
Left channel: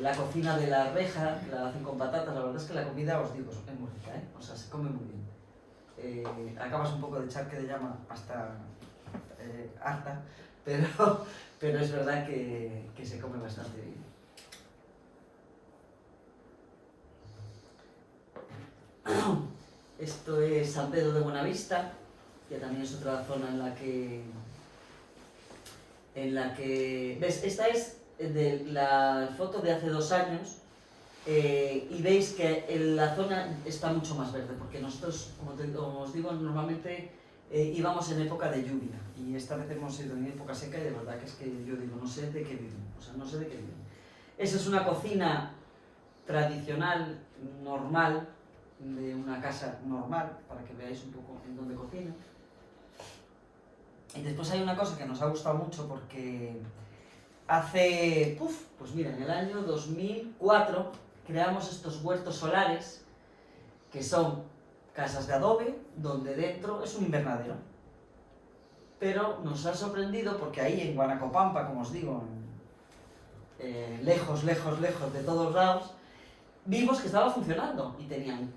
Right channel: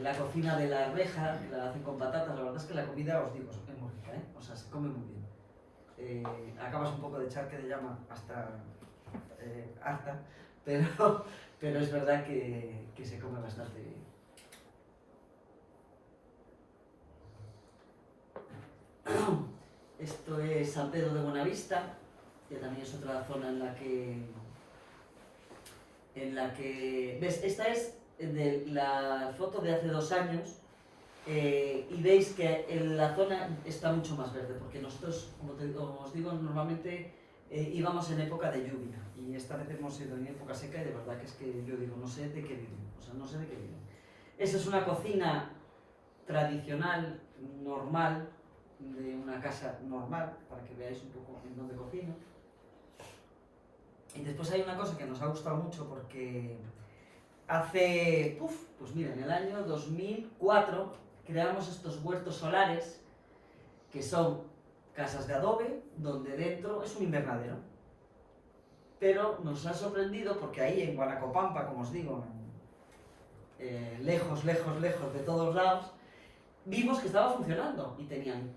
la cocina de la arveja, que la hacen con patatas. La verdad es que la comida, os digo, es muy rica, ¿eh? O sea, se come muy bien. Acabas un poco de charque de llama hasta harta, pero es verdad que se come bastante bien. Esto es San Pedro de Buenavista, que también es otra zona en la que ¿ves? Esta es de la foto de hace 2 años y veis que la zona está mucho más verde, porque nosotros, como os digo, normalmente íbamos en época de lluvia y esta vez hemos ido en época seca y de verdad que es que yo digo, no sé de qué viene, o sea, no sé de qué viene. Esa es una cocina tradicional, normal, de una casa normal, para que veáis un poco en dónde cocina. Y después hay una cosa que nos ha gustado mucho porque pues mira, en el año 2004 creamos estos huertos solares que son casas de adobe donde dentro es un invernadero. Pero nos ha sorprendido porque ahí en Huanacopampa, como os digo, lejos, lejos, lejos de todos lados, vimos que estaba funcionando y tenían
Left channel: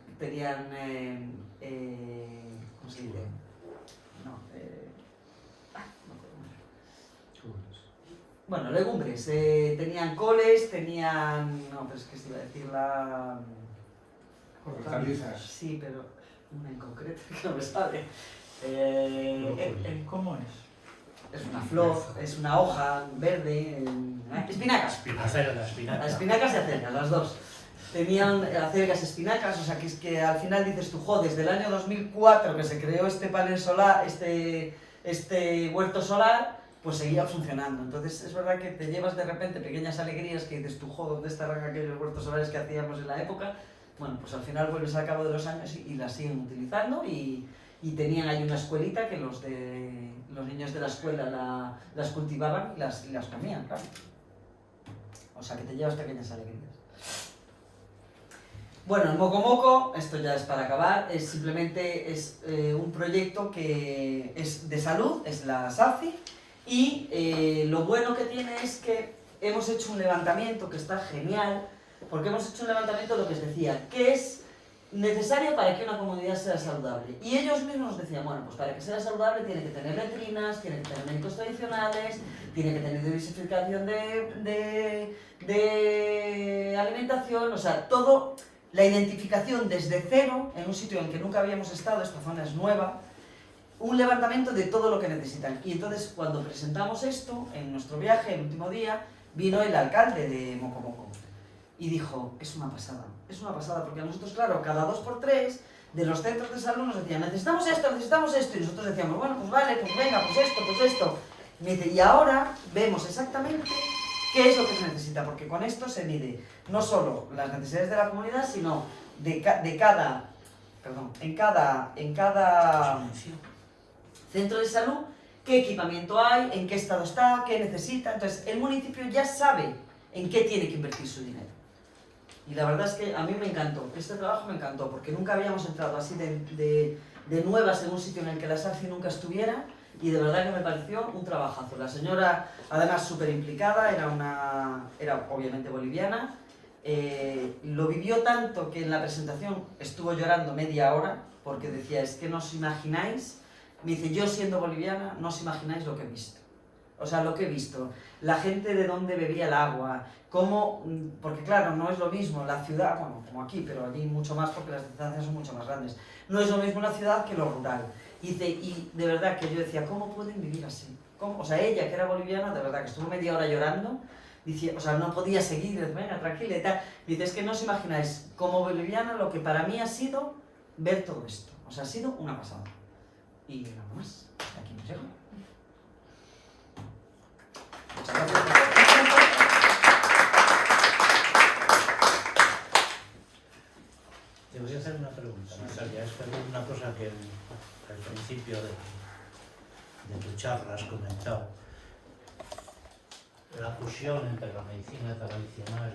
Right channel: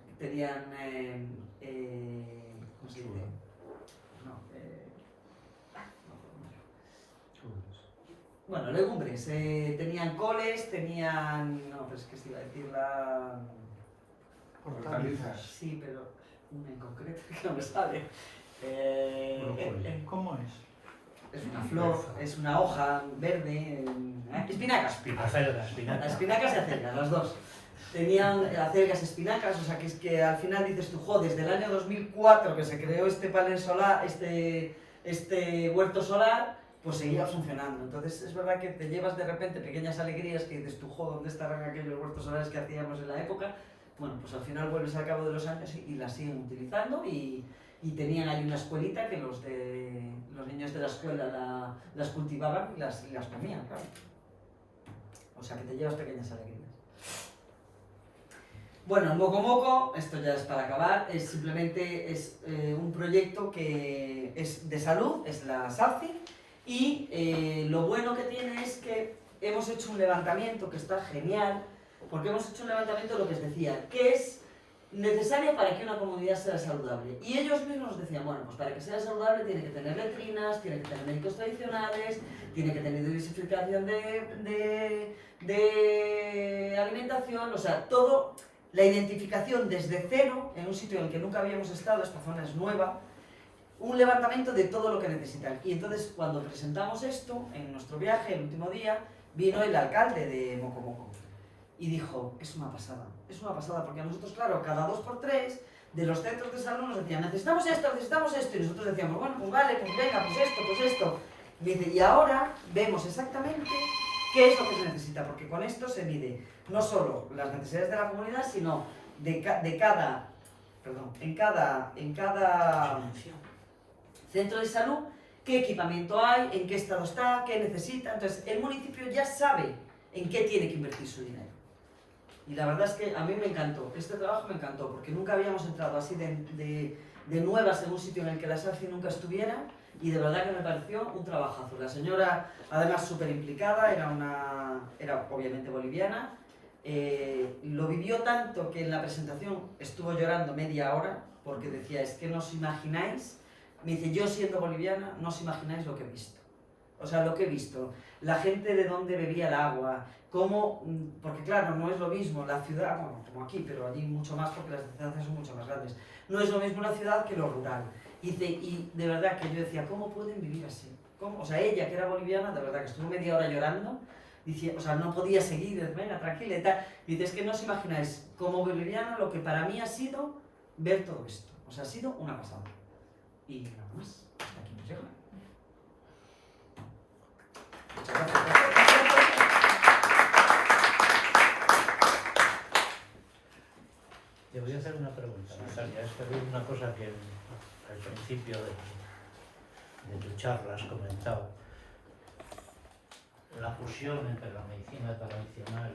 ¿cómo se dice? No, bueno, legumbres, tenían coles, tenían, no, pero es que se iba a decir la... Hortalizas. Sí, pero una en concreto que no me sale. ¿Cómo es? Es una flor, es una hoja verde, espinacas. Las espinacas y acelgas, las dos. Tenían acelgas y espinacas, o sea que es que al final dices tú, jo, desde el año 2004 que se creó este panel solar, este huerto solar, pues seguía funcionando. Entonces es verdad que te llevas de repente pequeñas alegrías que dices tú, jo, ¿dónde estarán aquellos huertos solares que hacíamos en la época? Bueno, pues al final vuelves al cabo de los años y las siguen utilizando y tenían ahí una escuelita que los niños de la escuela las cultivaban y las comían, claro. O sea que te llevas pequeñas alegrías. Bueno, el Moco Moco, esto ya es para acabar, es simplemente un proyecto que es de salud, es la SACI, y lo bueno que tiene es que hemos hecho un levantamiento que está genial, porque hemos hecho un levantamiento de lo que os decía, que es necesario para que una comunidad sea saludable. Y ellos mismos nos decían, bueno, pues para que sea saludable tiene que tener letrinas, tiene que tener médicos tradicionales, tiene que tener diversificación de alimentación, o sea, todo, la identificación desde cero, en un sitio en el que nunca habíamos estado, esta zona es nueva, un levantamiento de todo lo que necesitan. Y entonces, cuando presentamos esto, en nuestro viaje, el último día, vino el alcalde de Moco Moco y dijo, es una pasada, porque a nosotros, claro, cada 2 por 3 de los centros de salud nos decían, necesitamos esto, y nosotros decíamos, bueno, pues vale, pues venga, pues esto. Y me dice, y ahora vemos exactamente qué es lo que se necesita, porque con esto se mide no solo las necesidades de la comunidad, sino en cada centro de salud, qué equipamiento hay, en qué estado está, qué necesita. Entonces, el municipio ya sabe en qué tiene que invertir su dinero. Y la verdad es que a mí me encantó, este trabajo me encantó, porque nunca habíamos entrado así de nuevas en un sitio en el que la SACI nunca estuviera, y de verdad que me pareció un trabajazo. La señora, además súper implicada, era obviamente boliviana, lo vivió tanto que en la presentación estuvo llorando media hora, porque decía, es que no os imagináis, me dice, yo siendo boliviana, no os imagináis lo que he visto. O sea, lo que he visto, la gente de dónde bebía el agua, cómo, porque claro, no es lo mismo la ciudad, bueno, como aquí, pero allí mucho más porque las distancias son mucho más grandes. No es lo mismo la ciudad que lo rural. Y de verdad que yo decía, ¿cómo pueden vivir así? ¿Cómo? O sea, ella que era boliviana, de verdad que estuvo media hora llorando, dice, o sea, no podía seguir, venga, tranquila y tal. Dice, es que no os imagináis, como boliviana, lo que para mí ha sido ver todo esto. O sea, ha sido una pasada. Y nada más, hasta aquí nos llega. Muchas gracias. Te voy a hacer una pregunta, Natalia. Es que había una cosa que al principio de tu charla has comentado. La fusión entre la medicina tradicional